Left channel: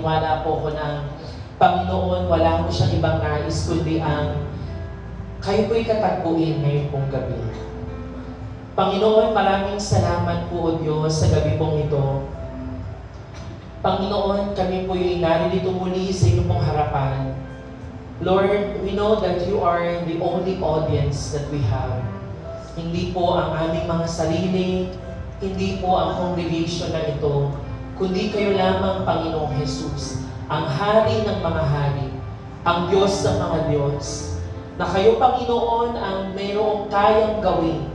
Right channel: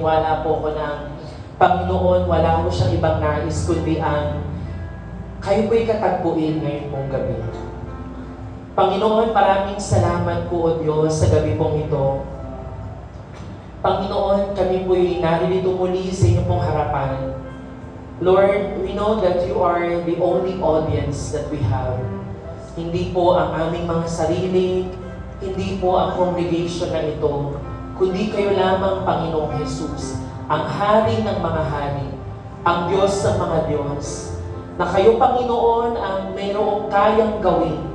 Wala po ko ng Panginoon, wala po siyang ibang nais kundi ang kayo po'y katagpuin ngayon pong gabi. Panginoon, maraming salamat po o Diyos sa gabi pong ito. Panginoon, kami po'y naririto muli sa inyong pong harapan. Lord, we know that you are the only audience that we have. Hindi po ang aming mga sarili, hindi po ang congregation na ito, kundi kayo lamang, Panginoong Jesus, ang hari ng mga hari, ang Diyos ng mga Diyos, na kayo, Panginoon, ang mayroong kayang gawin,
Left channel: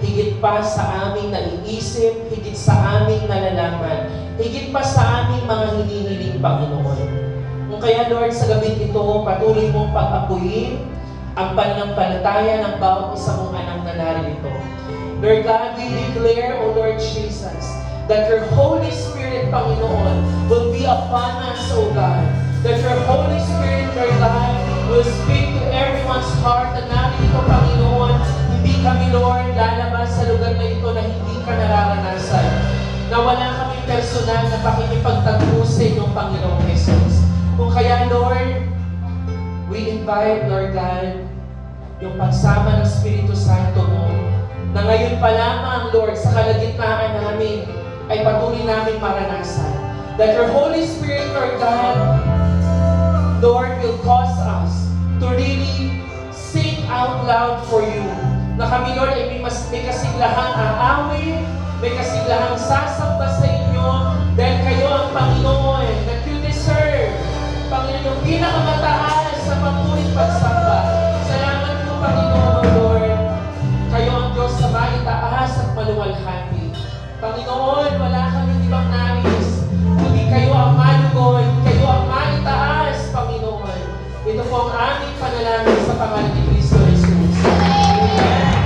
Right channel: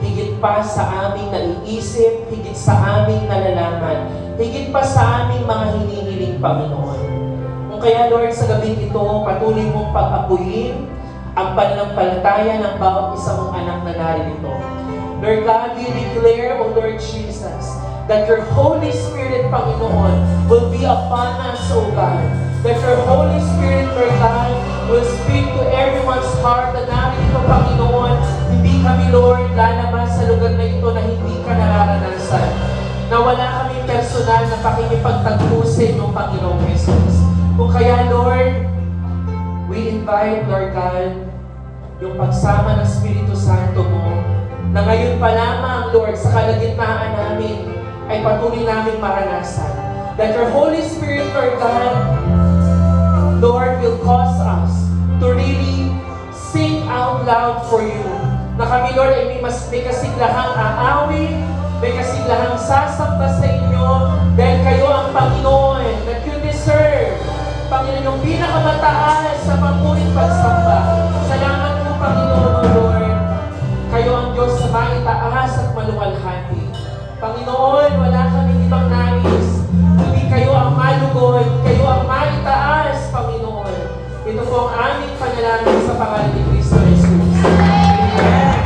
higit pa sa aming naiisip, higit sa aming nalalaman, higit pa sa aming mga hinihiling, Panginoon. Kung kaya, Lord, sa gabi ito, patuloy mong pag-apuyin ang pananampalataya ng bawat isa mong anak na naririto. Lord God, we declare, O Lord Jesus, that your Holy Spirit, Panginoon, will be upon us, O God. That your Holy Spirit, Lord God, will speak to everyone's heart na narito, Panginoon. Hindi kami, Lord, lalabas sa lugar na ito na hindi ka nararanasan. Na wala kami personal na pakikipagtagpo sa inyong Panginoong Jesus. Kung kaya, Lord, we invite, Lord God, yung pagsama ng Espiritu Santo mo, na ngayon pa lamang, Lord, sa kalagitnaan namin, ay patuloy namin maranasan. That your Holy Spirit, Lord God, Lord, will cause us to really sing out loud for you. Na kami, Lord, ay may kasiglahang aawin, may kasiglahang sasamba sa inyo, dahil kayo ang Panginoon that you deserve. Panginoon, yung pinakamataas sa pangmulit pagsamba. Salamat po, Panginoon, Lord. Kayo ang Diyos sa maitaas at maluwalhati. Panginoon, wala kami ibang nais, kundi kayo ang malugod, kayo ang maitaas, Panginoon. Ito po ang aming panalangin sa pangalan ni Kristo Jesus. Amen.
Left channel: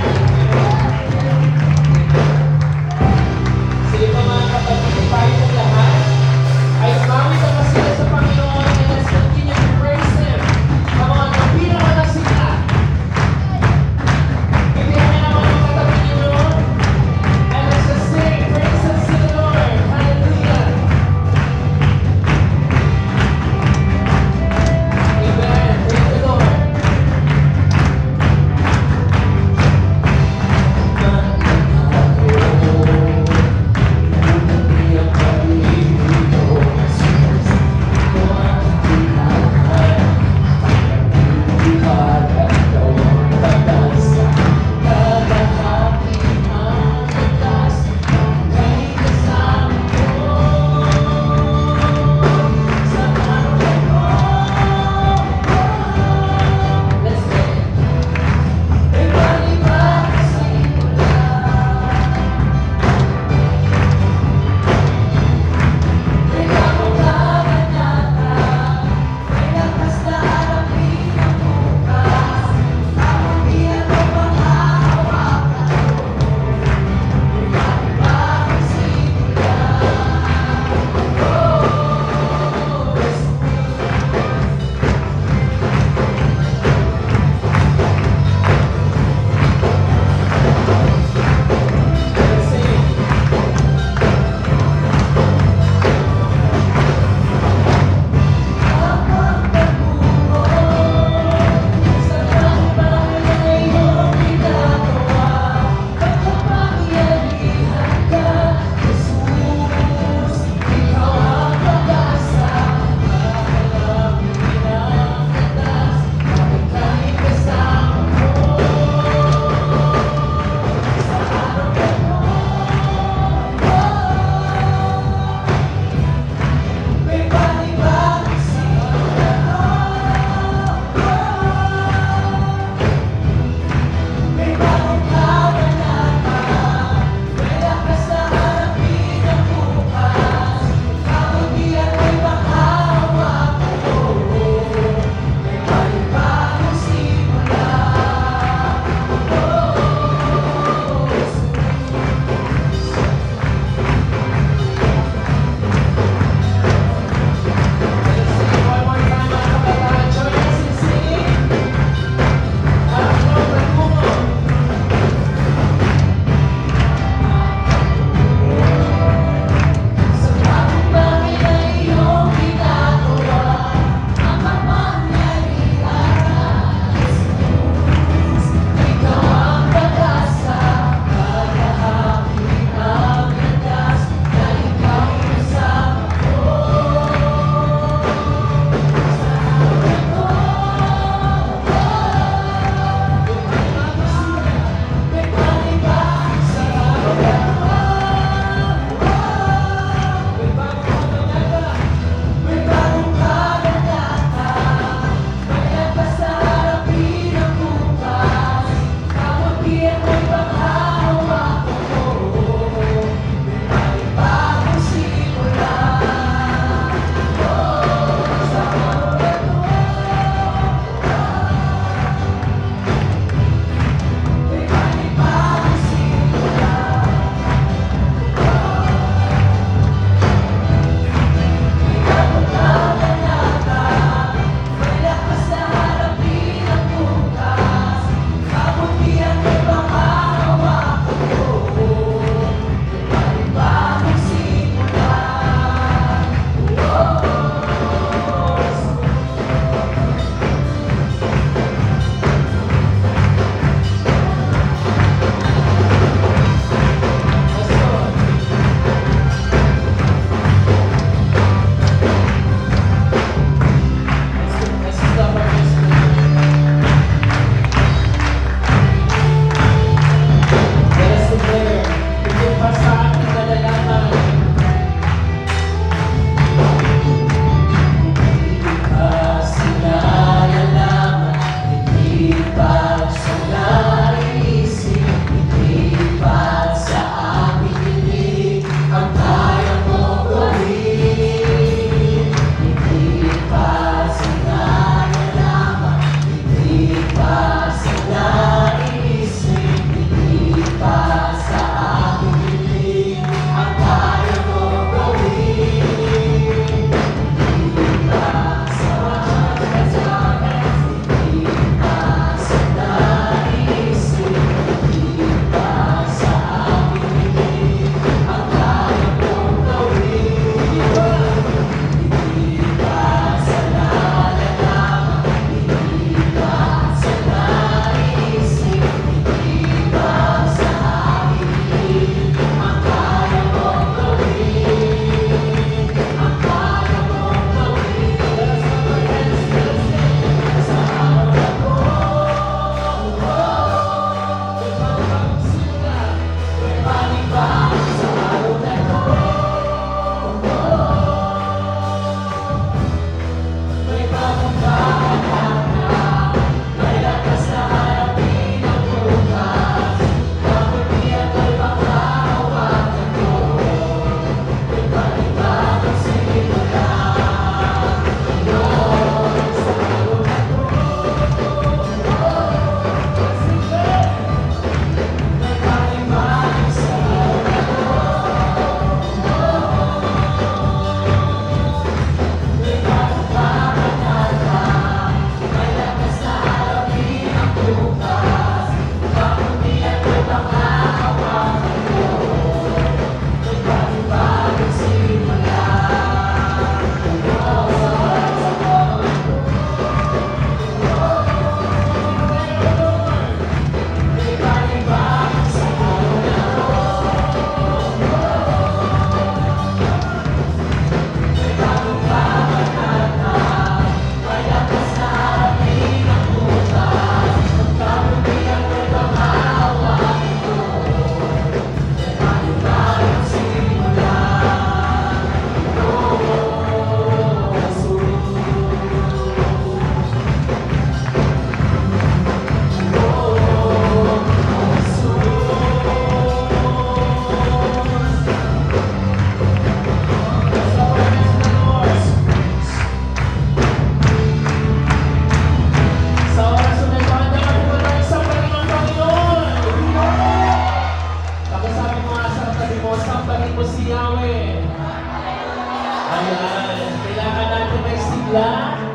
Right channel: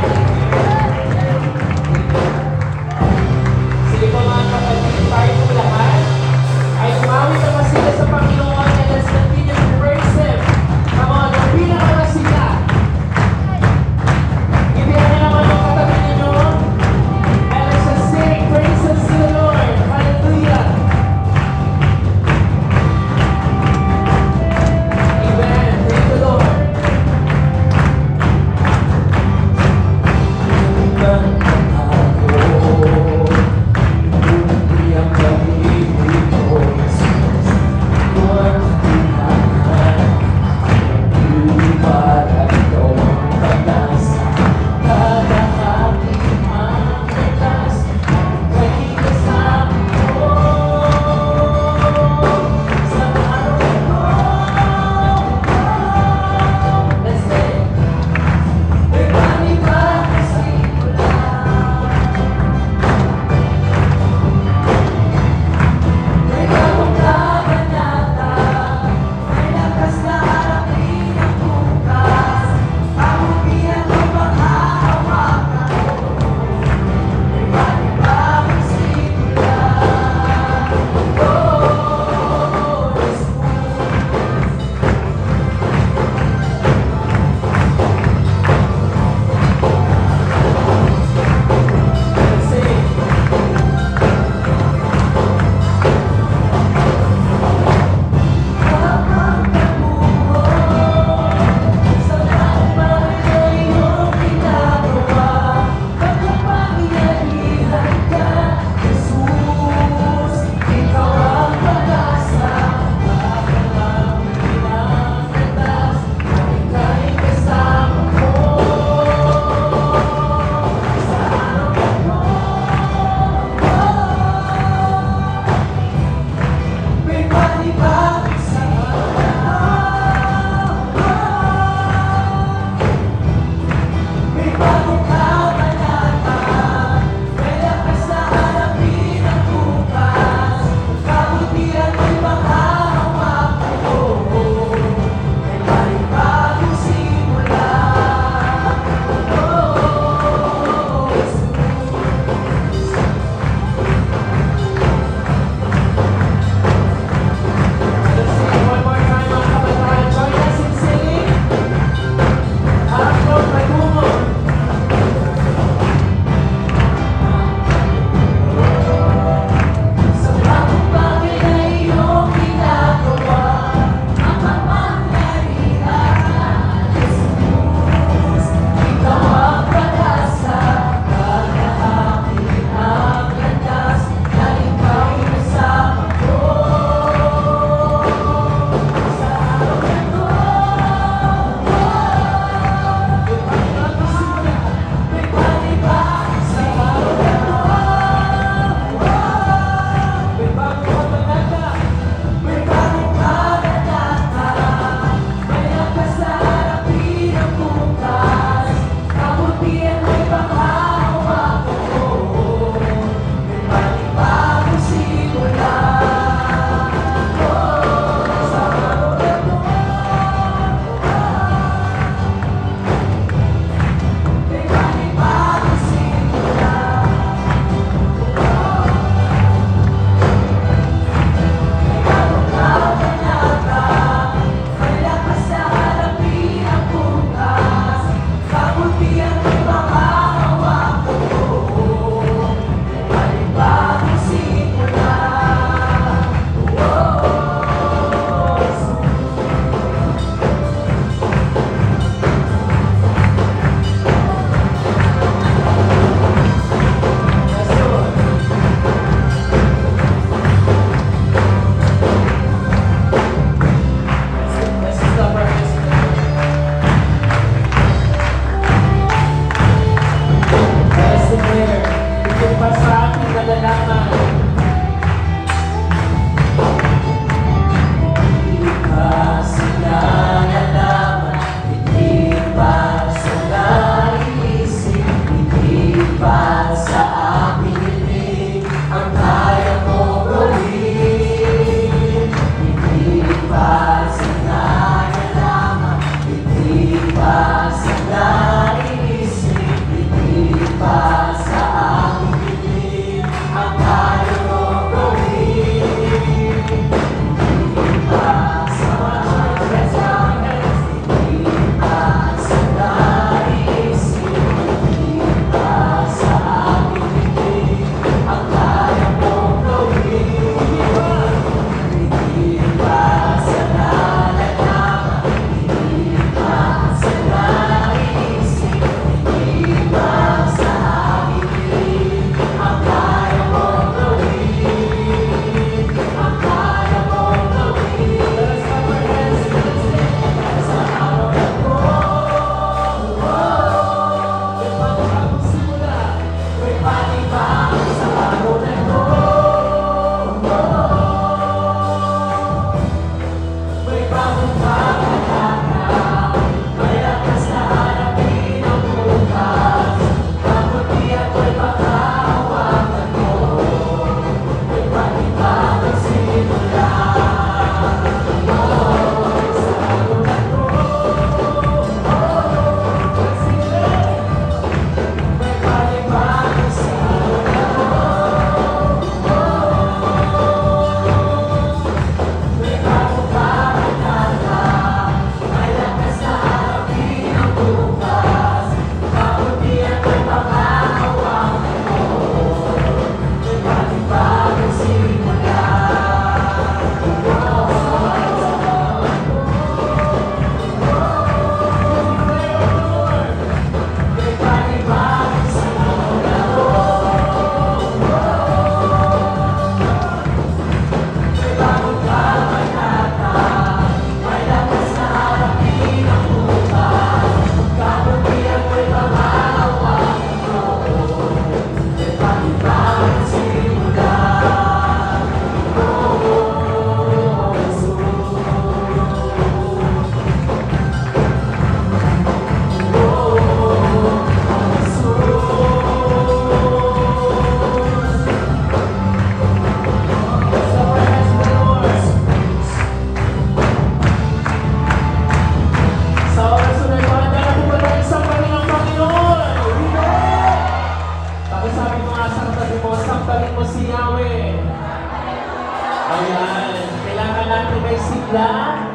lang.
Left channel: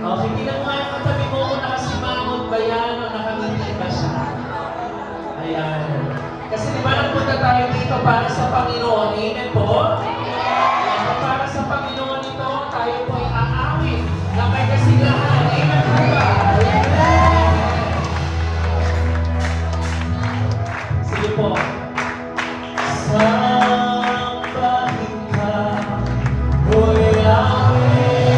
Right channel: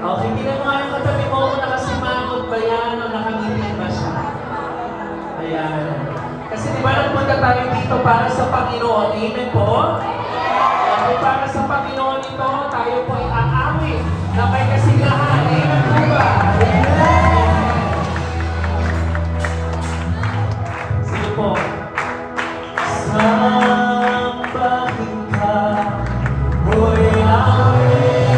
Okay, tingnan mo yung katabi mo kung nakasimangot ba yan o nakangiti ba siya. Ayan. Kasi di ba nagpunta tayo dito para sa Panginoon? Amen po? Kaya para sa Panginoon ito, tayo po ay aawit na may kasigahan. Amen po ba? Sige po. Sambahin ka, O Yahweh.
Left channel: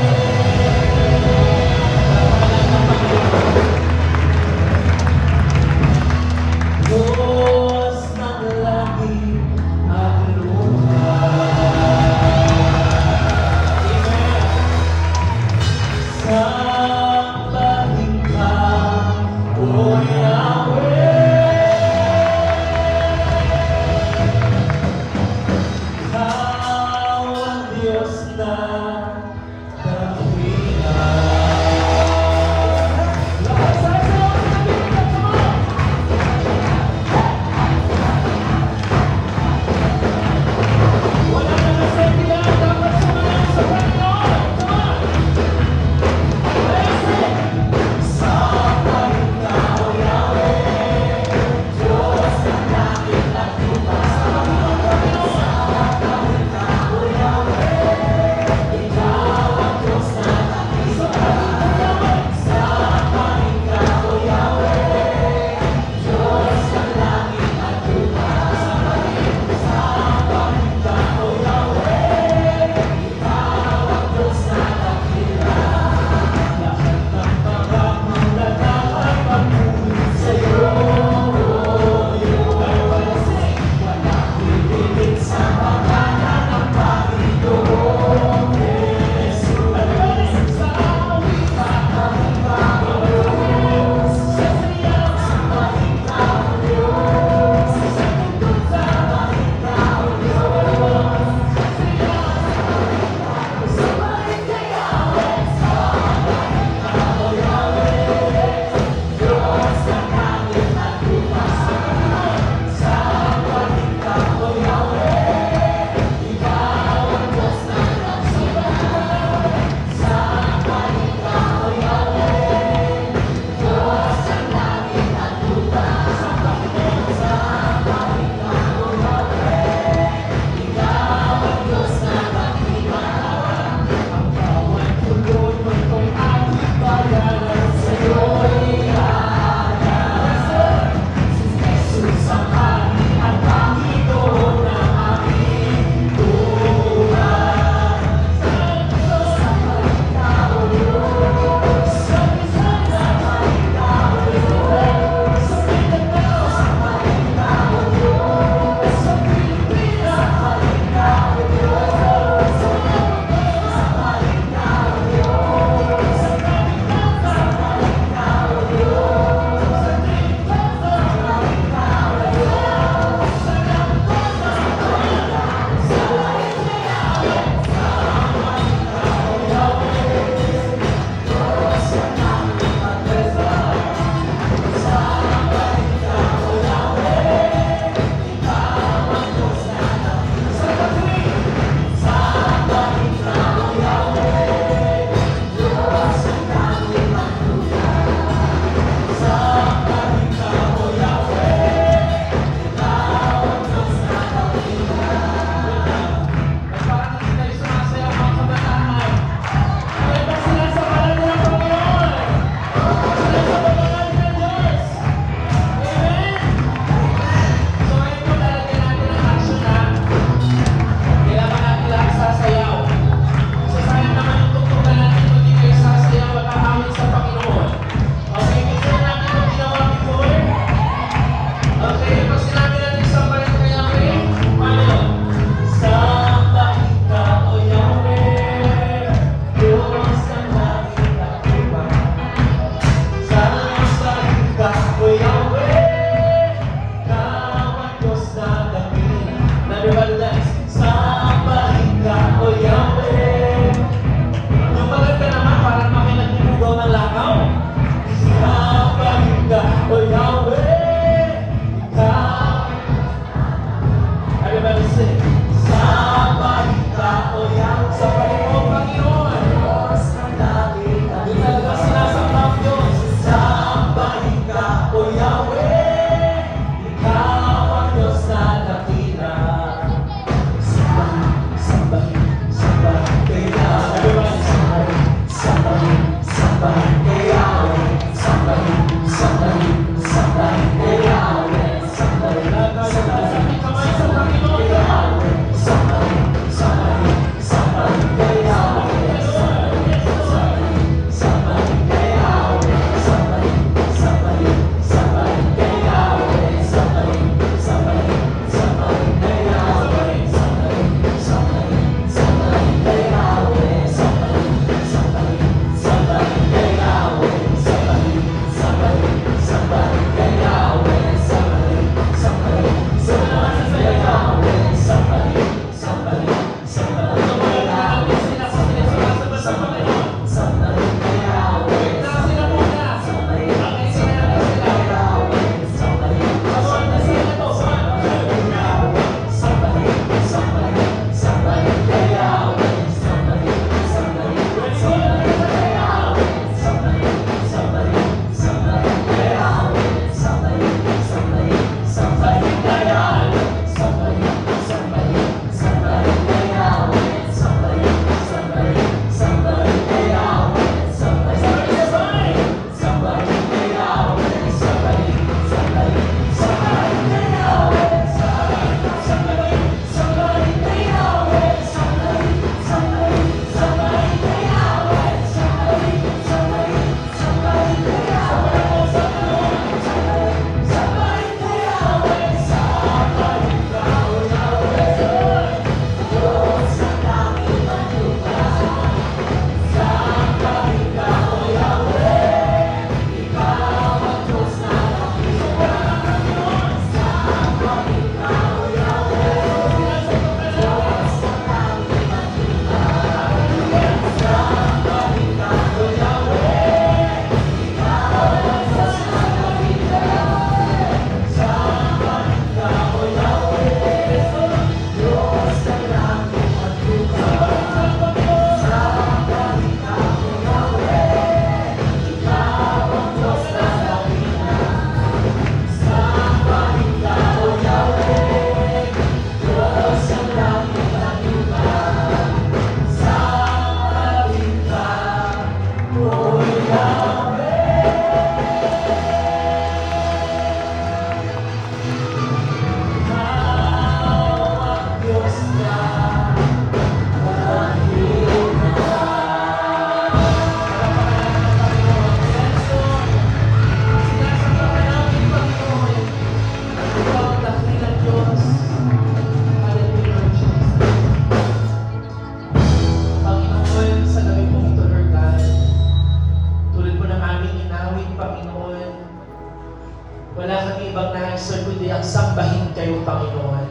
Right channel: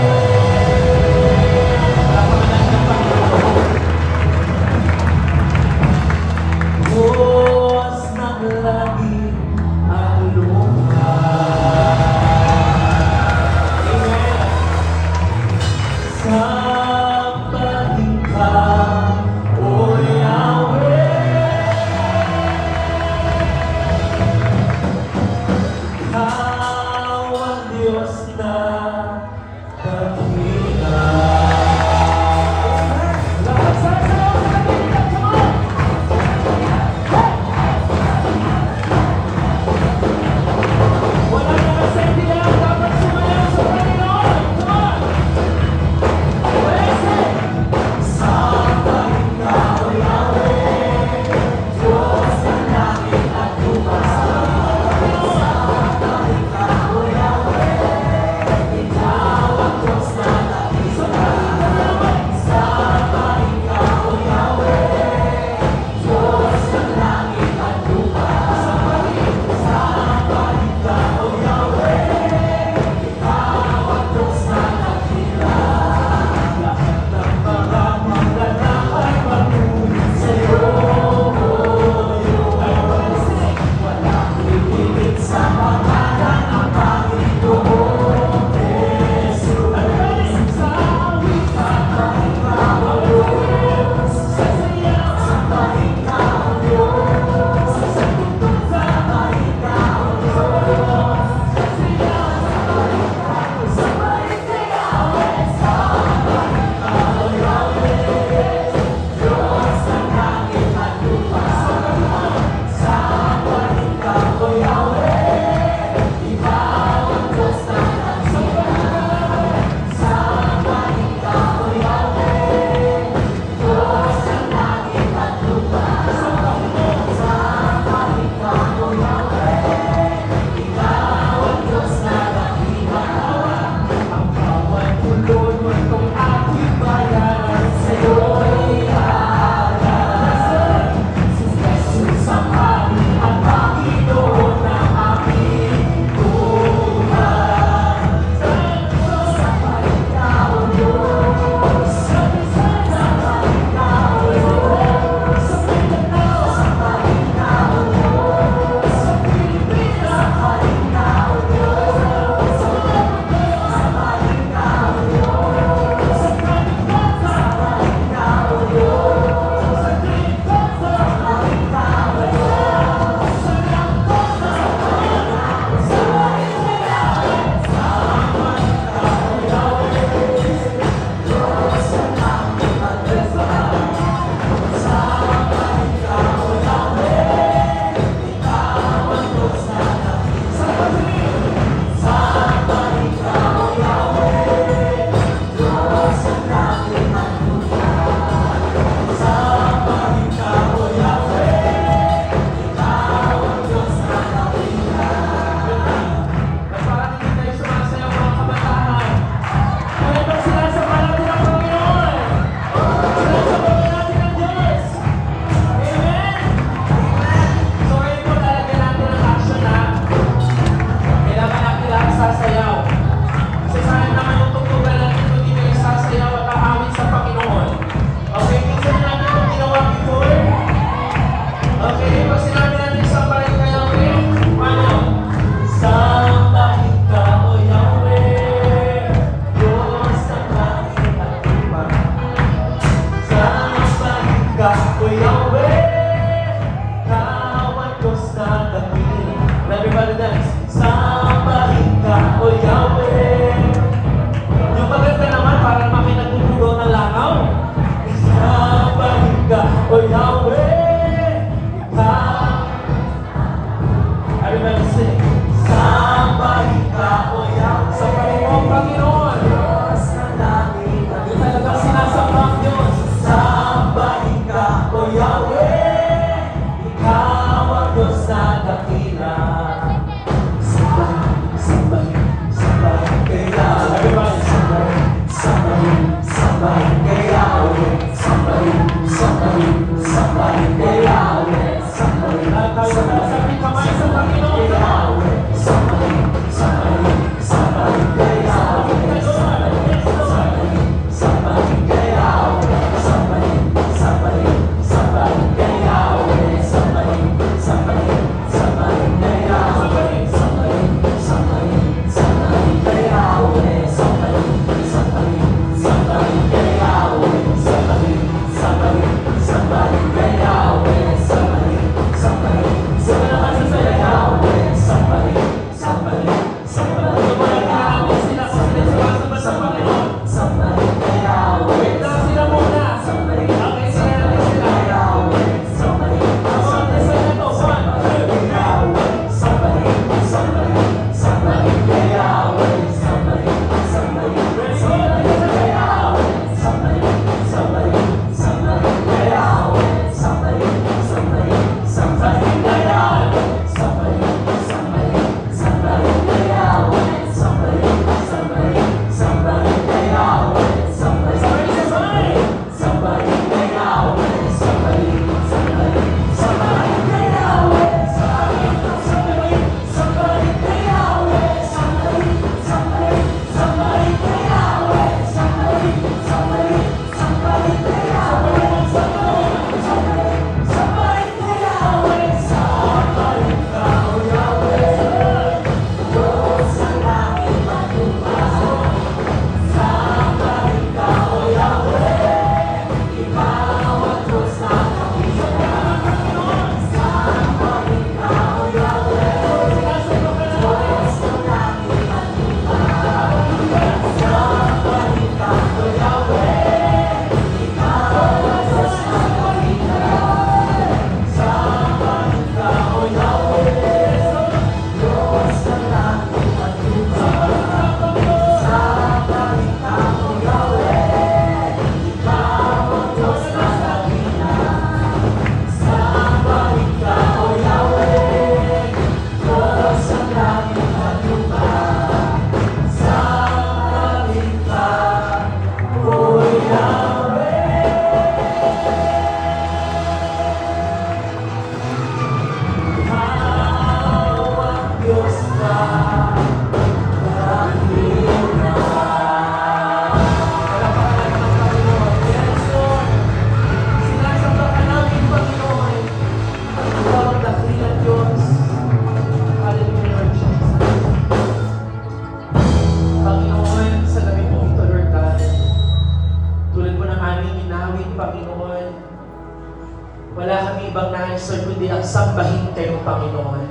answer kundi ang sambahin kayo, Panginoon.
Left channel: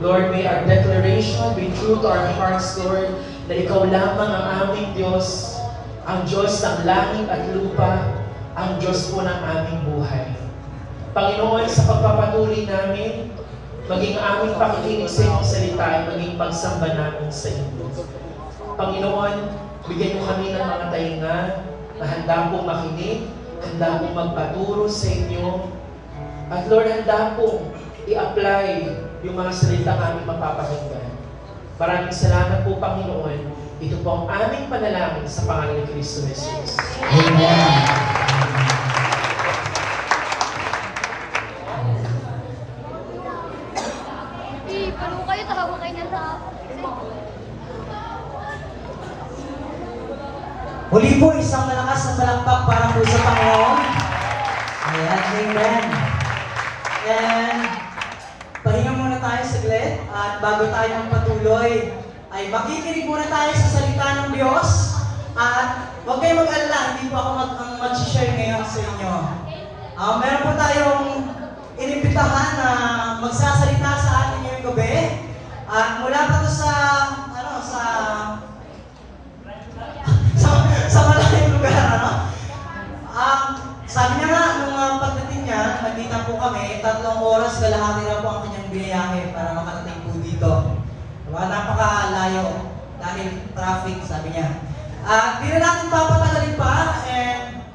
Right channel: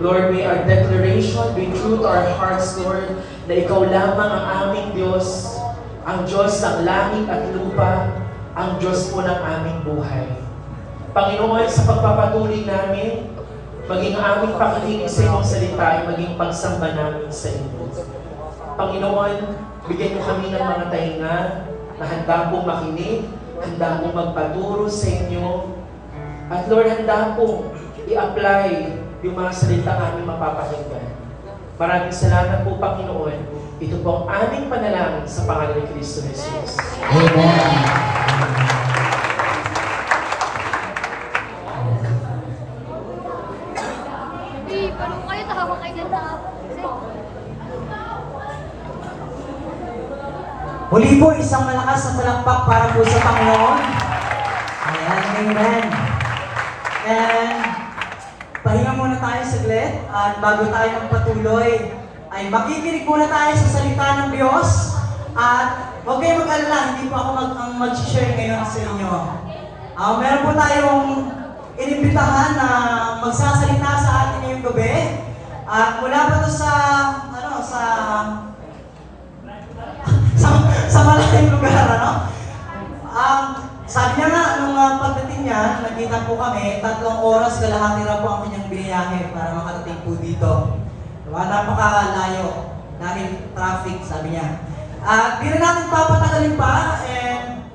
Lord, may our declaration be true to our hearts, Lord, na Ikaw lamang ang aming Diyos, ang Diyos ng langit at lupa, ang Diyos po ng aming buhay. Panginoon, sa pagpapatuloy namin, maging aming pakikinig sa iyong salita ay maging pagsamba namin sa iyo. Panginoon, bigyan mo kami ng mga tainga na handa pong makinig, handa pong magpaturo sa inyo, at Lord, handa pong i-apply yung mga salita aming mapapakinggan. Maraming salamat po, Panginoon. Ito po ang aming panalangin sa pangalan ni Kristo Jesus. Amen. Paano kayo? Tawa kayo ng tao. Muli po, isang malakas na palakpak para po sa Panginoon. Ayan, amen. And, pahinga muna tayo saglit. At bago tayo magpatuloy, ay makikinig muna tayo sa salita ng Diyos. At huwag kayong mag-alala, hindi po ako mag-share ngayon sa inyo. Meron po tayong inimbitahan na magsasalita sa atin ngayong gabi. At mula pa to sa malayong lugar, ano? Sabi niya nga, nung pagdating niya, nakita po kami, 3 oras kalahati na po ang kanyang biyahe para makarating po dito. Diba? Napakalayo dahil traffic, sabi niya. At di na natin papatagalin pa, and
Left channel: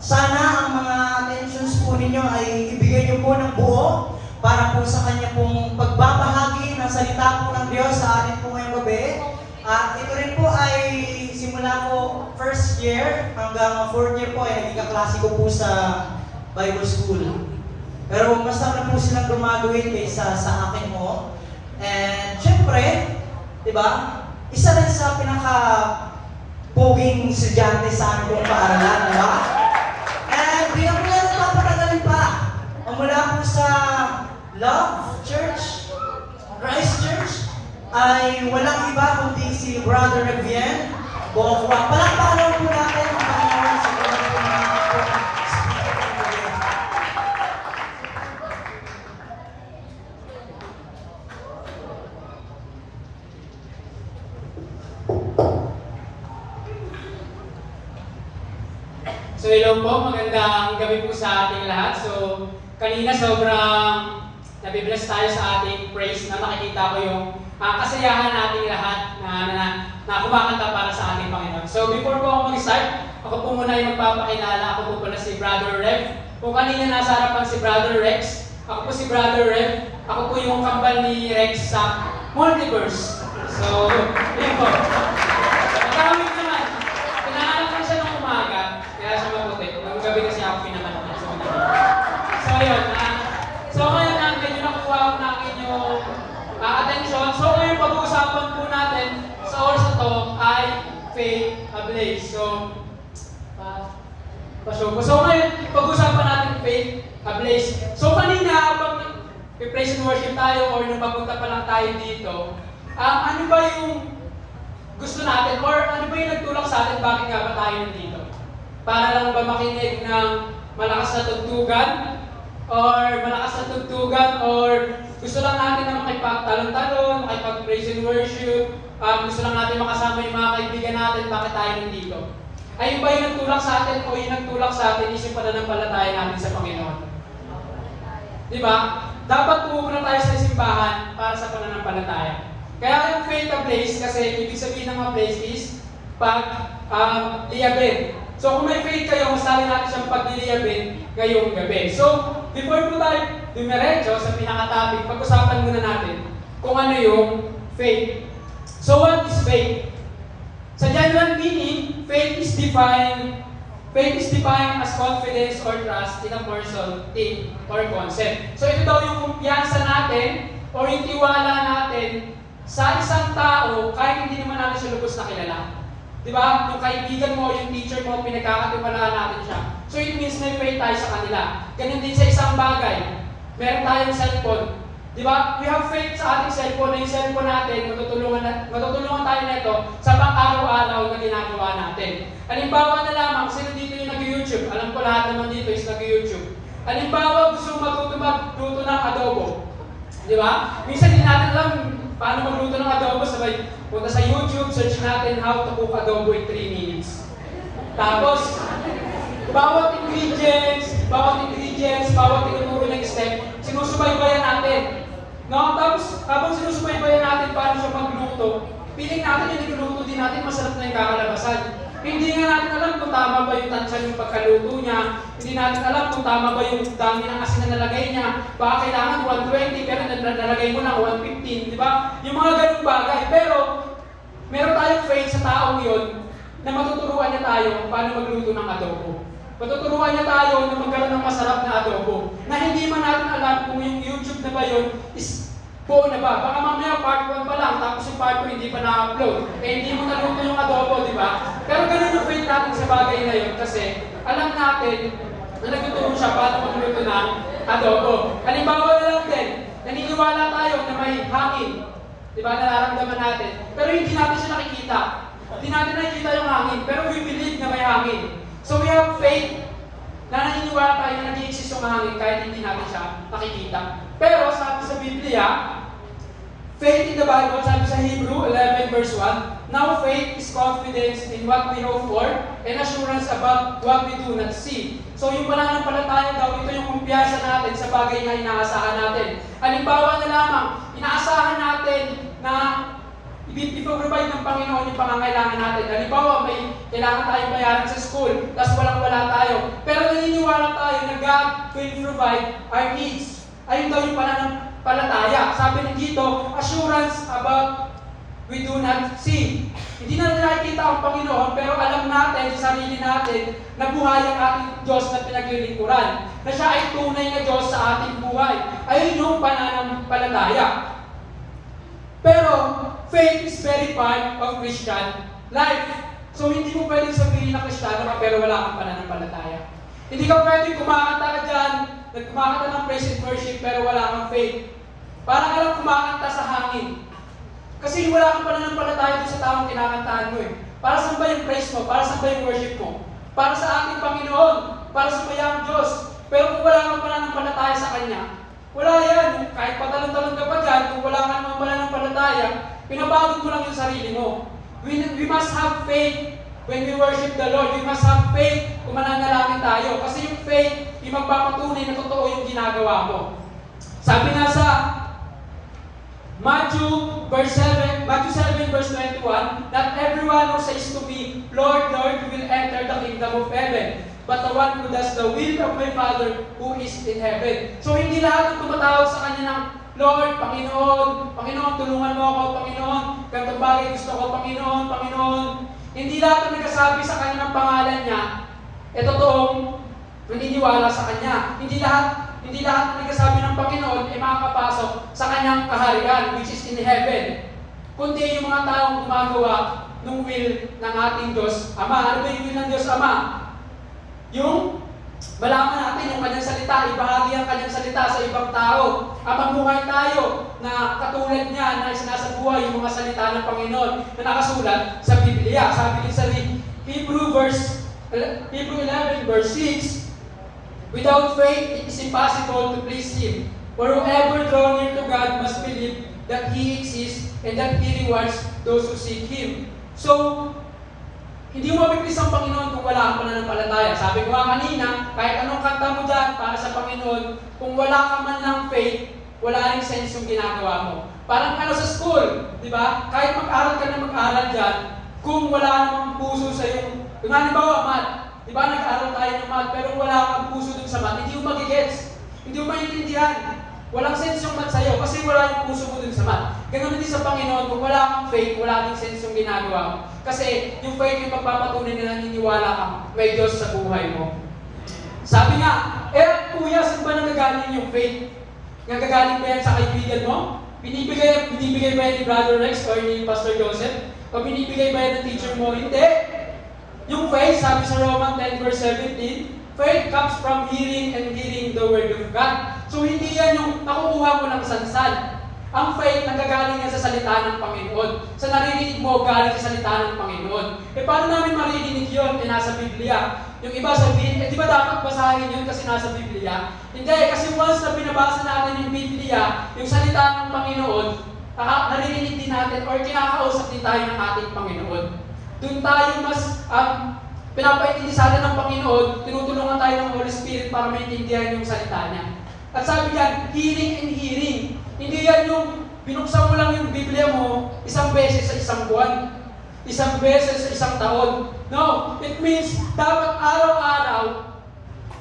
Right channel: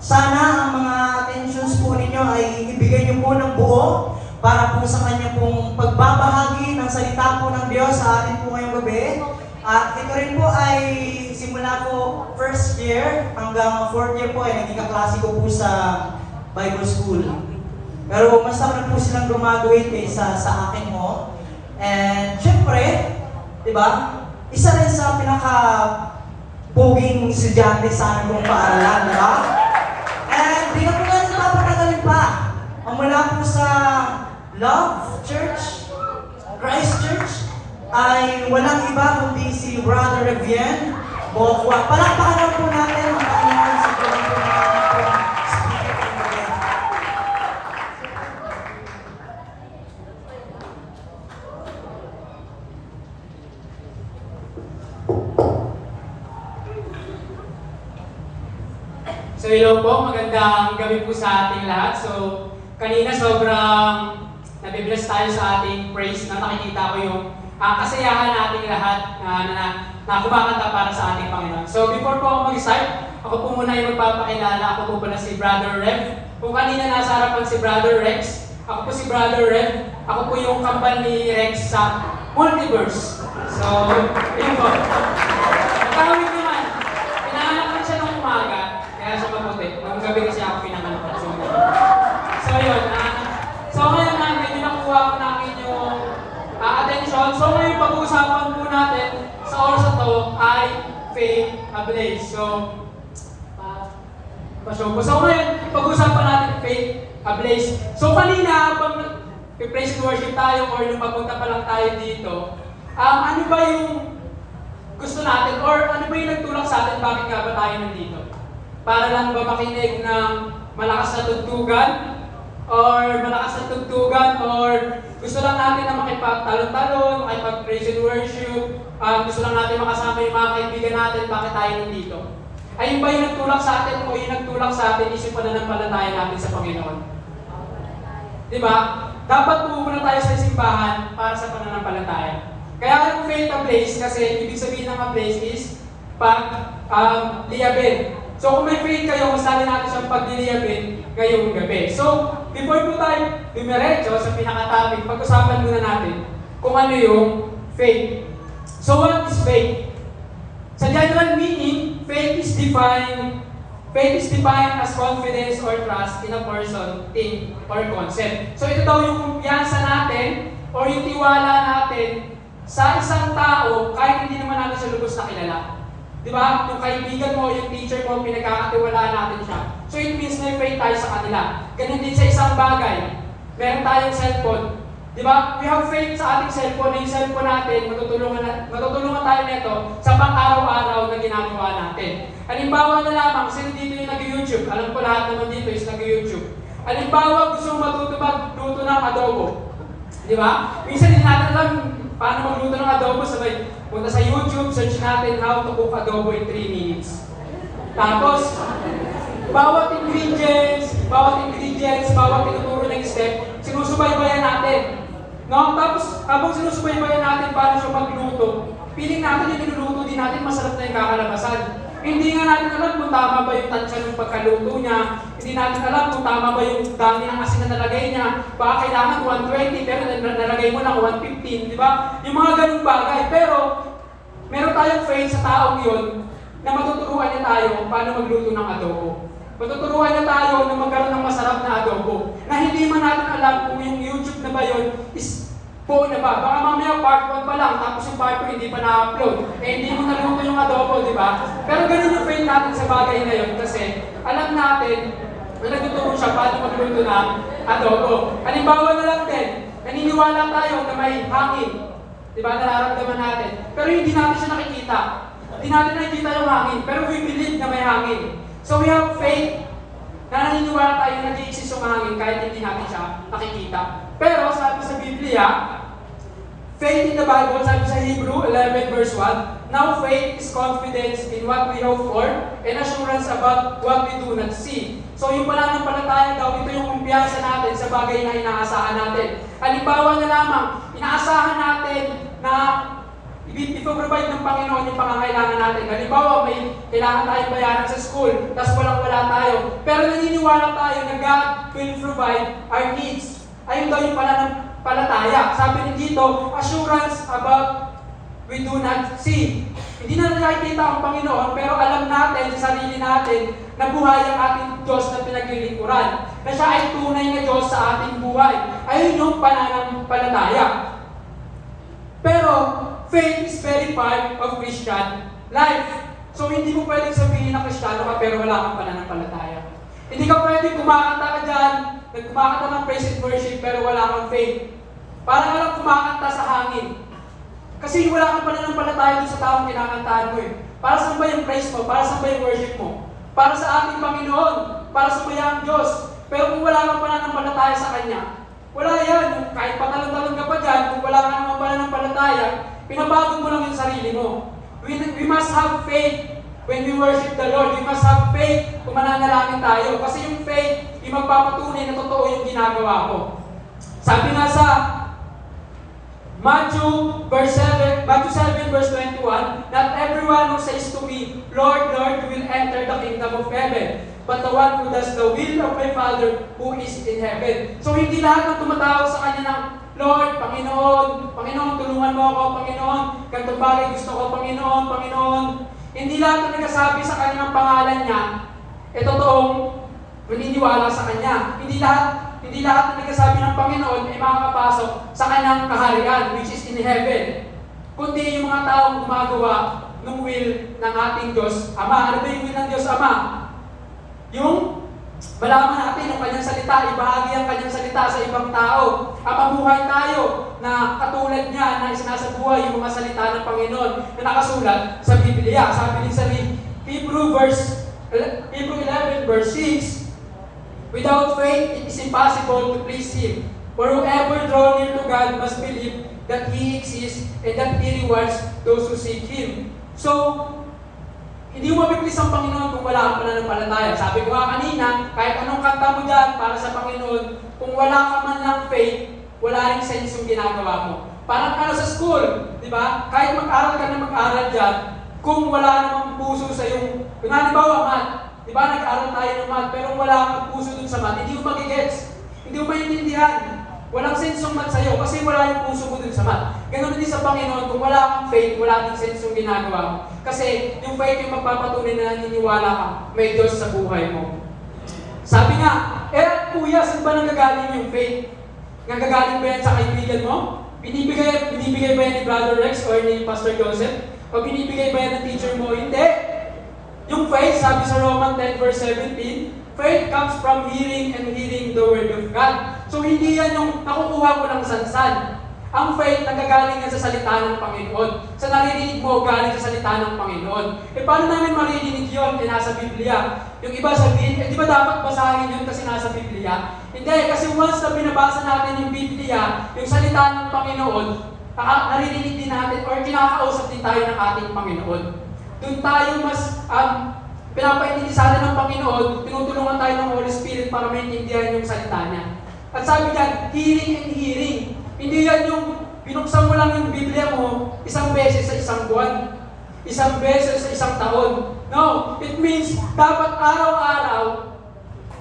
sana ang mga attentions po ninyo ay ibigay niyo po ng buo para po sa kanya pong pagbabahagi ng salita po ng Diyos sa atin po ngayong gabi. At ito rin po ay simula po first year hanggang 4th year po ay naging kaklase ko po sa Bible School. Pero mas naman po silang graduate sa akin mo. And syempre, di ba, isa rin sa pinaka-poging estudyante sa aming paaralan, di ba? And di na po natin papatagalin pa. Ang mula po sa Love Church, Christ Church, ay walang iba kundi si Brother Revien Bokwa. Palakpakan po natin ang Panginoon sa buwan po natin po ang speaker po natin. So hello po, magandang gabi po sa ating lahat. So kanina sobrang nabibless tayo sa ating praise na nakikita ko yung kasayahan nating lahat na kumakanta para sa ating Panginoon. So before po ako mag-start, ako po muna yung magpapakilala. Ako po pala si Brother Rev. Kung kanina nasa harapan si Brother Rex, ako po si Brother Rev. Ako po yung kambal ni Rex sa Multiverse. So, yun po. Pagkawin naman, pinanganak na siya ng umaga, kaya siya maputi. Nung gabi kasi ako pinanganak na siya magabi. So yun, so ngayon namin, yung nakuha ko na inyong attention. So ngayon, pag-uusapan po natin sa oras na to ay faith ablaze. So ngayon, pag-uusapan natin faith ablaze. So kanina, pag praise and worship tayo or nung papunta pa lang tayo dito, ano ba yung gusto natin or ano ba yung nagtulak sa atin bakit nga ba tayo nandito? Para lang ba makinig ng malakas na tugtugan? Or malakas na tugtugan? Or gusto lang natin na makipagtalon-talon, makipag-praise and worship? Gusto lang natin makasama yung mga kaibigan natin, bakit tayo nandito? Ayun ba yung nagtulak sa atin o yung nagtulak sa atin is yung pananampalataya natin sa Panginoon? Di ba? Dapat pupunta tayo sa simbahan para sa pananampalataya. Kaya yung faith ablaze, kasi ibig sabihin ng ablaze is pag-liyabin. So kung may faith kayo, masali natin siyang pag-liyabin ngayong gabi. So, before po tayo dumiretso sa pinaka-topic, pag-usapan muna natin kung ano yung faith. So what is faith? Sa general meaning, faith is defined as confidence or trust in a person, thing, or concept. So ito daw yung kumpiyansa natin or yung tiwala natin sa isang tao kahit hindi naman natin siya lubos na kilala. Di ba? Yung kaibigan mo, yung teacher mo, pinagkakatiwalaan natin siya. So it means may faith tayo sa kanila. Ganun din sa isang bagay. Meron tayong cellphone. Di ba? We have faith sa ating cellphone na yung cellphone natin, matutulungan tayo nito sa pang-araw-araw na ginagawa natin. Halimbawa na lamang, sino dito yung nag-YouTube? Alam ko lahat naman dito is nag-YouTube. Halimbawa, gusto mong magluto ng adobo. Di ba? Minsan hindi natin alam paano magluto ng adobo. Sabay, punta sa YouTube, search natin how to cook adobo in 3 minutes. Tapos, bawat ingredients, bawat tinuturo ng step, sinusubaybayan natin. No? Tapos, habang sinusubaybayan natin paano siya magluto, piling natin yung niluluto din natin, masarap na yung kakalabasan. Hindi nga natin alam kung tama ba yung tansya ng pagkaluto niya, hindi natin alam kung tama ba yung dami ng asin na nalagay niya, baka kailangan 120 pero nalagay mo na 115, di ba? Yung mga ganung bagay. Pero, meron tayong faith sa taong yun na matuturuan niya tayo paano magluto ng adobo. Matuturuan niya tayo na magkaroon ng masarap na adobo. Na hindi man natin alam kung yung YouTube na ba yun is buo na ba. Baka mamaya part 1 pa lang, tapos yung part 2 hindi pa na-upload. Eh hindi mo naluto yung adobo, di ba? Pero ganun yung faith natin sa bagay na yun kasi alam natin na nagtuturo siya paano magluto ng adobo. Halimbawa na lang din, naniniwala tayo na may hangin. Di ba? Nararamdaman natin. Pero hindi natin siya nakikita. Hindi natin nakikita yung hangin, pero we believe na may hangin. So we have faith na naniniwala tayo na nag-i-exist yung hangin kahit hindi natin siya nakikita. Pero sabi sa Biblia, faith in the Bible, sabi sa Hebrew 11 verse 1, now faith is confidence in what we hope for and assurance about what we do not see. So yung pananampalataya daw, ito yung kumpiyansa natin sa bagay na inaasahan natin. Halimbawa na lamang, inaasahan natin na ipaprovide ng Panginoon yung pangangailangan natin. Halimbawa, may kailangan tayong bayaran sa school, tapos walang-wala tayo. Pero naniniwala tayo na God will provide our needs. Ayun daw yung pananampalataya. Sabi din dito, assurance about we do not see. Hindi na nakikita ang Panginoon, pero alam natin sa sarili natin na buhay ang ating Diyos na pinaglilingkuran. Na siya ay tunay na Diyos sa ating buhay. Ayun yung pananampalataya. Pero, faith is very part of Christian life. So, hindi mo pwedeng sabihin na Kristiyano ka pero wala kang pananampalataya. Hindi ka pwedeng kumakanta ka dyan, nagkumakanta ng praise and worship pero wala kang faith. Parang ka lang kumakanta sa hangin. Kasi wala kang pananampalataya dun sa taong kinakantaan mo eh. Para saan ba yung praise mo? Para saan ba yung worship mo? Para sa ating Panginoon. Para sa mayang Diyos. Pero kung wala kang pananampalataya sa Kanya, wala yan. Kahit patalon-talon ka pa dyan, kung wala kang pananampalataya, pinabago mo lang yung sarili mo. We must have faith when we worship the Lord. We must have faith kung mananalangin tayo. Kasi yung faith, yung magpapatunay na totoo yung ginagawa mo. Sabi nga sa Matthew 7 verse 21, not everyone who says to me, Lord, Lord, will enter the kingdom of heaven, but the one who does the will of my Father who is in heaven. So hindi lahat ng tumatawag sa Kanya ng, Lord, Panginoon, Panginoon, tulungan mo ako, Panginoon, ganitong bagay gusto ko, Panginoon, Panginoon. Hindi lahat ng nagsasabi sa Kanya ng pangalan niya, totoong naniniwala sa Kanya. Hindi lahat ng nagsasabi ng Panginoon ay makakapasok sa Kanyang kaharian, which is in heaven. Kundi yung mga taong gumagawa ng will ng ating Diyos Ama. Ano ba yung will ng Diyos Ama? Yung malaman natin yung Kanyang salita, ibahagi ang Kanyang salita sa ibang tao. Mamuhay tayo na katulad niya na isinasabuhay yung mga salita ng Panginoon na nakasulat sa Biblia. Sabi din sa Hebrew 11 verse 6, without faith, it is impossible to please Him. For whoever draws near to God must believe that He exists and that He rewards those who seek Him. So, hindi mo mapiplis ang Panginoon kung wala kang pananampalataya. Sabi ko nga kanina, kahit anong kanta mo dyan para sa Panginoon, kung wala ka man lang faith, wala rin sense yung ginagawa mo. Parang sa school, di ba? Kahit mag-aral ka na mag-aral dyan, kung wala namang puso sa yung halimbawa, math. Di ba, nag-aaral tayo ng math, pero kung wala kang puso dun sa math, hindi mo magigets. Hindi mo maintindihan. Walang sense yung math sa'yo kasi wala yung puso mo dun sa math. Ganun din sa Panginoon, kung wala kang faith, wala din sense yung ginagawa mo. Kasi yung faith yung magpapatunay na naniniwala ka, may Diyos sa buhay mo. Sabi nga, kuya, saan ba nagagaling yung faith? Nagagaling ba yan sa kaibigan mo? Binibigay ba yan ni Brother Rex or ni Pastor Joseph? O binibigay ba yan ng teacher mo? Hindi. Yung faith, sabi sa Romans 10 verse 17, faith comes from hearing and hearing the Word of God. So hindi yan yung nakukuha mo lang sansan. Ang faith nanggagaling yan sa salita ng Panginoon. Sa naririnig mo, galing sa salita ng Panginoon. E paano namin maririnig yun? Nasa Biblia. Yung iba sabihin, di ba dapat basahin yun kasi nasa Biblia? Hindi, kasi once na binabasa natin yung Biblia, yung salita ng Panginoon, naririnig din natin or kinakausap din tayo ng ating Panginoon. Doon tayo mas pinapaintindi sana ng Panginoon, tinutulungan tayo ng Holy Spirit para maintindihan yung salita niya. At sabi niya, hearing and hearing. Hindi yan yung binuksan mo lang yung Biblia mo isang beses sa isang buwan, isang beses sa isang taon. No, it means dapat araw-araw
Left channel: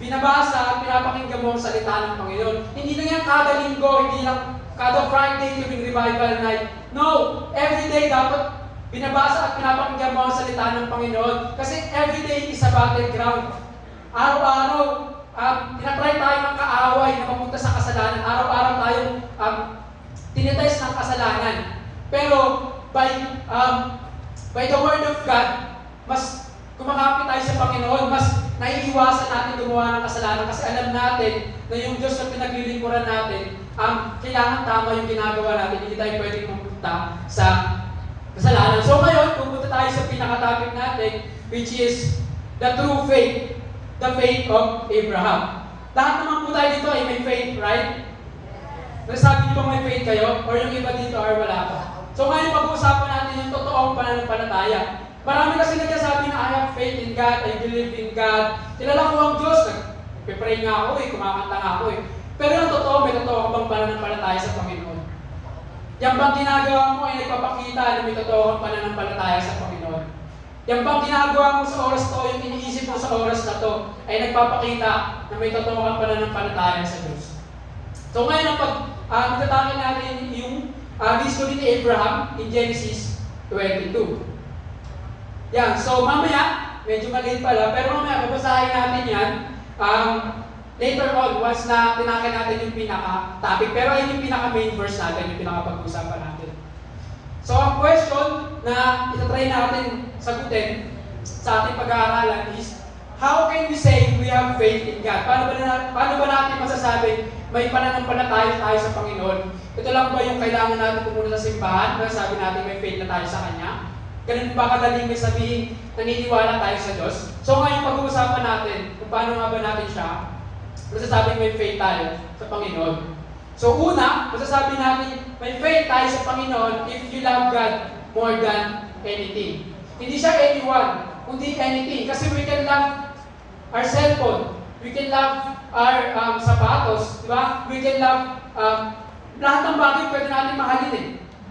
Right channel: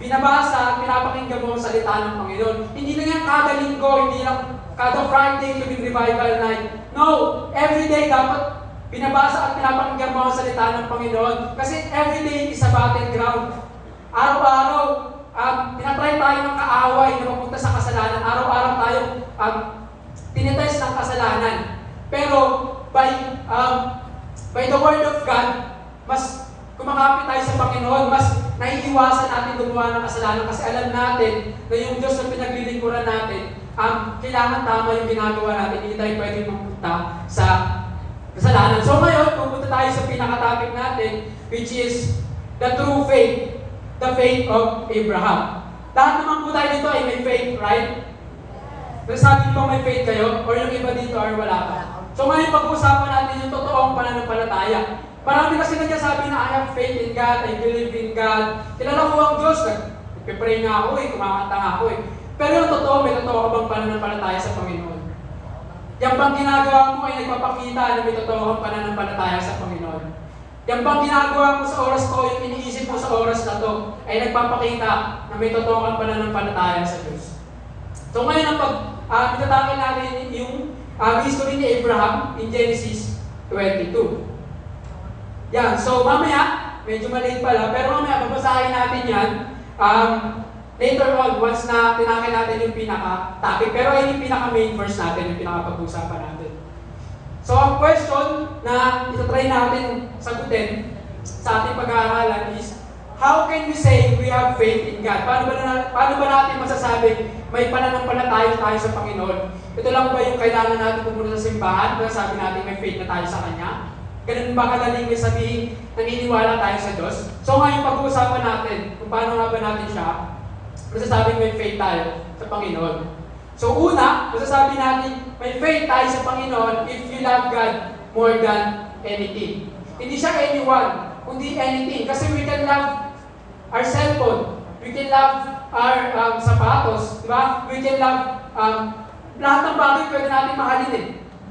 binabasa, pinapakinggan mo ang salita ng Panginoon. Hindi lang yan kada linggo, hindi lang kada Friday yung revival night. No, everyday dapat binabasa at pinapakinggan mo ang salita ng Panginoon. Kasi everyday is a battleground. Araw-araw, tinatry tayo ng kaaway na mapunta sa kasalanan. Araw-araw tayo tinitest ng kasalanan. Pero by the Word of God, mas kumakapit tayo sa Panginoon, mas naiiwasan natin gumawa ng kasalanan kasi alam natin na yung Diyos na pinaglilingkuran natin, kailangan tama yung ginagawa natin, hindi tayo pwedeng mapunta sa kasalanan. So ngayon, pupunta tayo sa pinaka-topic natin, which is the true faith, the faith of Abraham. Lahat naman po tayo dito ay may faith, right? Nasabi niyo may faith kayo? Or yung iba dito or wala pa? So ngayon, pag-uusapan natin yung totoong pananampalataya. Marami kasi nagsasabi na I have faith in God, I believe in God. Kilala ko ang Diyos, nagpipray nga ako kumakanta nga ako Pero yung totoo, may totoo ka bang pananampalataya sa Panginoon? Yang bang ginagawa mo ay nagpapakita na may totoo kang pananampalataya sa Panginoon? Yang bang ginagawa mo sa oras to, yung iniisip mo sa oras na to, ay nagpapakita na may totoo kang pananampalataya sa Diyos. So ngayon, nagtatangan natin yung history ni Abraham in Genesis 22. Yan, so mamaya, medyo malate pala, pero mamaya babasahin natin yan later on, once na tinakay natin yung pinaka-topic. Pero ayun yung pinaka-main verse natin, yung pinaka-pag-usapan natin. So ang question na itatry natin sagutin sa ating pag-aaralan is, how can we say we have faith in God? Paano ba natin masasabi may pananampalataya tayo sa Panginoon? Ito lang ba yung kailangan natin pumunta sa simbahan? Ba sabi natin may faith na tayo sa Kanya? Ganun ba kadaling sabihin, naniniwala tayo sa Diyos? So ngayon pag-uusapan natin kung paano nga ba natin siya, masasabing may faith tayo sa Panginoon. So una, masasabi natin may faith tayo sa Panginoon if you love God more than anything. Hindi siya anyone, kundi anything. Kasi we can love our cellphone, we can love our sapatos, di ba? We can love lahat ng bagay pwede natin mahalin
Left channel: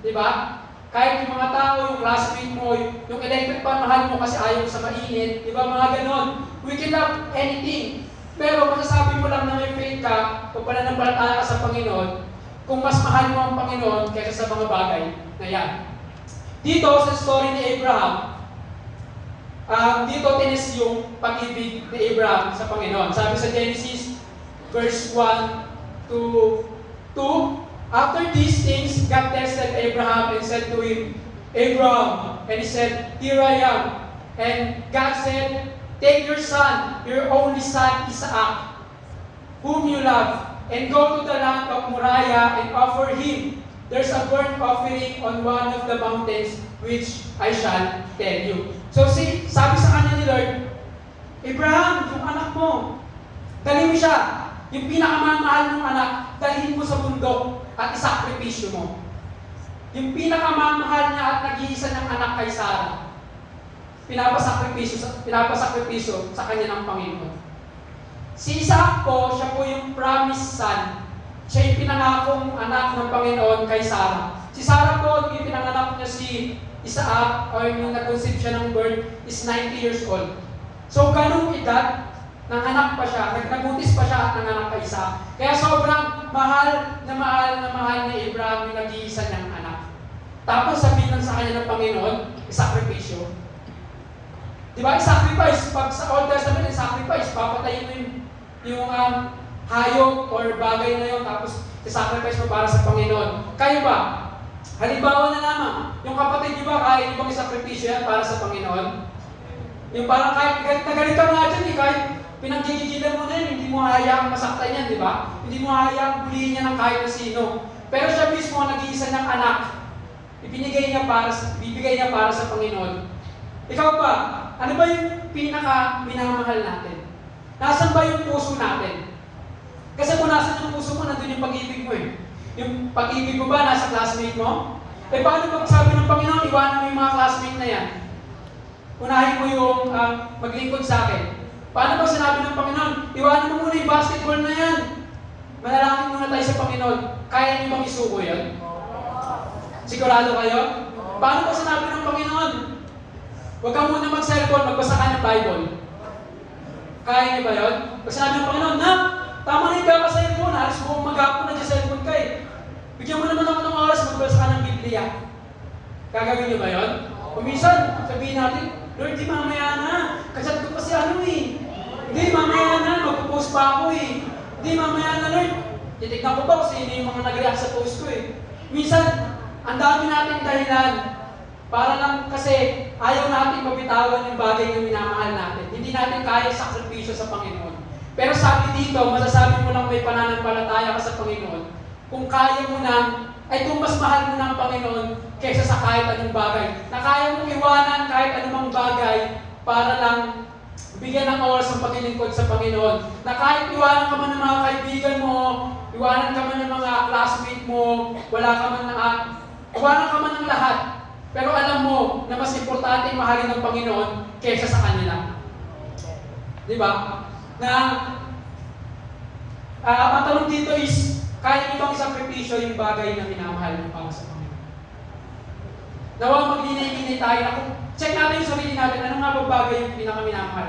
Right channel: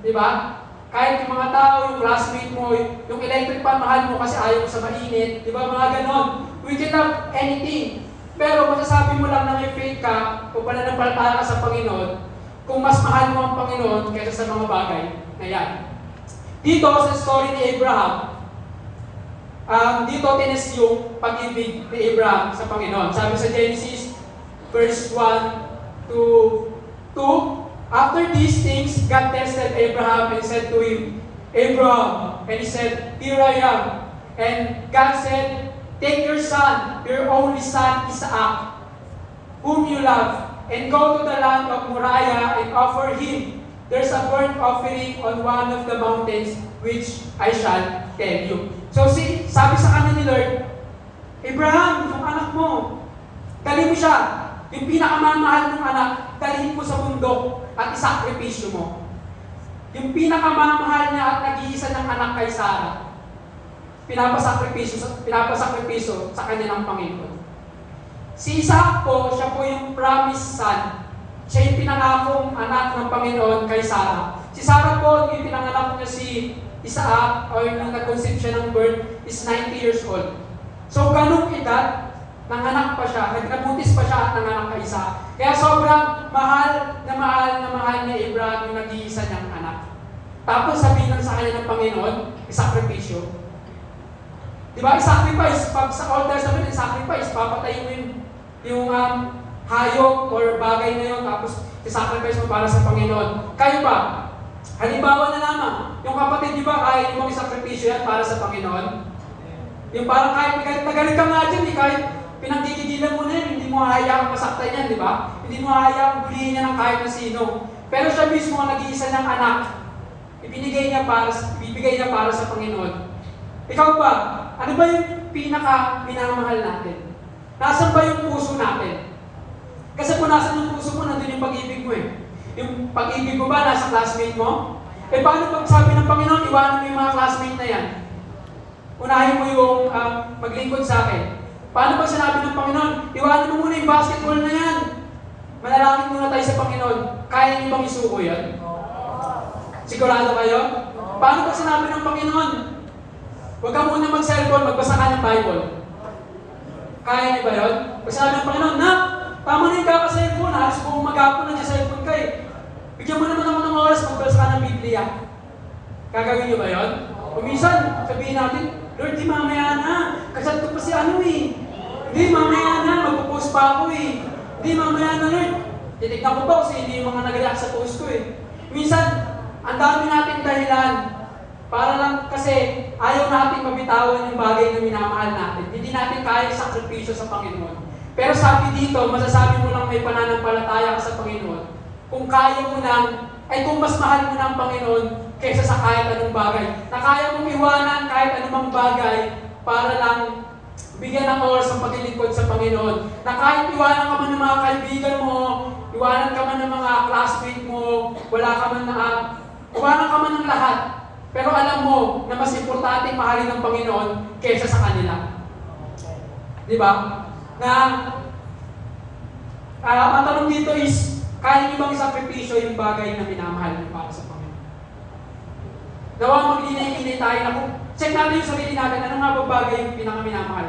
di ba? Kahit yung mga tao, yung classmate mo, yung electric fan, mahal mo kasi ayaw mo sa mainit, di ba? Mga ganon. We can love anything. Pero masasabi mo lang na may faith ka o pananampalataya ka sa Panginoon kung mas mahal mo ang Panginoon kaysa sa mga bagay na yan. Dito sa story ni Abraham, dito tines yung pag-ibig ni Abraham sa Panginoon. Sabi sa Genesis, verse 1 to 2, after these things, God tested Abraham and said to him, Abraham, and he said, here I am. And God said, take your son, your only son, Isaac, whom you love, and go to the land of Moriah and offer him. There's a burnt offering on one of the mountains which I shall tell you. So sabi sa kanya ni Lord, Abraham, yung anak mo, dalhin mo siya. Yung pinakamamahal mong anak, dalhin mo sa bundok at isakripisyo mo. Yung pinakamamahal niya at nag-iisa ng anak kay Sarah, pinapasakripisyo sa kanya ng Panginoon. Si Isaac po, siya po yung promised son. Siya yung pinangakong anak ng Panginoon kay Sarah. Si Sarah po, yung pinanganak niya si Isaac, o yung nag-conceive siya ng birth, is 90 years old. So, ganung edad, nanganak pa siya, nagbuntis pa siya at nanganak kay Isaac. Kaya sobrang mahal ni Abraham yung nag-iisa niyang anak. Tapos sabihin lang sa kanya ng Panginoon, isakripisyo. Di ba? Sacrifice. Pag sa Old Testament, sacrifice. Papatayin mo yung hayop or bagay na yun, tapos isacrifice mo para sa Panginoon. Kayo ba? Halimbawa na lamang, yung kapatid, di ba, kaya nyo bang isakripisyo yan para sa Panginoon? Yung parang kahit nagalit ka nga dyan, kahit pinanggigigilan mo na yun, hindi mo hayaang masaktan yan, di ba? Hindi mo hayaang bulihin yan ng kahit na sino. Pero siya mismo ang nag-iisa ng anak. Ibibigay niya para sa Panginoon. Ikaw ba? Ano ba yung minamahal natin? Nasaan ba yung puso natin? Kasi kung nasan yung puso mo, nandun yung pag-ibig mo eh. Yung pag-ibig mo ba nasa classmate mo? Paano pag sabi ng Panginoon, iwanan mo yung mga classmate na yan? Unahin mo yung maglingkod sa akin. Paano pag sinabi ng Panginoon, iwanan mo muna yung basketball na yan? Manalangin muna tayo sa Panginoon. Kaya niyo bang isuko yun? Sigurado kayo? Paano pag sinabi ng Panginoon, huwag ka muna mag-cellphone, magbasa ka ng Bible? Kaya niyo ba yun? Pag sinabi ng Panginoon, tama na yung kaka-cellphone, halos buong maghapon na cellphone ka eh. Bigyan mo naman ako ng oras, magbasa ka ng Biblia. Gagawin niyo ba yun? O minsan, sabihin natin, Lord, di mamaya na. Kasal ko pa si ano eh. Di mamaya na, magpo-post pa ako eh. Di mamaya na, Lord. Titignan ko ba kasi hindi yung mga nag-react sa post ko eh. Minsan, ang dami nating dahilan. Para lang kasi ayaw natin mabitawan yung bagay na minamahal natin. Hindi natin kaya sakripisyo sa Panginoon. Pero sabi dito, masasabi mo lang may pananampalataya ka sa Panginoon. Kung kaya mo na, ay kung mas mahal mo na ang Panginoon kaysa sa kahit anong bagay. Na kaya mong iwanan kahit anumang bagay para lang bigyan ng oras ang paglilingkod sa Panginoon. Na kahit iwanan ka man ng mga kaibigan mo, iwanan ka man ng mga classmate mo, wala ka man na iwanan ka man ng lahat. Pero alam mo na mas importante mahalin ng Panginoon kaysa sa kanila. Di ba? Na ang tanong dito is, kaya niyo bang isakripisyo yung bagay na minamahal niyo para sa Panginoon? Dawa maglinay-linay tayo na kung check natin yung sarili natin, ano nga ba bagay yung pinakaminamahal?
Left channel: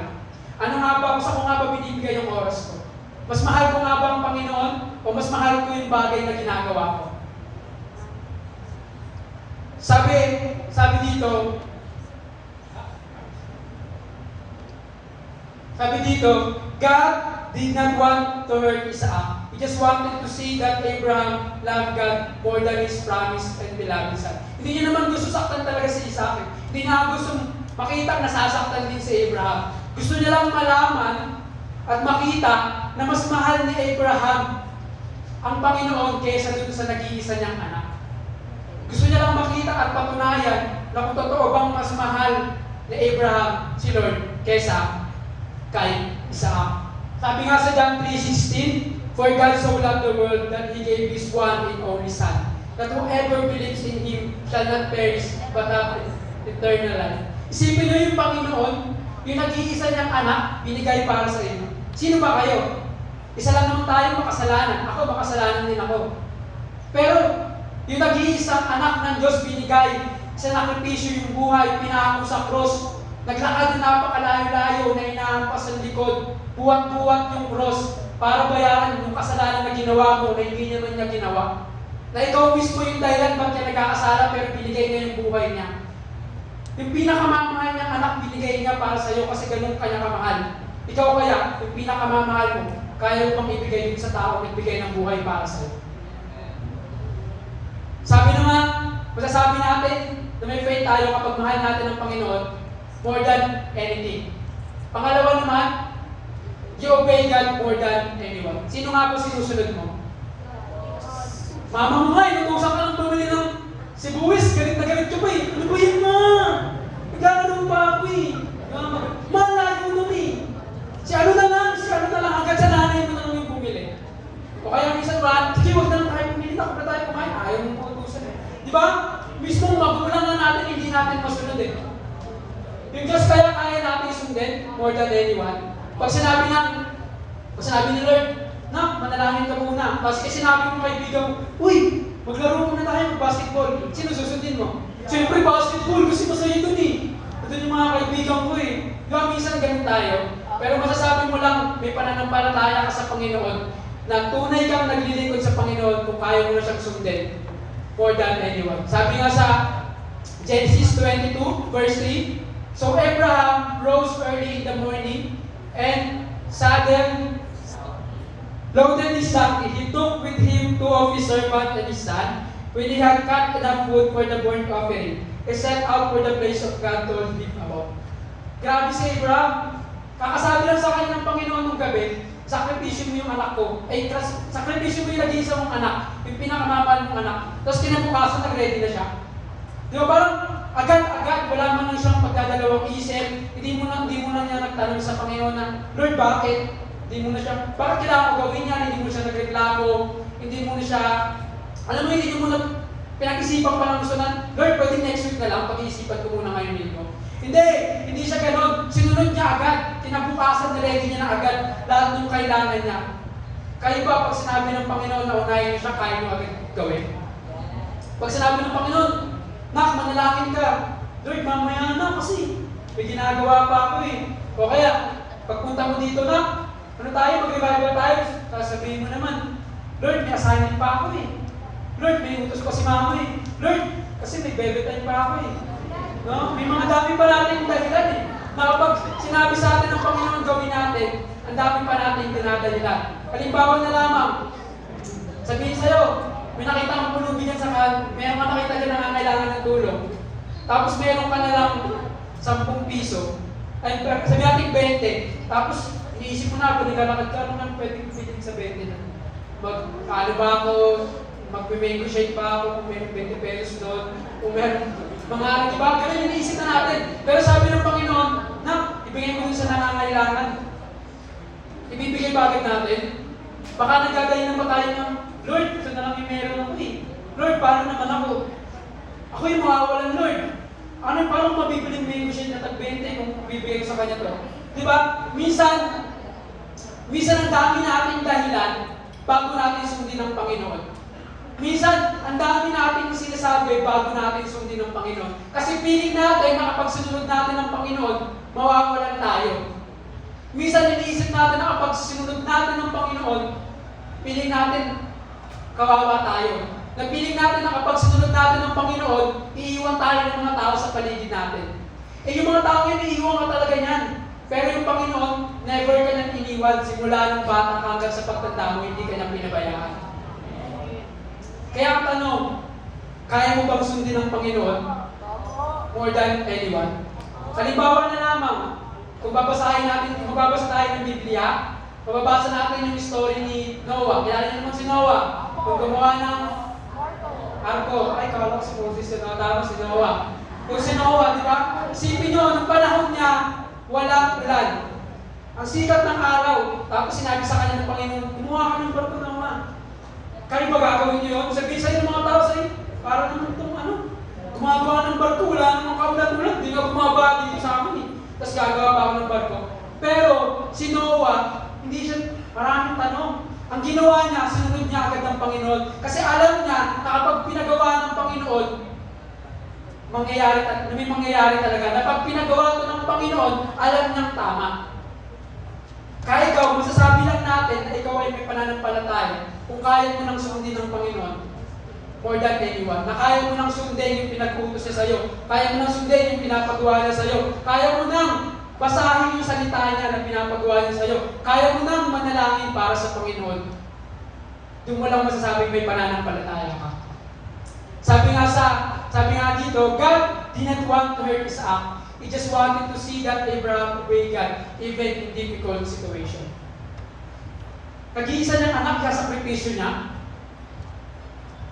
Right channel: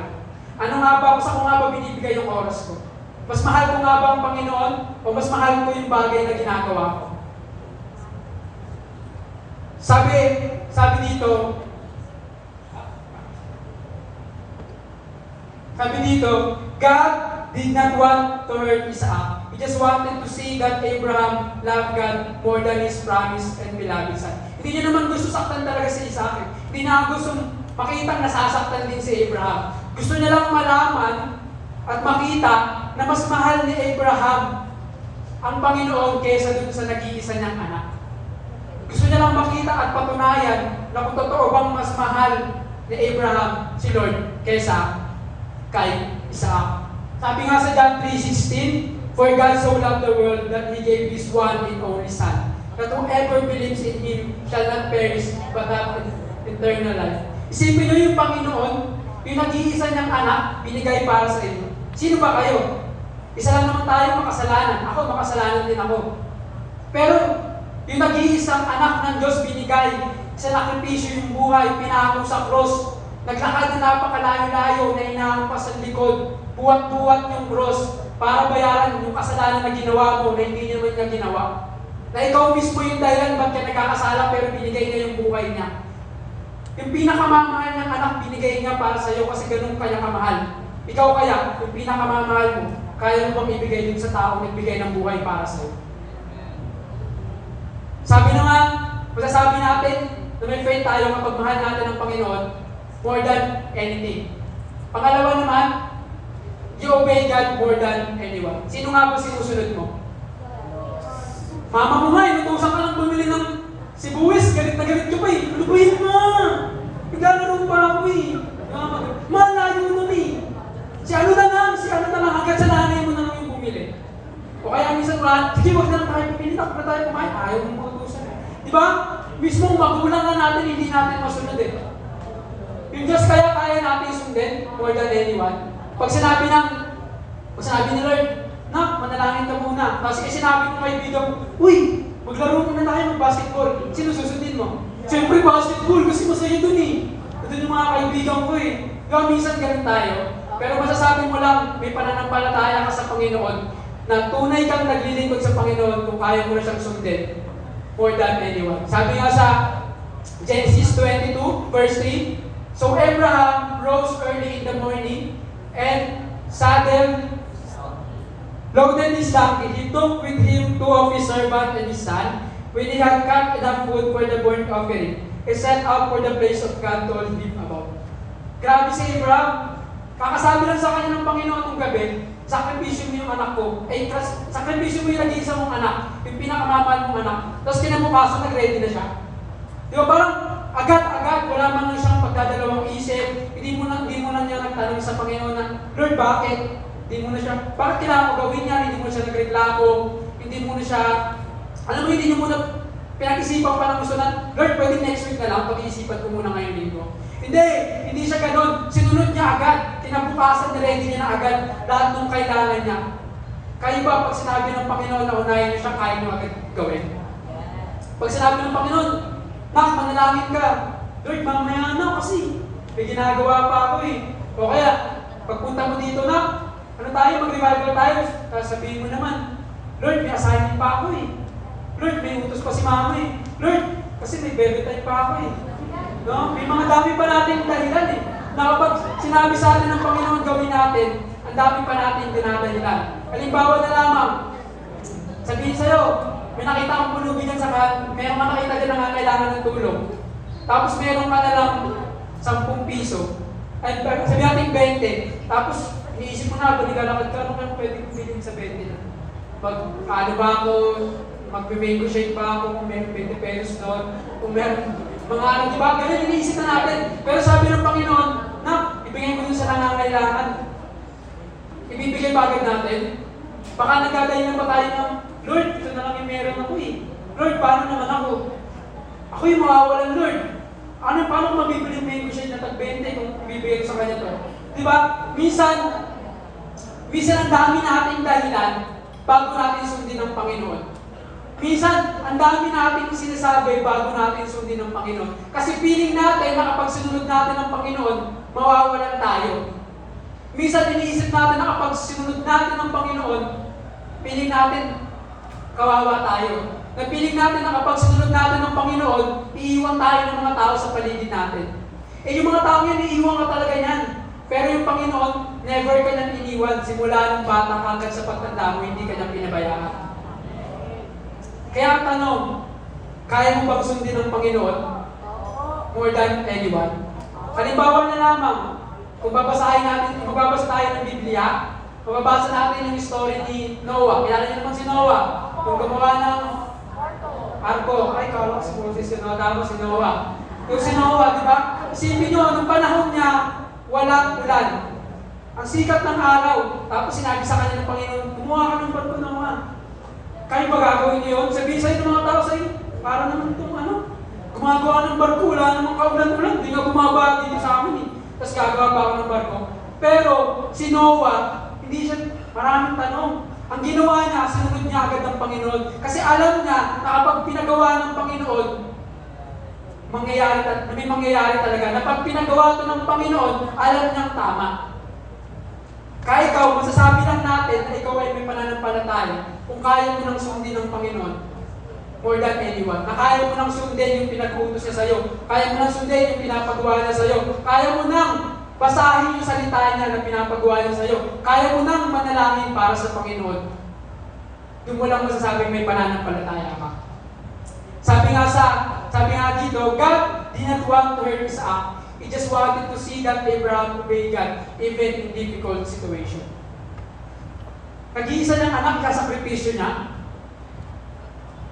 Ano nga ba, sa ko nga ba binibigay yung oras ko? Mas mahal ko nga ba ang Panginoon o mas mahal ko yung bagay na ginagawa ko? Sabi dito, God did not want to hurt Isaac. He just wanted to see that Abraham loved God more than his promised and beloved son. Hindi niya naman gusto saktan talaga si Isaac. Hindi na gusto makita nasasaktan din si Abraham. Gusto niya lang malaman at makita na mas mahal ni Abraham ang Panginoon kaysa dun sa nag-iisa niyang anak. Gusto niya lang makita at patunayan na kung totoo bang mas mahal ni Abraham si Lord kaysa kay Isaac. Sabi nga sa John 3:16, for God so loved the world that He gave His one and only Son, that whoever believes in Him shall not perish but have eternal life. Isipin niyo yung Panginoon, yung nag-iisa niyang anak, binigay para sa inyo. Sino ba kayo? Isa lang naman tayo makasalanan. Ako, makasalanan din ako. Pero, yung nag-iisang anak ng Diyos binigay, sa nakripisyo yung buhay, pinako sa cross, naglakad na napakalayo-layo na inahampas sa likod, buhat-buhat yung cross para bayaran yung kasalanan na ginawa mo na hindi naman niya ginawa. Na ikaw mismo yung dahilan ba't niya nagkakasala pero binigay niya yung buhay niya. Yung pinakamamahal niyang anak binigay niya para sa iyo kasi ganun kanya kamahal. Ikaw kaya, yung pinakamamahal mo, kaya mo bang ibigay yun sa tao na nagbigay ng buhay para sa iyo? Sabi naman, masasabi natin na may faith tayo kapag mahal natin ang Panginoon more than anything. Pangalawa naman, you obey God more than anyone. Sino nga po sinusunod mo? Mama mo nga, inutusan ka lang bumili ng sibuyas, galit na galit ka pa eh. Ano ba yun ma? Naglalaro pa ako eh. Ma, layo mo eh. Si ano na lang, hanggang sa nanay mo na lang yung bumili. O kaya minsan ba, sige, huwag na lang tayo bumili, takot na tayo kumain, ayaw mong utusan eh. Di ba? Mismo magulang na natin, hindi natin masunod eh. Yung Diyos kaya natin sundin more than anyone. Pag sinabi ni Lord, nak, manalangin ka muna. Tapos sinabi mo kaibigan mo, uy, maglaro muna tayo ng basketball. Sino susundin mo? Siyempre basketball, kasi masaya dun eh. Doon yung mga kaibigan ko eh. Diba, minsan ganun tayo. Pero masasabi mo lang, may pananampalataya ka sa Panginoon na tunay kang naglilingkod sa Panginoon kung kaya mo na siyang sundin more than anyone. Sabi nga sa Genesis 22, verse 3, so Abraham rose early in the morning and loaded his donkey. He took with him two of his servants and his son. When he had cut enough wood for the burnt offering, he set out for the place of God told him about. Grabe si Abraham. Kakasabi lang sa kanya ng Panginoon nung gabi, sakripisyo mo yung anak ko. Ay, sakripisyo mo yung nag-iisa mong anak, yung pinakamamahal mong anak. Tapos kinabukasan, nag-ready na siya. Di ba parang agad-agad, wala man lang siyang pagdadalawang isip, hindi mo na niya nagtanong sa Panginoon na, Lord, bakit? Hindi mo na siya, bakit kailangan ko gawin niya? Hindi mo na siya nagreklamo, hindi mo na siya, alam mo, hindi niya muna pinag-isipan pa ng gusto na, Lord, pwede next week na lang, pag-iisipan ko muna ngayon dito. Hindi siya ganun. Sinunod niya agad. Kinabukasan, niready niya na agad lahat ng kailangan niya. Kayo ba, pag sinabi ng Panginoon na unahin niyo siya, kaya niyo agad gawin? Pag sinabi ng Panginoon, Nak, manalangin ka. Lord, mamaya na kasi. May ginagawa pa ako eh. O kaya, pagpunta mo dito na, ano tayo, mag-revival tayo. Sabihin mo naman, Lord, may assignment pa ako eh. Lord, may utos pa si mama eh. Lord, kasi may baby time pa ako eh. No? May mga dami pa natin dahilan eh. Na kapag sinabi sa atin ng Panginoon gawin natin, ang dami pa natin dinadahilan. Halimbawa na lamang, sabihin sa'yo, may nakita akong pulubi niyan mayroong ka nakita dyan na kailangan ng tulong. Tapos meron ka na lang 10 piso. Ay, sabi natin 20. Tapos, iniisip mo na, kung naglalakad ka, ano ka pwede bilhin sa 20 na? Paano ba ako, magme-mango shake pa ako, kung meron 20 pesos doon, kung meron, mga ano, diba? Ganyan iniisip na natin. Pero sabi ng Panginoon, na, ibigay mo dun sa nangangailangan. Ibibigay ba agad natin? Baka nagdadahilan pa tayo ng, Lord, ito na lang yung meron ako eh. Lord, paano naman ako? Ako yung mawawalan, Lord. Paano mabibili mo yung shade na tag-20 kung bibigay ko sa kanya to? Diba? Minsan ang dami nating dahilan bago natin sundin ang Panginoon. Minsan, ang dami nating sinasabi bago natin sundin ang Panginoon. Kasi feeling natin na kapag sinunod natin ang Panginoon, mawawalan tayo. Minsan, iniisip natin na kapag sinunod natin ang Panginoon, feeling natin, kawawa tayo. Napiling natin na kapag sinunod natin ng Panginoon, iiwan tayo ng mga tao sa paligid natin. Yung mga tao yan, iiwan ka talaga yan. Pero yung Panginoon, never ka niyang iniwan. Simula ng bata hanggang sa pagtanda mo, hindi ka niyang pinabayaan. Kaya ang tanong, kaya mo bang sundin ng Panginoon? More than anyone? Halimbawa na lamang, kung magbabasa tayo ng Biblia, mababasa natin yung story ni Noah. Kilala niyo naman si Noah. Kung gumawa ng arko, ay kala ko si Moses si Noah, tapos si Noah. Yung si Noah, di ba? Isipin nyo, nung panahon niya, walang ulan. Ang sikat ng araw, tapos sinabi sa kanya ng Panginoon, gumawa ka ng barko, Noah. Kayo ba gagawin niyo yun? Sabihin sa'yo ng mga tao sa'yo, para naman itong gumagawa ng barko, wala namang kaulan-ulan, di nga bumaba dito sa amin eh. Tapos gagawa pa ako ng barko. Pero si Noah, hindi siya, maraming tanong. Ang ginawa niya, sinunod niya agad ng Panginoon. Kasi alam niya na kapag pinagawa ng Panginoon, may mangyayari talaga. Na pag pinagawa ito ng Panginoon, alam niyang tama. Kaya ikaw, masasabi lang natin na ikaw ay may pananampalataya kung kaya mo nang sundin ng Panginoon more than anyone. Na kaya mo nang sundin yung pinag-uutos niya sa'yo. Kaya mo nang sundin yung pinapagawa niya sa'yo. Kaya mo nang basahin yung salita niya na pinapagawa niya sa'yo. Kaya mo nang manalangin para sa Panginoon. Doon mo lang masasabing may pananampalataya ka. Sabi nga dito, God did not want to hurt Isaac. He just wanted to see that Abraham obeyed God even in difficult situation. Nag-iisa niyang anak, kasakripisyo niya.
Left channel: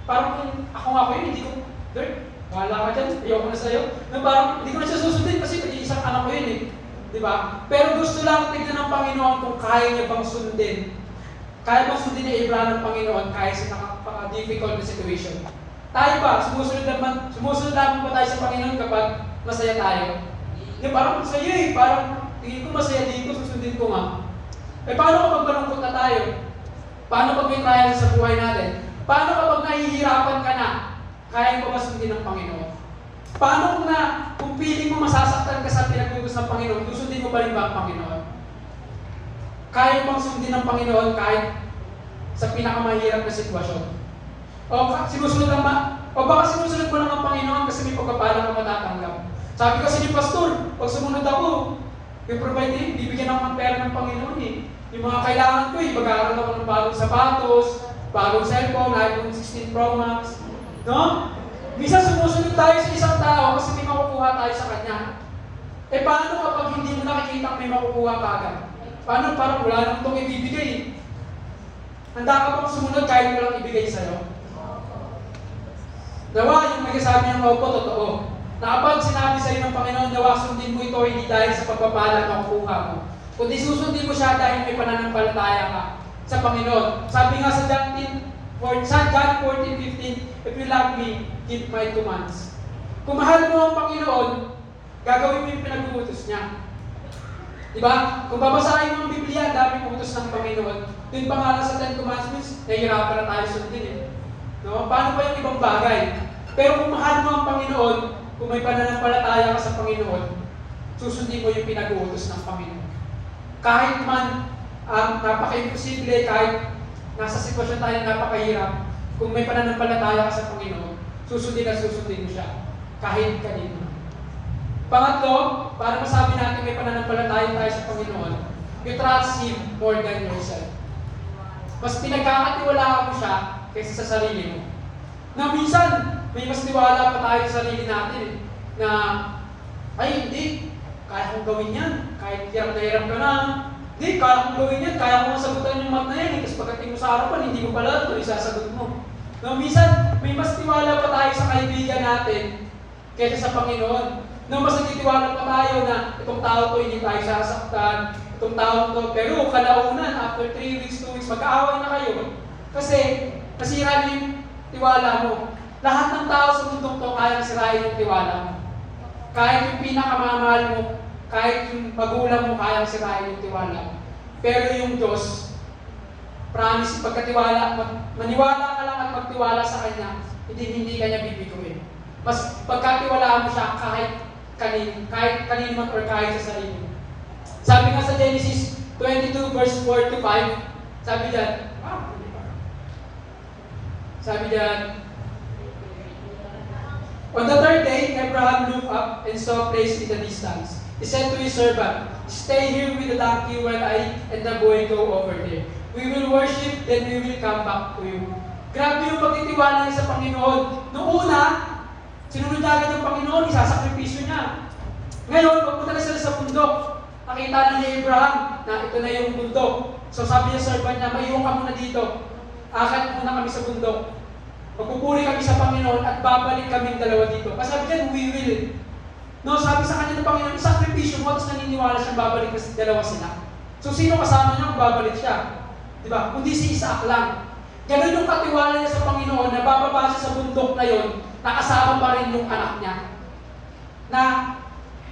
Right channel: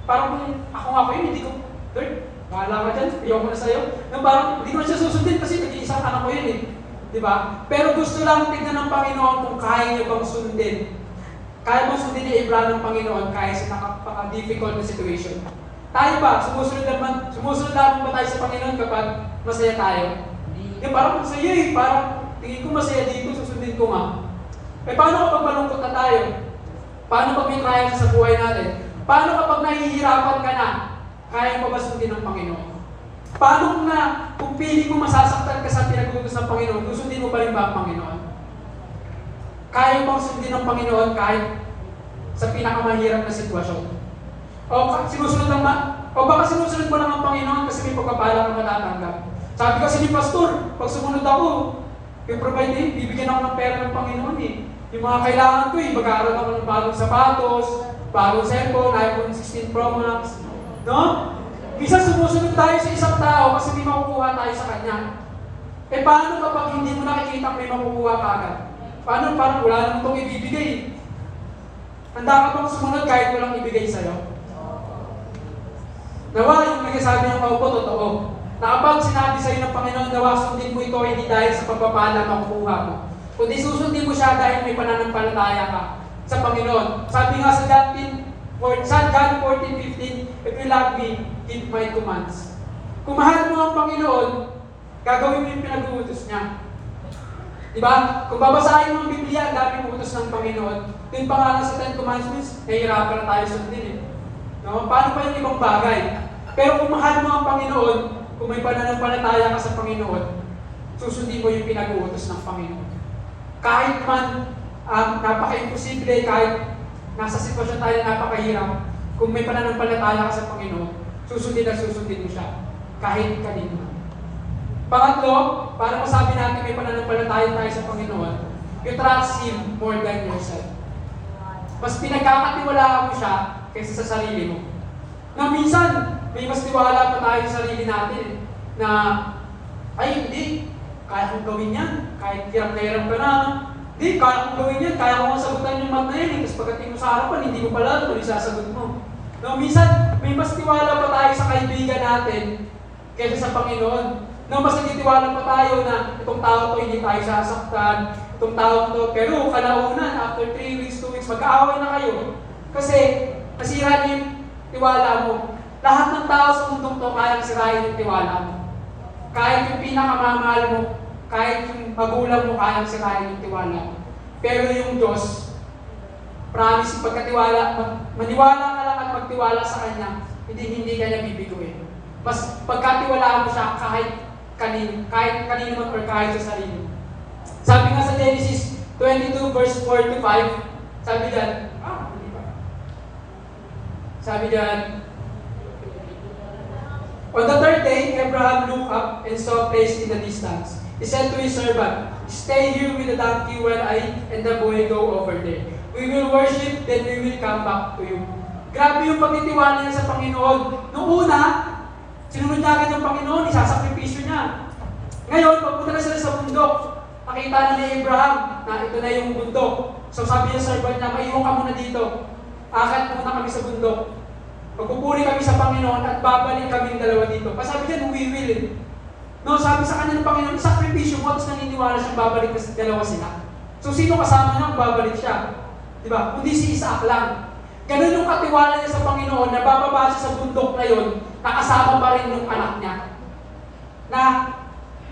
Parang ako yun, hindi ko, Lord, bahala ka dyan, ayoko na sa'yo. Parang hindi ko na siya susundin kasi nag-iisang anak ko yun eh. Diba? Pero gusto lang tignan ng Panginoon kung kaya niya bang sundin. Kaya bang sundin ni Abraham ng Panginoon kahit sa napaka-difficult na situation. Tayo ba? Sumusunod lang ba tayo sa Panginoon kapag masaya tayo? Parang masaya eh. Parang tingin ko masaya dito, susundin ko nga. Paano kapag malungkot na tayo? Paano pag may trial sa buhay natin? Paano kapag nahihirapan ka na? Kaya mo ba sundin ng Panginoon? Paano kung pili mo masasaktan ka sa pinag-utos ng Panginoon, susundin mo pa rin ba ang Panginoon? Kaya mo bang sundin ng Panginoon kahit sa pinakamahirap na sitwasyon? O baka sinusunod mo lang ang Panginoon kasi may pagpapala kang matatanggap. Sabi kasi ni Pastor, pag sumunod ako, i-provide din, bibigyan ako ng pera ng Panginoon eh. Yung mga kailangan ko eh, mag-aaral ako ng bagong sapatos, bagong cellphone, iPhone 16 Pro Max. No? Minsan sumusunod tayo sa isang tao kasi may makukuha tayo sa kanya. Eh paano kapag hindi mo nakikita may makukuha ka agad? Paano parang wala naman itong ibibigay? Handa ka bang sumunod kahit walang ibigay sa'yo? Nawa, yung nagsasabi ng maupo, totoo. Na kapag sinabi sa'yo ng Panginoon, nawa, sundin mo ito hindi dahil sa pagpapala na makukuha mo. Kundi susundin mo siya dahil may pananampalataya ka sa Panginoon. Sabi nga sa John 14:15, if you love me, keep my commands. Kung mahal mo ang Panginoon, gagawin mo yung pinag-uutos niya. Diba? Kung babasahin mo ang Biblia, ang daming utos ng Panginoon. Yung pangalan sa 10 Commandments, nahihirapan na tayo sundin eh. No? Paano pa yung ibang bagay? Pero kung mahal mo ang Panginoon, kung may pananampalataya ka sa Panginoon, susundin mo yung pinag-uutos ng Panginoon. Kahit man napaka-imposible, kahit nasa sitwasyon tayo napakahirap, kung may pananampalataya ka sa Panginoon, susundin mo siya. Kahit kanino. Pangatlo, para masabi natin may pananampalataya tayo sa Panginoon, you trust Him more than yourself. Mas pinagkakatiwalaan mo siya kaysa sa sarili mo. Na minsan, may mas tiwala pa tayo sa sarili natin eh, na, ay hindi, kaya kong gawin yan, kahit hirap ka na, hindi, kaya kong gawin yan, kaya kong sagutan yung mat na yan, tapos pagdating mo sa harapan, hindi mo pala ito isasagot mo. No, minsan, may mas tiwala pa tayo sa kaibigan natin kaysa sa Panginoon. No, mas nagtitiwala pa tayo na itong tao to hindi tayo sasaktan, itong tao to, pero kalaunan, after 3 weeks, 2 weeks, mag-aaway na kayo. Kasi, nasira niyo yung tiwala mo. Lahat ng tao sa mundong to, kayang sirain yung tiwala mo. Kahit yung pinakamamahal mo, kahit yung magulang mo, kayang sirain yung tiwala mo. Pero yung Diyos, promise, maniwala ka lang at magtiwala sa Kanya, hindi ka niya bibiguin. Mas pagkatiwalaan mo siya kahit kanino man or kahit sa sarili mo. Sabi nga sa Genesis 22 verse 4 to 5, sabi diyan, on the third day, Abraham looked up and saw a place in the distance. He said to his servant, stay here with the donkey while I and the boy go over there. We will worship, then we will come back to you. Grabe yung pagtitiwala niya sa Panginoon. Noong una, sinunod niya agad ng Panginoon, isasakripisyo niya. Ngayon, pagpunta na sila sa bundok, nakita na ni Abraham na ito na yung bundok. So sabi niya sa servant niya, maiiwan ka muna dito. Akit muna kami sa bundok. Magpupuri kami sa Panginoon at babalik kami dalawa dito. Kasi sabi niya, we will. No, sabi sa kanya ng Panginoon, sakripisyo mo, tapos naniniwala siyang babalik na dalawa sila. So sino kasama niya kung babalik siya? Diba? Kundi si Isaac lang. Ganun yung katiwala niya sa Panginoon na bababa siya sa bundok na yun, nakasama pa rin yung anak niya. Na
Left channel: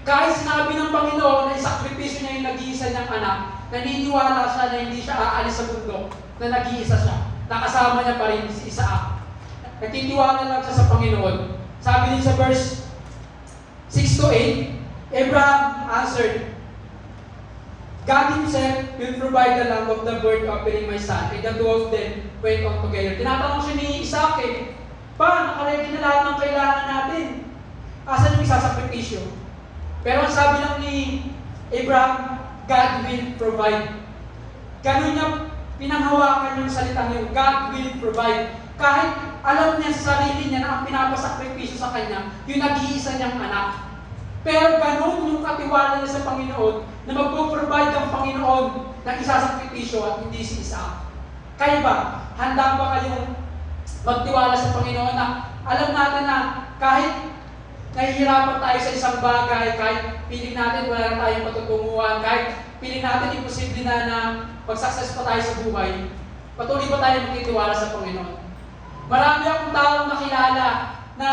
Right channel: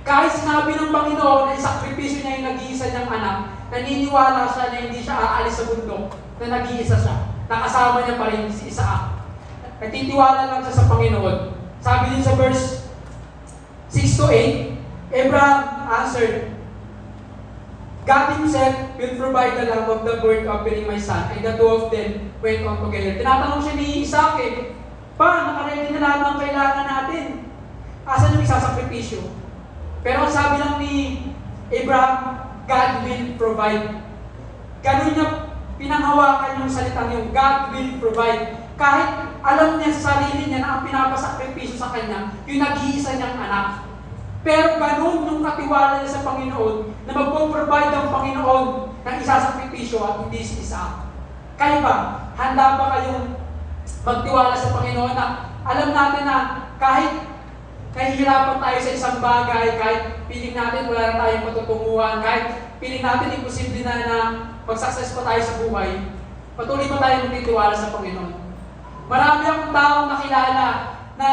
kahit sinabi ng Panginoon na isakripisyo niya yung nag-iisa niyang anak, naniniwala siya na hindi siya aalis sa bundok, na nag-iisa siya. Nakasama niya pa rin si Isaac. Nagtitiwala lang siya sa Panginoon. Sabi din sa verse 6 to 8, Abraham answered, God Himself will provide the lamb of the burnt offering my son, and the two of them went on together. Tinatanong siya ni Isaac nakaready na lahat ng kailangan natin. Asan yung isasakripisyo? Pero ang sabi lang ni Abraham, God will provide. Ganun niya pinanghawakan yung salitang yung God will provide. Kahit alam niya sa sarili niya na ang pinapasakripisyo sa kanya, yung nag-iisa niyang anak. Pero ganun yung katiwala niya sa Panginoon na magpo-provide ang Panginoon ng isasakripisyo at hindi si Isaac. Kayo ba? Handa ba kayong magtiwala sa Panginoon na alam natin na kahit nahihirapan tayo sa isang bagay, kahit piling natin wala na tayong matutunguhan, kahit piling natin imposible na mag-success pa tayo sa buhay, patuloy pa tayo magtitiwala sa Panginoon. Marami akong taong nakilala na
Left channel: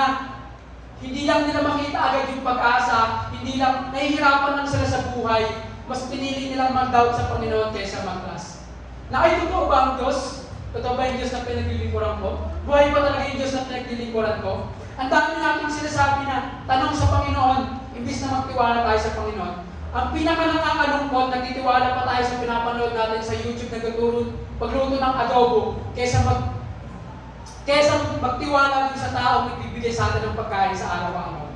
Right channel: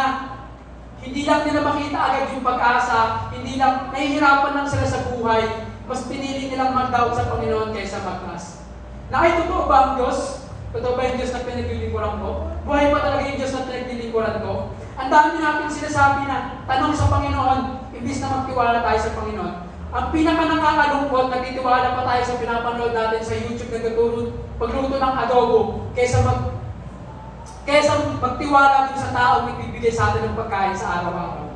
hindi lang nila makita agad yung pag-asa, hindi lang, nahihirapan lang sila sa buhay, mas pinili nilang mag-doubt sa Panginoon kaysa mag-trust. Na ay, totoo ba ang Diyos? Totoo ba yung Diyos na pinaglilingkuran ko? Buhay pa talaga yung Diyos na pinaglilingkuran ko? Ang dami natin sinasabi na tanong sa Panginoon, imbis na magtiwala tayo sa Panginoon. Ang pinaka-nakakalungkot, nagtitiwala pa tayo sa pinapanood natin sa YouTube nagtuturo pagluto ng adobo, kaysa magtiwala din sa taong nagbibigay sa atin ng pagkain sa araw-araw.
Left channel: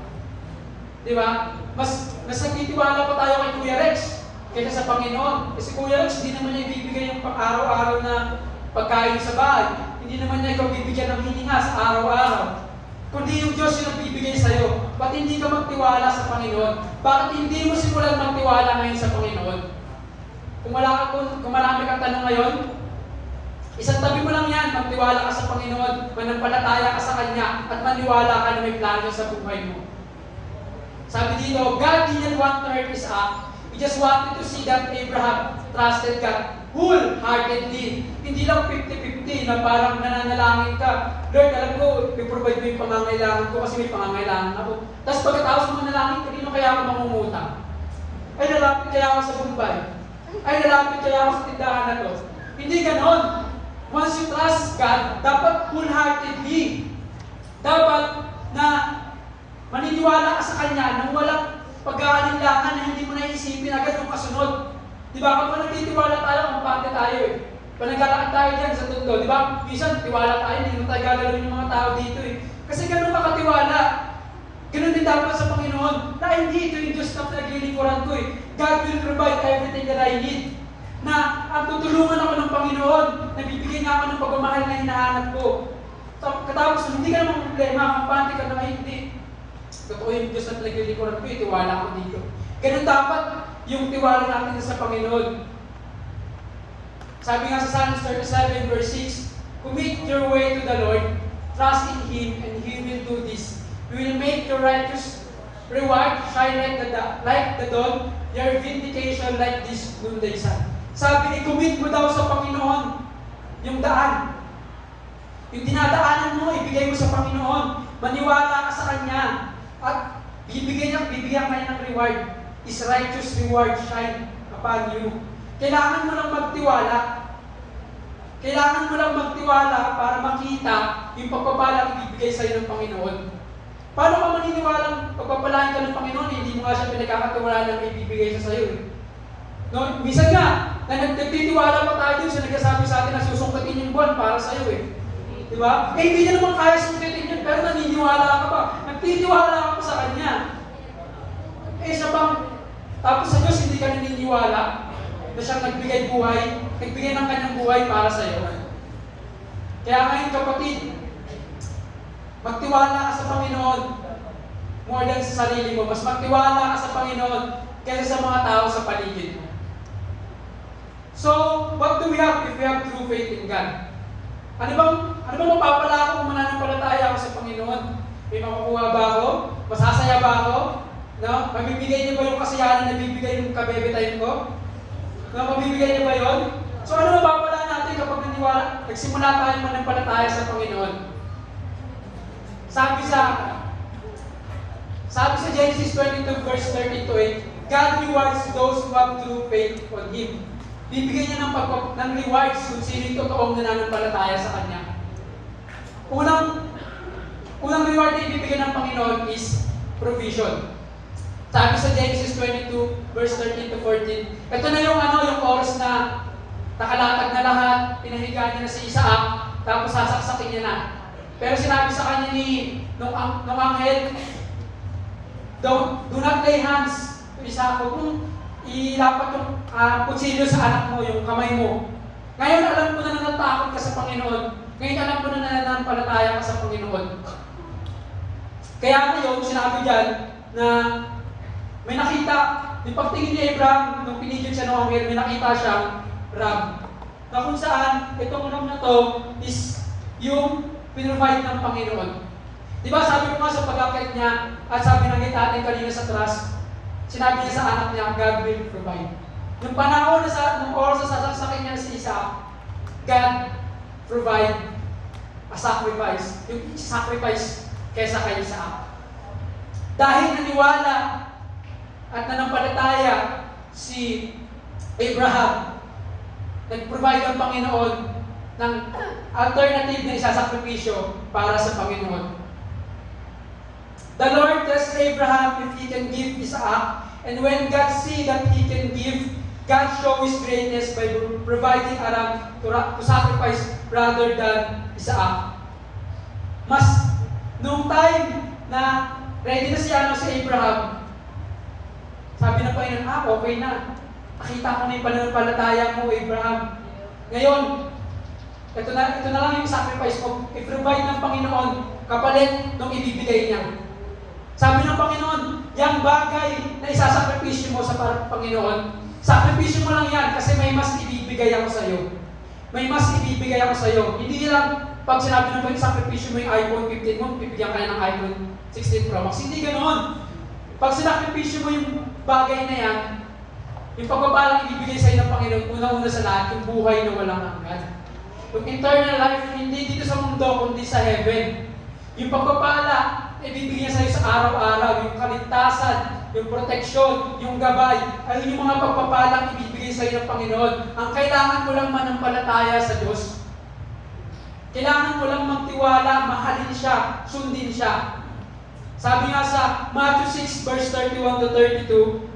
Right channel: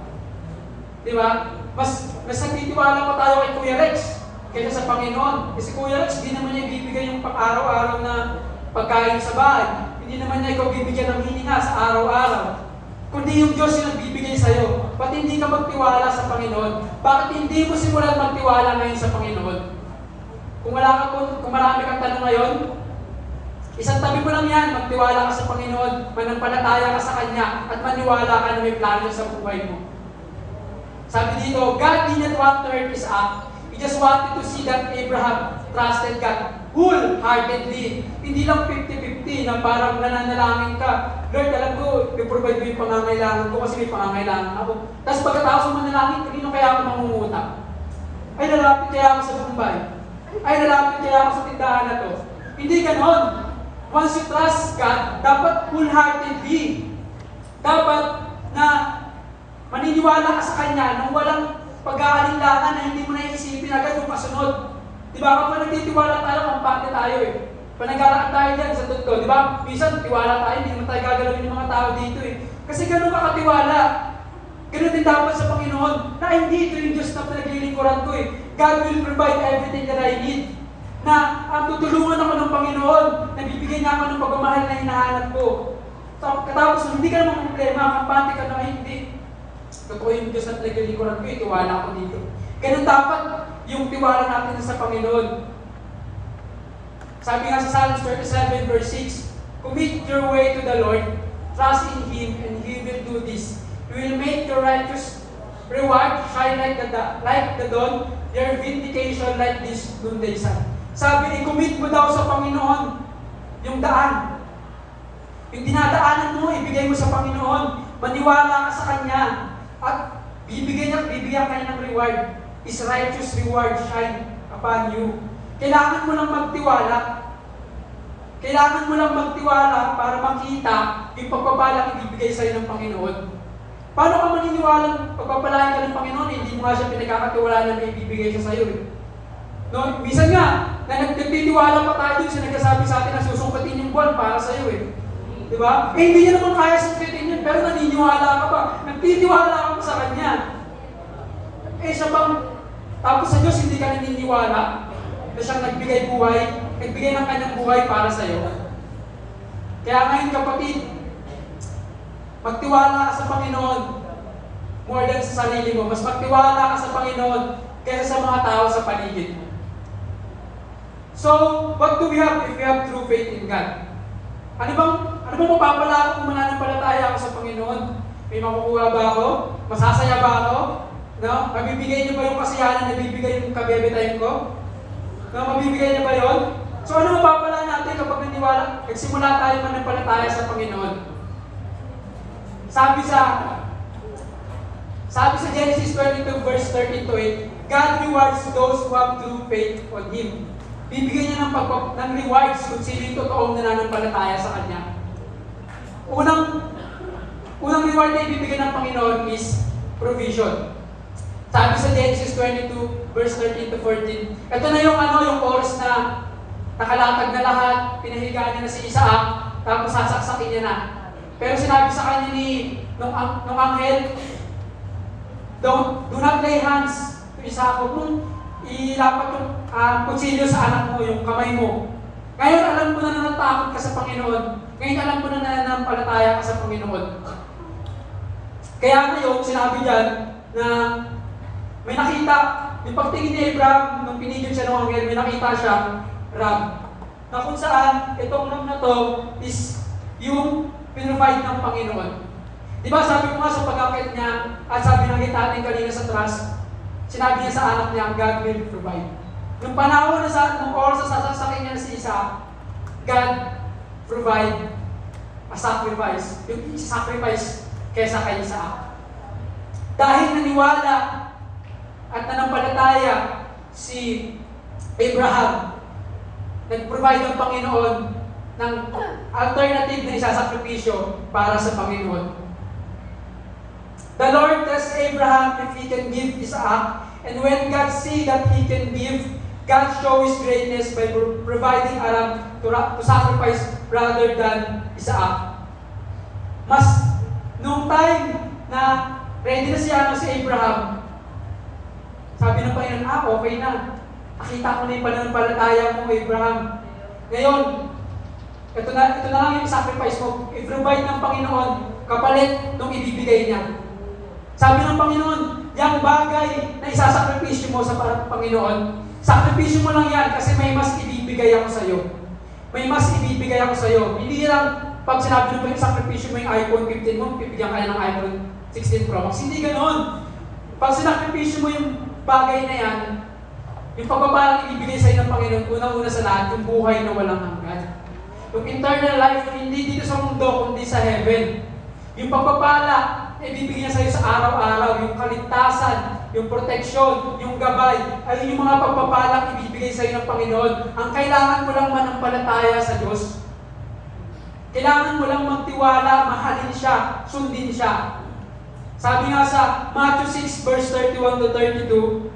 Di ba? Mas nagtitiwala pa tayo kay Kuya Rex kaysa sa Panginoon. Kasi Kuya Rex, hindi naman niya ibibigay yung pang-araw-araw na pagkain sa bahay. Hindi naman niya ikaw bibigyan ng hininga sa araw-araw. kundi yung Diyos yung nagbibigay sa'yo. Ba't hindi ka magtiwala sa Panginoon? Bakit hindi mo simulan magtiwala ngayon sa Panginoon? Kung marami kang tanong ngayon, isang tabi mo lang yan, magtiwala ka sa Panginoon, manampalataya ka sa Kanya, at maniwala ka na may plano sa buhay mo. Sabi dito, God didn't want to hurt Isaac. He just wanted to see that Abraham trusted God wholeheartedly. Hindi lang 50-50 na parang nananalangin ka. Lord, alam ko, i-provide mo yung pangangailangan ko kasi may pangangailangan ako. Tapos pagkatapos mo manalangin, kanino kaya ako mangungutang? Ay, lalapit kaya ako sa Bombay. Ay, lalapit kaya ako sa tindahan na to. Hindi ganon. Once you trust God, dapat wholeheartedly. Dapat na maniniwala ka sa Kanya nang walang pag-aalinlangan na hindi mo naisipin agad yung kasunod. Di ba? Kapag nagtitiwala tayo, kampante tayo eh. Pag naglalakad tayo dyan sa tutlo, di ba? Minsan, tiwala tayo, hindi naman tayo gagalawin yung mga tao dito eh. Kasi ganun ka katiwala. Ganun din dapat sa Panginoon. Na hindi ito yung Diyos na pinaglilingkuran ko eh. God will provide everything that I need. Na ang tutulungan ako ng Panginoon, nabibigyan niya ako ng pagmamahal na hinahanap ko. Katapos, hindi ka naman problema, kampante ka na hindi. Totoo yung Diyos na pinaglilingkuran ko eh, tiwala ako dito. Ganun dapat yung tiwala natin sa Panginoon. Sabi nga sa Psalms 37 verse 6, commit your way to the Lord, trust in Him, and He will do this. He will make your righteous reward shine like the dawn, your vindication like this noonday sun. Sabi, i-commit mo daw sa Panginoon yung daan. Yung dinadaanan mo, ibigay mo sa Panginoon. Maniwala ka sa Kanya. At bibigyan ka niya ng reward. His righteous reward shine upon you. Kailangan mo lang magtiwala. Kailangan mo lang magtiwala para makita yung pagpapalang ibibigay sa'yo ng Panginoon. Paano ka maniniwalang pagpapalain ka ng Panginoon? Hindi mo nga siya pinagkakatiwalaan na may ibibigay siya sa'yo eh. No? Minsan nga, nagtitiwala pa tayo dun siya nagsasabi sa atin na susungkatin yung buwan para sa'yo eh. Di ba? Eh, hindi niya naman kaya sungkitin yun, pero naniniwala ka pa. Nagtitiwala ka pa sa Kanya. Eh, siya bang tapos sa Diyos, hindi ka naniniwala na siyang nagbigay buhay, nagbigay ng kanyang buhay para sa iyo. Kaya ngayon kapatid, magtiwala ka sa Panginoon more than sa sarili mo. Mas magtiwala ka sa Panginoon kaysa sa mga tao sa paligid mo. So, what do we have if we have true faith in God? Ano bang mapapala kung mananampalataya ako sa Panginoon? May makukuha ba ako? Masasaya ba ako? No? Mabibigay niyo ba yung kasiyahan na bibigay yung kabebetayin ko? No? Mabibigay niyo ba yun? So ano mapapala natin kapag nagsimula tayo manampalataya sa Panginoon? Sabi sa Genesis 22 verse 13 to 8, God rewards those who have true faith on Him. Bibigyan niya ng rewards kung sino yung totoong nananampalataya sa Kanya. Unang reward na ibibigyan ng Panginoon is provision. Sabi sa Genesis 22, verse 13 to 14, ito na yung oras na nakalatag na lahat, pinahigaan niya na si Isaac, tapos sasaksakin niya na. Pero sinabi sa kanya ng anghel, do not lay hands to Isaac, kung ilapat yung kutsilyo sa anak mo, yung kamay mo. Ngayon alam mo na natakot ka sa Panginoon. Ngayon alam mo na nananampalataya ka sa Panginoon. Kaya ngayon, sinabi dyan na may nakita, yung pagtingin ni Abraham, nung pinigil siya ng anghel, may nakita siyang ram. Na kung saan, itong ram na to is yung pinrovide ng Panginoon. Di ba sabi ko nga sa pag-akit niya, at sabi ng natin kanina sa trust, sinabi niya sa anak niya, God will provide. Nung panahon nung oras sa sasasakin niya na si Isaac, God provide a sacrifice. Yung sacrifice kesa kay Isaac. Dahil naniwala at nanampalataya si Abraham, nag-provide ang Panginoon ng alternative na isasakripisyo para sa Panginoon. The Lord tests Abraham if he can give Isaac, and when God see that he can give, God show His greatness by providing a ram to sacrifice rather than Isaac. Nung time na ready na si Abraham, sabi ng Panginoon, okay na. Nakita ko na yung pananampalataya mo, Abraham. Ngayon, ito na lang yung sacrifice mo. I-provide ng Panginoon kapalit nung ibibigay niya. Sabi ng Panginoon, yung bagay na isasakripisyo mo sa Panginoon, sakripisyo mo lang yan kasi may mas ibibigay ako sa iyo. May mas ibibigay ako sa iyo. Hindi lang pag sinabi ng sakripisyo mo yung iPhone 15 mo, bibigyan ka ng iPhone 16 Pro Max. Hindi ganoon. Pag sinakripisyo mo yung bagay na yan, yung pagpapalang ibibigay sa iyo ng Panginoon, una-una sa lahat, yung buhay na walang hanggan. Yung eternal life, hindi dito sa mundo, kundi sa heaven. Yung pagpapala, ibibigay niya sa iyo sa araw-araw, yung kaligtasan, yung proteksyon, yung gabay, ay yung mga pagpapalang ibibigay sa iyo ng Panginoon. Ang kailangan mo lang manampalataya sa Diyos. Kailangan mo lang magtiwala, mahalin siya, sundin siya. Sabi nga sa Matthew 6 verse 31 to 32,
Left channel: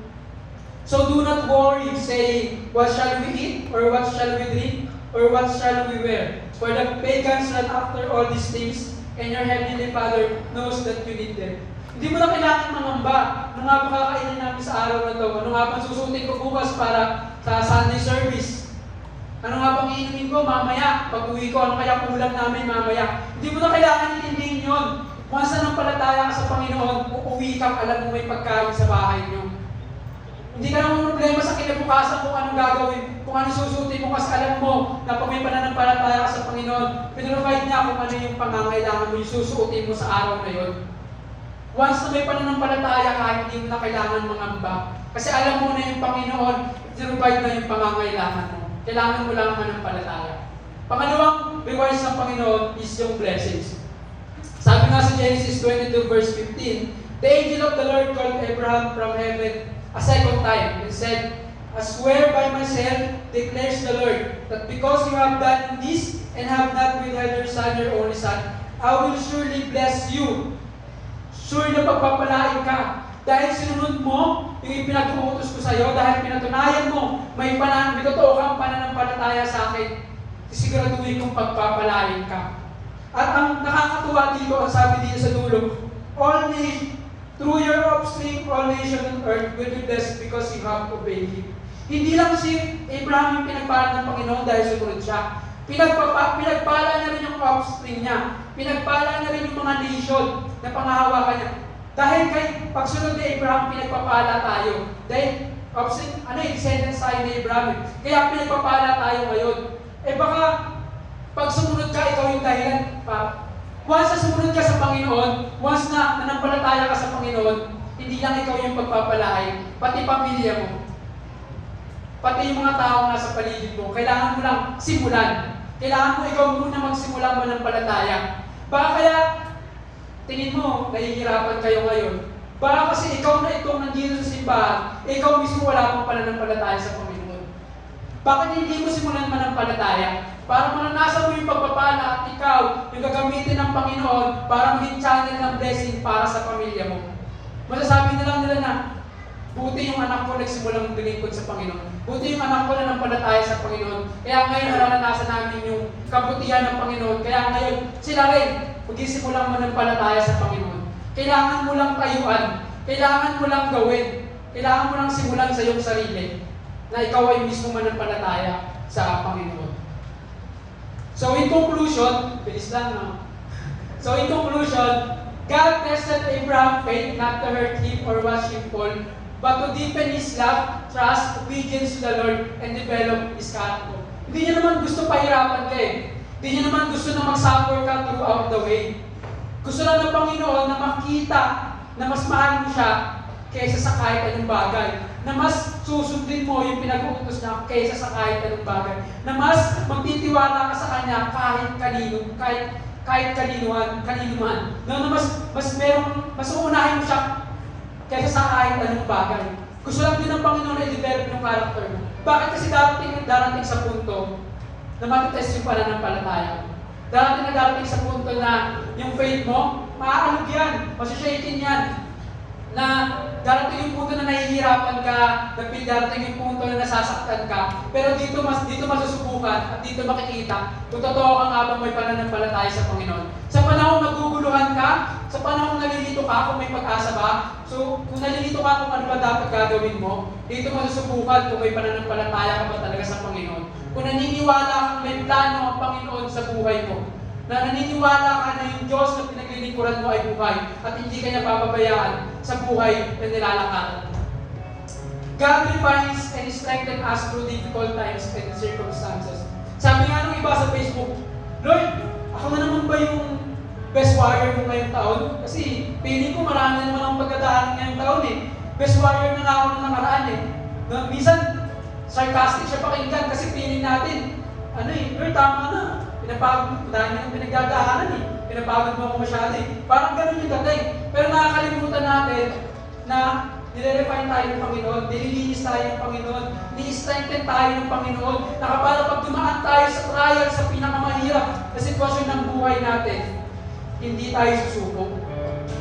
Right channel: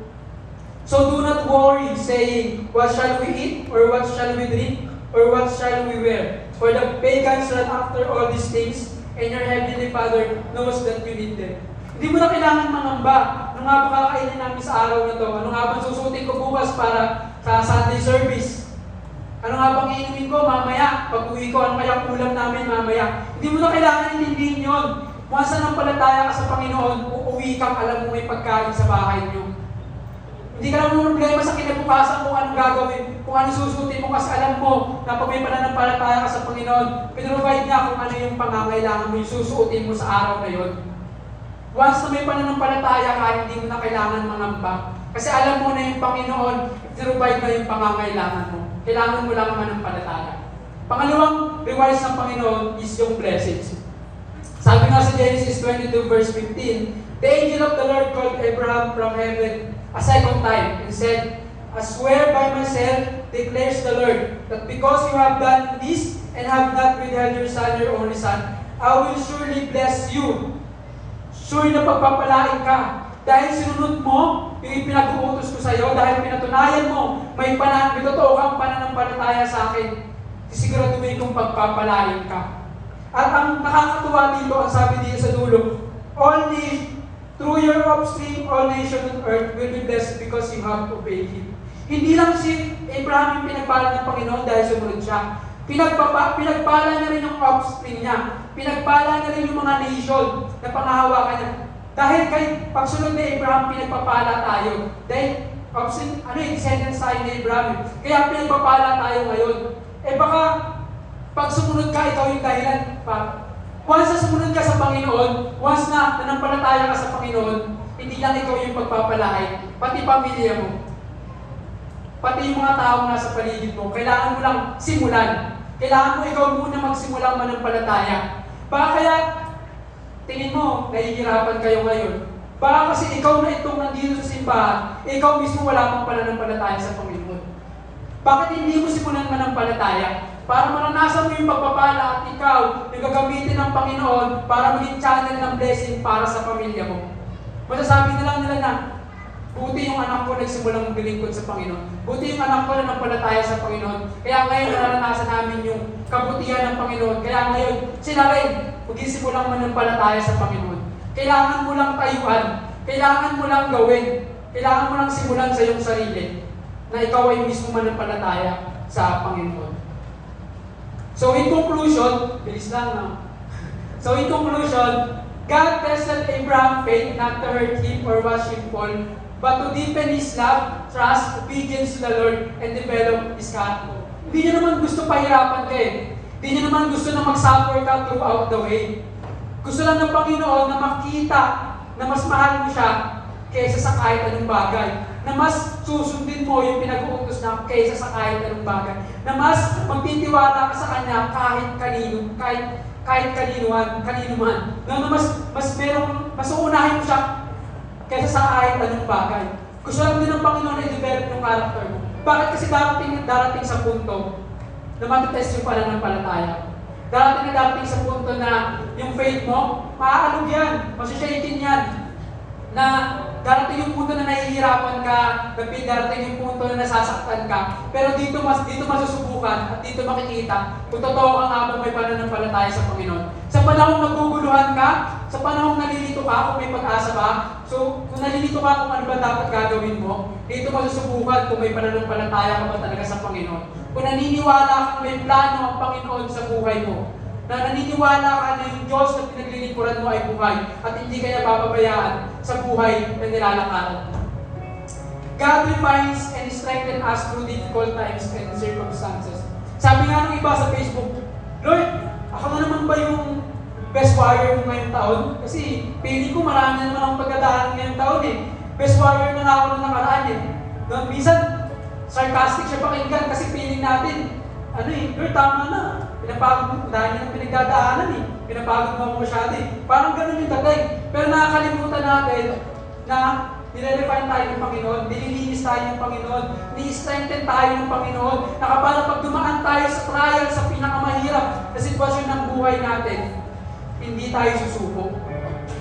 "So do not worry, saying, what shall we eat, or what shall we drink, or what shall we wear? For the pagans run after all these things, and your heavenly Father knows that you need them." Hindi mo na kailangan mangamba. Ano nga ba kakainin namin sa araw na to? Ano nga ba susutin ko bukas para sa Sunday service? Ano nga bang iinumin ko mamaya? Pag uwi ko, ano kaya kulang namin mamaya? Hindi mo na kailangan intindihin yun. Once na nampalataya ka sa Panginoon, uuwi kang alam mo may pagkain sa bahay niyo. Hindi ka naman problema sa kinabukasan kung anong gagawin, kung anong susutin mo kasi alam mo na pag may pananampalataya ka sa Panginoon, pinrovide niya kung ano yung pangangailangan mo, yung susuotin mo sa araw na yun. Once na may pananampalataya ka, hindi mo na kailangan mangamba. Kasi alam mo na yung Panginoon, pinrovide na yung pangangailangan mo. Kailangan mo lang manampalataya. Pangalawang rewards ng Panginoon is yung blessings. Sabi nga sa Genesis 22 verse 15, "The angel of the Lord called Abraham from heaven a second time and said, I swear by myself, declares the Lord, that because you have done this and have not withheld your son, your only son, I will surely bless you." Sure na pagpapalain ka. Dahil sinunod mo yung ipinag-uutos ko sa iyo, dahil pinatunayan mo, may totoo kang pananampalataya sa akin, sisiguraduhin kong pagpapalain ka. At ang nakakatuwa dito, ang sabi dito sa dulo, "Through your offspring, all nations on earth will be blessed because you have obeyed Him." Hindi lang si Abraham yung pinagpala ng Panginoon dahil sumunod siya. Pinagpala na rin yung offspring niya. Pinagpala na rin yung mga nation na pangahawakan niya. Dahil kay pagsunod ni Abraham, pinagpapala tayo. Dahil descendants tayo ni Abraham. Kaya pinagpapala tayo ngayon. Baka pag sumunod ka, ikaw yung dahilan pa. Once na sumunod ka sa Panginoon, once na nanampalataya ka sa Panginoon, hindi lang ikaw yung pagpapalain, pati pamilya mo. Pati yung mga taong nasa paligid mo, kailangan mo lang simulan. Kailangan mo ikaw muna magsimulang manampalataya. Baka kaya, tingin mo, nahihirapan kayo ngayon. Baka kasi ikaw na itong nandito sa simbahan, ikaw mismo wala kang pananampalataya sa Panginoon. Bakit hindi mo simulan manampalataya? Para maranasan mo yung pagpapala at ikaw yung gagamitin ng Panginoon para maging channel ng blessing para sa pamilya mo. Masasabi na lang nila na, buti yung anak ko nagsimulang maglingkod sa Panginoon. Buti yung anak ko na nampalataya sa Panginoon. Kaya ngayon naranasan namin yung kabutihan ng Panginoon. Kaya ngayon sila rin magsimulang manampalataya sa Panginoon. Kailangan mo lang tayuan. Kailangan mo lang gawin. Kailangan mo lang simulan sa iyong sarili na ikaw ay mismo manampalataya sa Panginoon. So in conclusion, bilis lang no? So in conclusion, God tested Abraham's faith not to hurt him or watch him fall, but to deepen his love, trust, obedience to the Lord, and develop his character. Hindi niya naman gusto pahirapan ka eh. Hindi niya naman gusto na mag-suffer ka throughout the way. Gusto lang ng Panginoon na makita na mas mahal mo siya kaysa sa kahit anong bagay. Na mas susundin mo yung pinag-uutos na kaysa sa kahit anong bagay. Na mas magtitiwala ka sa Kanya kahit kanino, kahit kanino man. Na mas uunahin mo siya kaysa sa kahit anong bagay. Gusto lang din ng Panginoon na i-develop yung character mo. Bakit kasi darating sa punto na matitest yung pananampalataya mo. Darating sa punto na yung faith mo, maaalog yan, masashakin yan. Na darating yung punto na nahihirapan ka, darating yung punto na nasasaktan ka, pero dito masusubukan at dito makikita kung totoo ka nga bang may pananampalataya sa Panginoon. Sa panahong naguguluhan ka, sa panahong nalilito ka kung may pag-asa ba, so kung nalilito ka kung ano ba dapat gagawin mo, dito masusubukan kung may pananampalataya ka ba talaga sa Panginoon. Kung naniniwala kang may plano ang Panginoon sa buhay mo, na naniniwala ka na yung Diyos na pinaglilingkuran mo ay buhay at hindi kanya papabayaan sa buhay na nilalakaran mo. God refines and strengthens us through difficult times and circumstances. Sabi nga ng iba sa Facebook, Lord, ako na naman ba yung best warrior mo ngayong taon? Kasi piling ko marami na naman ang pagdadaanan ngayong taon eh. Best warrior na ako nung nakaraan eh. Minsan, sarcastic siya pakinggan kasi piling natin, Lord, tama na. Pinapagod mo, dahil yung pinagdadaanan eh. Pinapagod mo ako masyado eh. Parang ganun yung datay. Pero nakakalimutan natin na nire-refine tayo ng Panginoon, nililinis tayo ng Panginoon, ni-strengthen tayo ng Panginoon, na kapag dumaan tayo sa trial, sa pinakamahirap na sitwasyon ng buhay natin, hindi tayo susuko.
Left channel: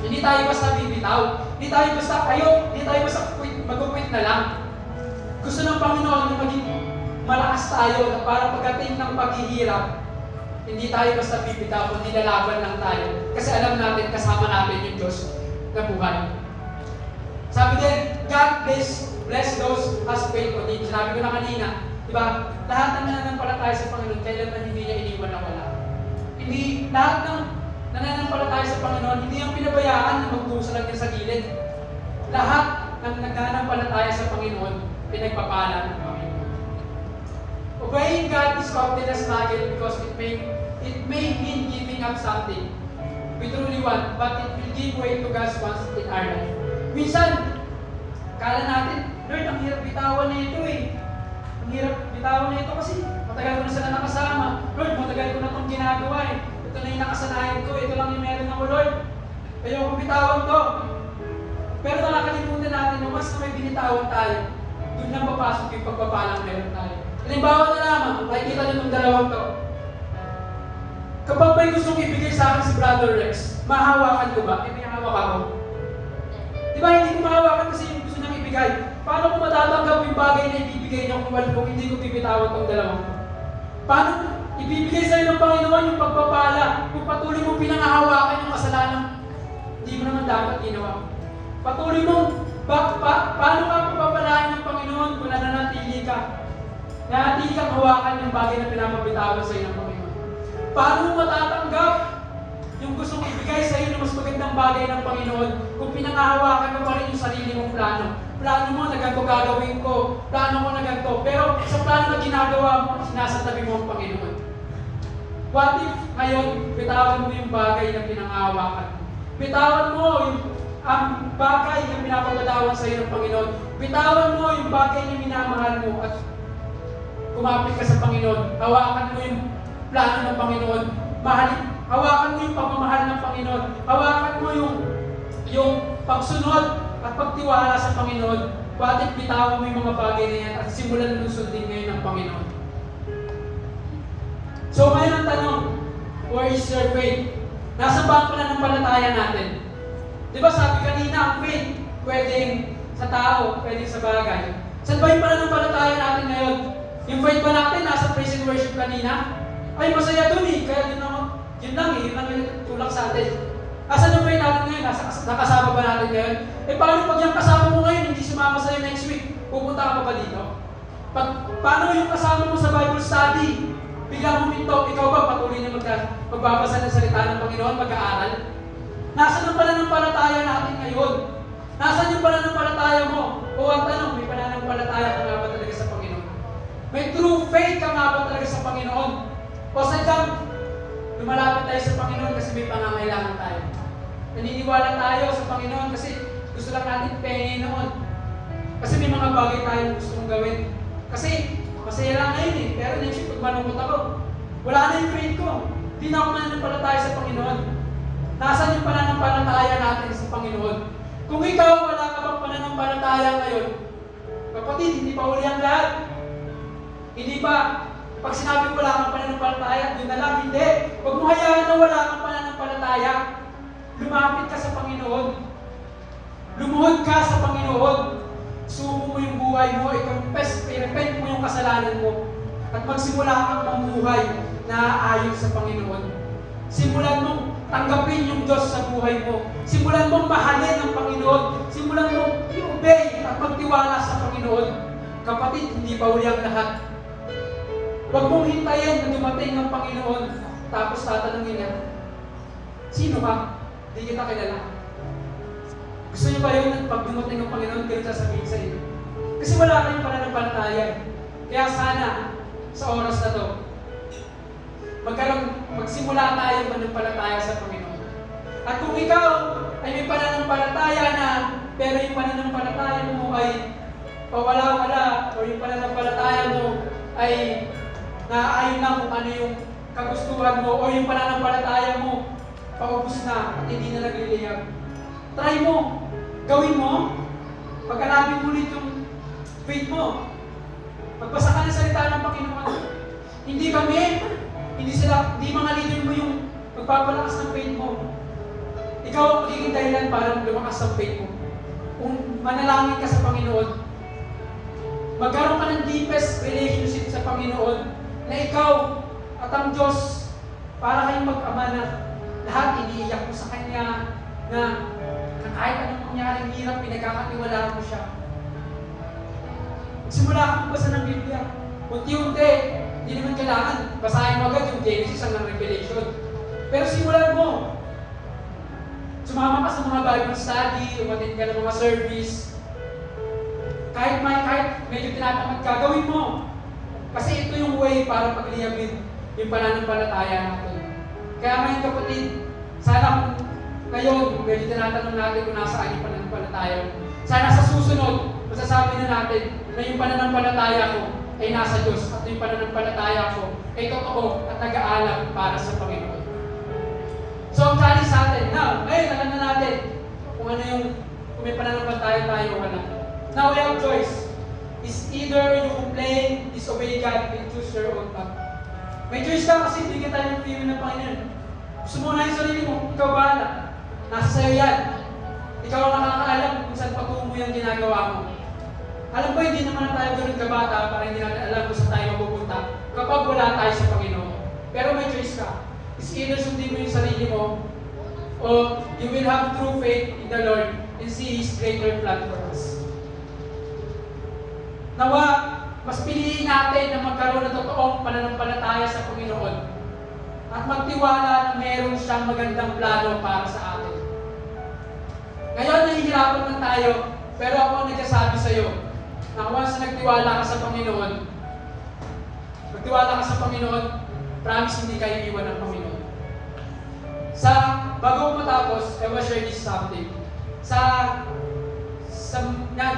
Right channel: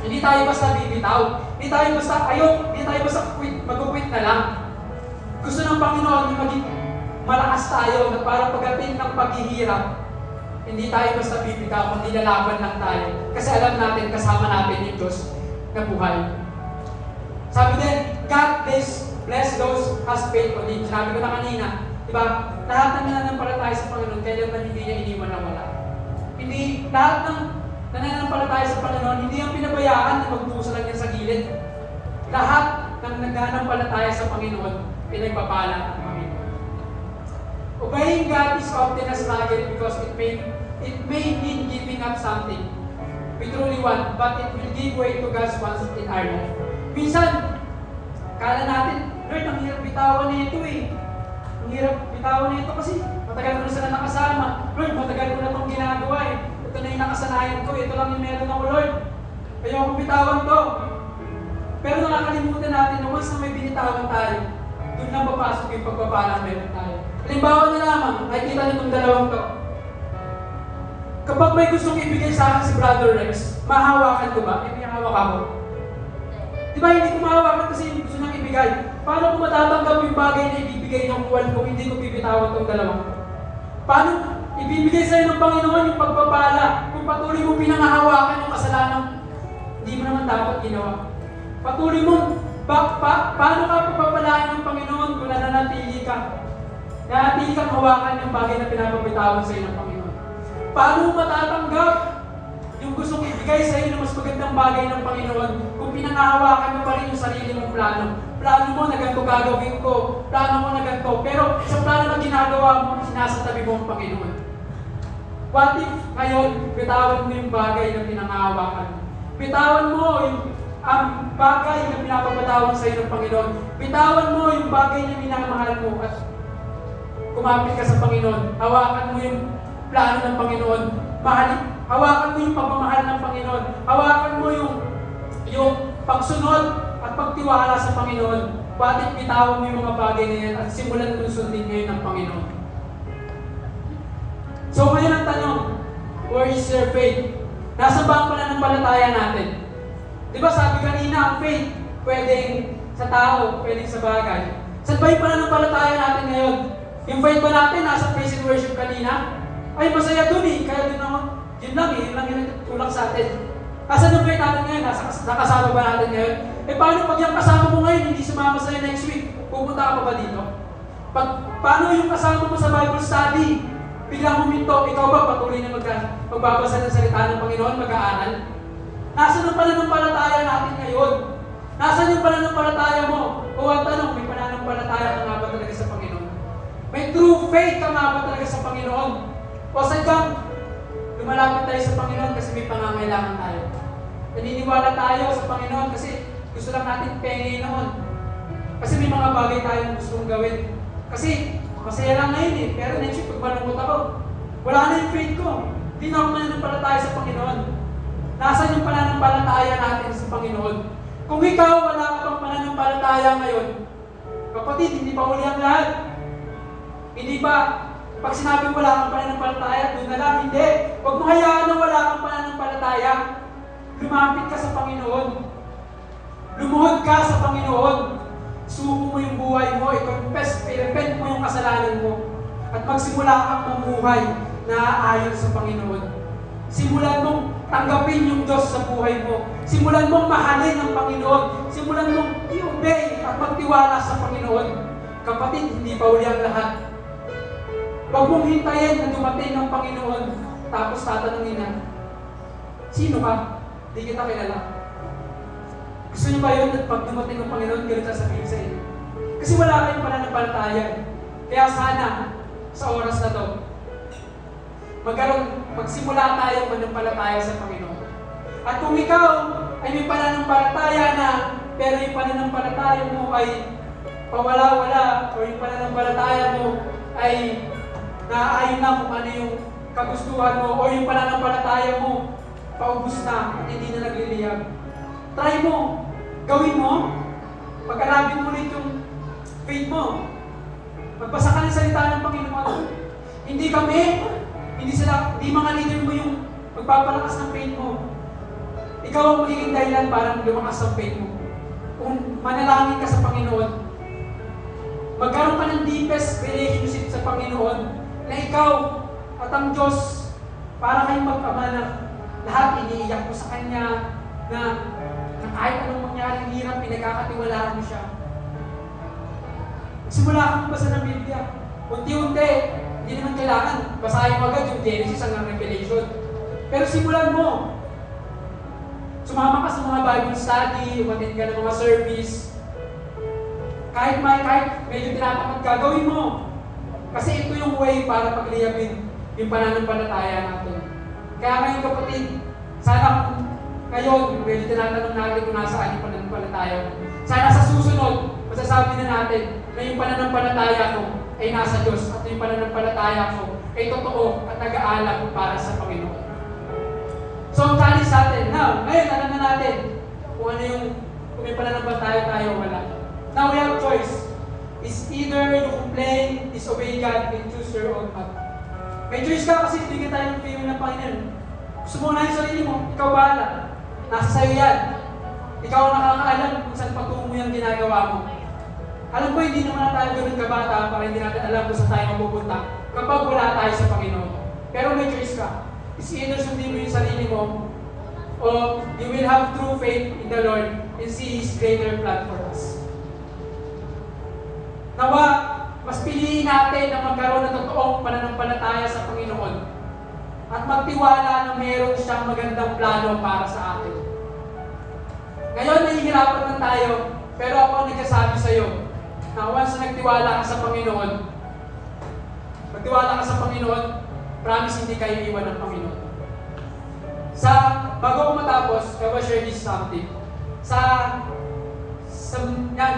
Hindi tayo basta bibitaw. Hindi tayo basta ayok. Hindi tayo basta mag-quit na lang. Gusto ng Panginoon na maging malakas tayo na parang pagdating ng paghihirap, hindi tayo basta bibitaw, kundi lalaban lang tayo. Kasi alam natin, kasama natin yung Diyos na buhay. Sabi din, God bless those who has faith on Him. Sabi ko na kanina, di ba? Lahat ng nananampalataya sa Panginoon, kailan na hindi niya iniwan na wala. Hindi, lahat ng nananampalataya sa Panginoon, hindi ang pinabayaan na magdusa lang niya sa gilid. Lahat ng nananampalataya sa Panginoon, pinagpapala ng Panginoon. Obeying God is often a struggle because it may mean giving up something we truly want, but it will give way to God's wants in our life. Minsan, kala natin, Lord, ang hirap bitawan na ito eh. Ang hirap bitawan na ito kasi matagal ko na sila nakasama. Lord, matagal ko na itong ginagawa eh. Ito na yung nakasanayan ko, ito lang yung meron ako, Lord. Ayoko bitawan to. Pero nakakalimutan natin na mas na may binitawan tayo, doon na papasok yung pagpapalang meron tayo. Halimbawa na lamang, nakikita nyo itong dalawang to. Kapag may gustong ibigay sa akin si Brother Rex, mahawakan ko ba? Ibigahawak ako. Di ba hindi ko mahawakan kasi yung gusto niyang ibigay? Paano ko matatanggap yung bagay na ibibigay ng kuwan kung hindi ko bibitawan itong dalawang to? Paano ibibigay sa'yo ng Panginoon yung pagpapala kung patuloy mong pinangahawakan yung kasalanan hindi mo naman dapat ginawa? Patuloy mong, paano ka papapalain ng Panginoon kung nananatili ka? Nananatili kang hawakan yung bagay na pinapabitawan sa'yo ng Panginoon. Paano mo matatanggap yung gustong ibigay sa'yo ng mas magandang bagay ng Panginoon kung pinangahawakan mo pa rin yung sarili mong plano? Plano mo na ganito gagawin ko, plano mo na ganito, pero sa plano na ginagawa mo, sinasantabi mo ang Panginoon. What if ngayon, bitawan mo yung bagay na pinangahawakan mo? Bitawan mo yung bagay na pinapapatawan sa'yo ng Panginoon. Bitawan mo yung bagay na minamahal mo at kumapit ka sa Panginoon. Hawakan mo yung plano ng Panginoon. Hawakan mo yung pagmamahal ng Panginoon. Hawakan mo yung pagsunod at pagtiwala sa Panginoon. Bakit bitawan mo yung mga bagay na yan at simulan mong sundin ngayon ng Panginoon? So ngayon ang tanong, where is your faith? Nasa ba ang pananampalataya natin? Di ba sabi kanina, ang faith, pwedeng sa tao, pwedeng sa bagay. Saan ba yung pananampalataya natin ngayon? Yung faith ba natin, nasa praise and worship kanina? Ay, masaya dun eh. Kaya dun naman, yun lang yung tulak sa atin. Asan yung faith natin ngayon? Nakasama ba natin ngayon? Eh paano pag yung kasama mo ngayon, hindi sumama sa'yo next week? Pupunta ka pa ba dito? Paano yung kasama mo sa Bible study? Biglang huminto, ikaw ba patuloy na magbabasa ng salita ng Panginoon, mag-aaral? Nasaan ang pananampalataya natin ngayon? Nasaan yung pananampalataya mo? O ang tanong, may pananampalataya ka nga ba talaga sa Panginoon? May true faith ka nga ba talaga sa Panginoon? O sadyang lumalapit tayo sa Panginoon kasi may pangangailangan tayo. Naniniwala tayo sa Panginoon kasi gusto lang natin pengin noon. Kasi may mga bagay tayong gustong gawin. Kasi masaya lang ngayon eh, pero next week malungkot ako. Wala na yung faith ko. Hindi na ako mananampalataya sa Panginoon. Nasaan yung pananampalataya natin sa Panginoon? Kung ikaw wala ka bang pananampalataya ngayon, kapatid, hindi pa uli ang lahat. Hindi ba, pag sinabi wala kang pananampalataya, doon na lang, hindi. Huwag mo hayaan na wala kang pananampalataya. Lumapit ka sa Panginoon. Lumuhod ka sa Panginoon. Subo mo yung buhay mo, i-repent mo yung kasalanan mo. At magsimula kang mamuhay na ayon sa Panginoon. Simulan mong tanggapin yung Diyos sa buhay mo. Simulan mong mahalin ang Panginoon. Simulan mong i-obey at magtiwala sa Panginoon. Kapatid, hindi pa uli ang lahat. Huwag mong hintayin na dumating ang Panginoon Tapos tatanungin niya, sino ka? Di kita kilala. Gusto niyo ba yun at pag dumating ang Panginoon, ganun sasabihin sa inyo? Kasi wala kayong pananampalataya. Kaya sana, sa oras na to, magsimula tayo mananampalataya sa Panginoon. At kung ikaw ay may pananampalataya na, pero yung pananampalataya mo ay pawala-wala, o yung pananampalataya mo ay naaayon na kung ano yung kagustuhan mo, o yung pananampalataya mo paubos na at hindi na nagliliyab. Try mo, gawin mo, pag-alabin mo ulit yung faith mo. Magbasa ka ng salita ng Panginoon. Hindi mga leader mo yung magpapalakas ng faith mo. Ikaw ang magiging dahilan para lumakas ang faith mo. Kung manalangin ka sa Panginoon, magkaroon ka ng deepest relationship sa Panginoon na ikaw at ang Diyos para kayong mag-ama na lahat iniiyak mo sa Kanya na kahit anong mangyaring hirap, pinagkakatiwalaan mo siya. Simula kang basa ng Biblia. Unti-unti, hindi naman kailangan basahin mo agad yung Genesis hanggang Revelation. Pero simulan mo. Sumama ka sa mga Bible study, umatin ka ng mga service. Kahit medyo tinatamad ka, gawin mo. Kasi ito yung way para pagliyabin yung pananampalataya natin. Kaya ngayon kapatid, sana ngayon, medyo tinatanong natin kung nasaan yung pananampalataya. Sana sa susunod, masasabi na natin na yung pananampalataya ko ay nasa Diyos at yung pananampalataya ko ay totoo at nag-aalam para sa Panginoon. So, ang challenge sa atin, ngayon, alam na natin kung ano yung, kung may pananampalataya tayo o wala. Now, we have a choice. It's either you complain, disobey God, and choose your own path. May choice ka kasi bigyan tayo ng freeway ng Panginoon. Gusto mo na yung sarili mo, ikaw bahala. Nasa sayo yan. Ikaw ang nakakaalam kung saan patungo yung ginagawa mo. Alam ko, hindi naman tayo ganun kabata para hindi natin alam kung saan tayo mapupunta kapag wala tayo sa Panginoon. Pero may choice ka. Is either sundin mo yung sarili mo o you will have true faith in the Lord and see His greater plan for us. Nawa, mas piliin natin na magkaroon ng totoong pananampalataya sa Panginoon at magtiwala na mayroon siyang magandang plano para sa atin. Ngayon, nahihirapan lang tayo, pero ako ang nagsasabi sa iyo na once nagtiwala ka sa Panginoon, promise hindi kayo iwan ng Panginoon. Bago ko matapos, I will share this something.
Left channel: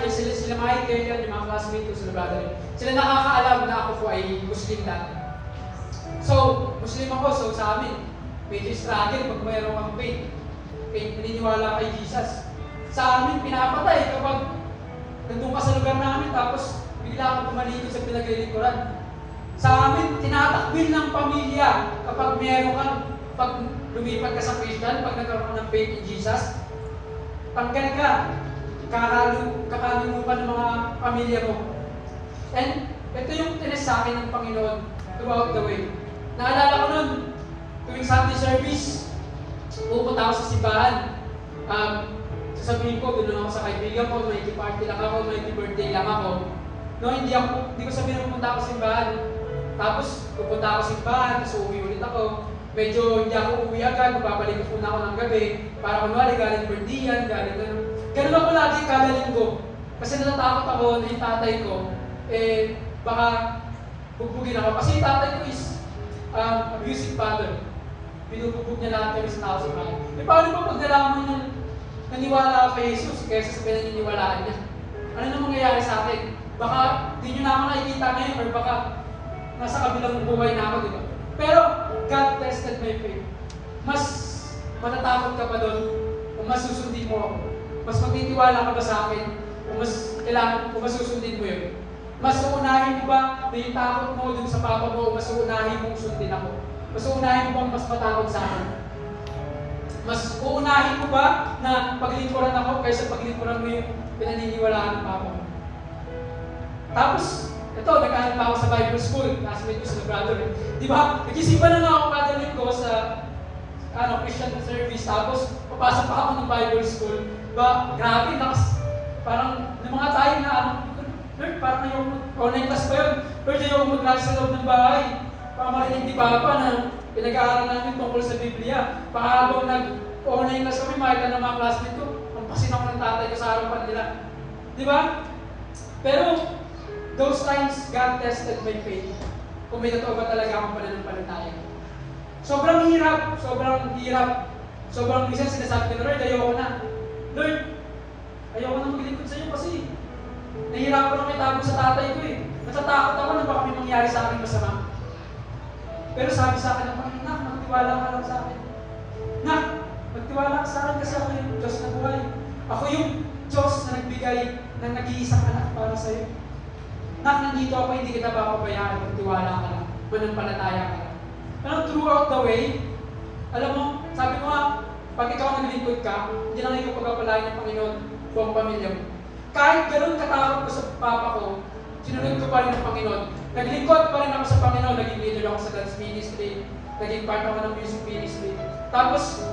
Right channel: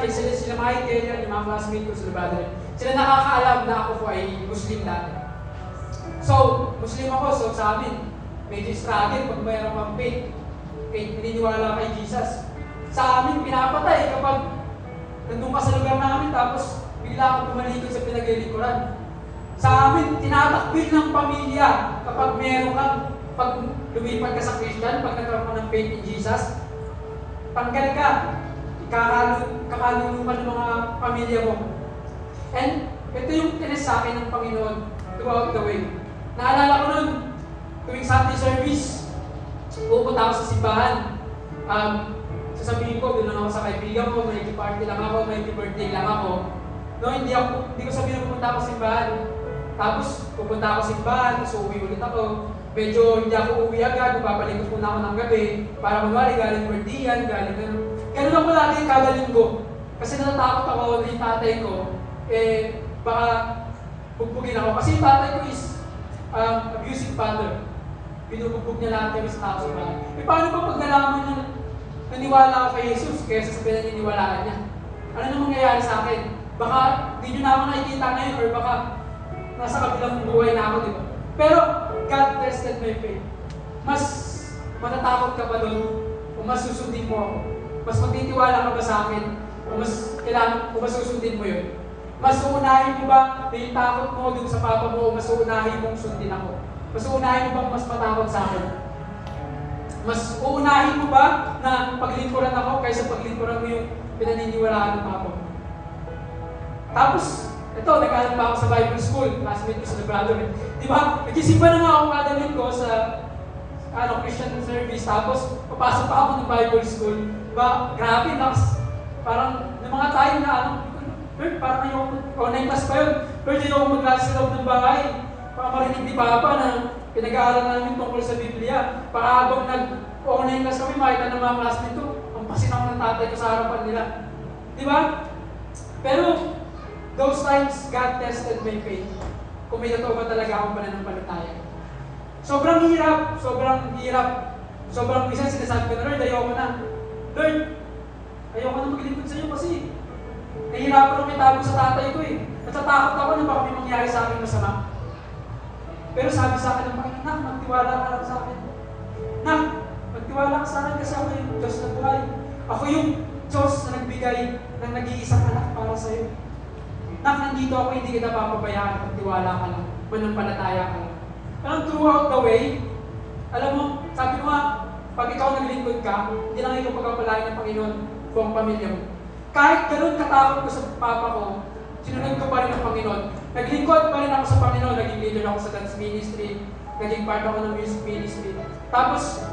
Sila Michael yan, yung mga classmate ko, sila brother. Sila nakakaalam na ako po ay Muslim dati. So, Muslim ako, so sa amin, medyo struggle pag mayroon kang faith. Faith, naniniwala kay Jesus. Sa amin, pinapatay kapag nandun ka sa lugar namin, tapos bigla kang tumalikod sa pinaglilikuran. Sa amin, tinatakbil ng pamilya kapag meron kang, pag lumipat ka sa Christian, pag nagkaroon ka ng faith in Jesus, tanggal ka. Kakalulungan ng mga pamilya mo. And ito yung tinis sa akin ng Panginoon throughout the way. Naalala ko nun, tuwing Sunday service, pupunta ako sa simbahan. Sasabihin ko, doon lang ako sa kaibigan ko, may party lang ako, may birthday lang ako. No, hindi ko sabihin na pupunta ako sa simbahan. Tapos pupunta ako sa simbahan, tapos uuwi ulit ako. Medyo hindi ako uwi agad, babalik ko muna ako ng gabi para kunwari galing birthday yan, galing. Ganun ako lagi kada linggo. Kasi natatakot ako na yung tatay ko, baka bugbugin ako. Kasi yung tatay ko is abusive father. Binubugbog niya lahat kami sa tao sa bahay. Paano ba pag nalaman niya naniwala ako kay Jesus kaysa sa pinaniniwalaan niya? Ano nang mangyayari sa akin? Baka di nyo na ako nakikita ngayon or baka nasa kabilang buhay na ako, di ba? Pero God tested my faith. Mas matatakot ka pa doon kung mas susundin mo ako. Mas magtitiwala ka ba sa akin o mas susundin mo yun? Mas uunahin mo ba na yung takot mo dun sa papa mo o mas uunahin mong sundin ako? Mas uunahin mo bang mas matakot sa akin? Mas uunahin mo ba na paglingkuran ako kaysa paglingkuran mo yung pinaniniwalaan ng papa mo? Tapos, ito, nag-aral pa ako sa Bible School, classmate ko sa brother. Di ba? Nagsisimba na nga ako kada linggo sa Christian service, tapos papasok pa ako ng Bible School. Ba, grabe, parang ng mga tayo na Lord, parang yung online class pa yun. Lord, yung mag-class sa loob ng bahay. Baka marinig ni Papa na Pinag-aaral namin tungkol sa Biblia. Baka habang nag-online class kami, makita ng mga classmate ko, ang pasin ako ng tatay ko sa harapan nila. Di ba? Pero, those times, God tested my faith. Kung may totoo ba talaga akong pananampalataya. Sobrang hirap. Sobrang minsan sinasabi ko na, Lord, ayoko na. Lord, ayoko na maglingkod sa iyo kasi nahihirapan ako itago sa tatay ko eh. Natatakot ako na baka may mangyari sa akin masama. Pero sabi sa akin ng Panginoon, Nak, magtiwala ka lang sa akin. Nak, magtiwala ka sa akin kasi ako yung Diyos na buhay. Ako yung Diyos na nagbigay ng nag-iisang anak para sa iyo. Nak, nandito ako, hindi kita papabayaan. Magtiwala ka lang. Manampalataya ka lang. Pero throughout the way, alam mo, sabi mo nga, pag ikaw naglingkod ka, hindi lang ikaw pagpapalain ng Panginoon buong pamilya mo. Kahit ganun katakot ko sa papa ko, sinunod ko pa rin ng Panginoon. Naglingkod pa rin ako sa Panginoon. Naging leader ako sa dance ministry. Naging part ako ng music ministry. Tapos,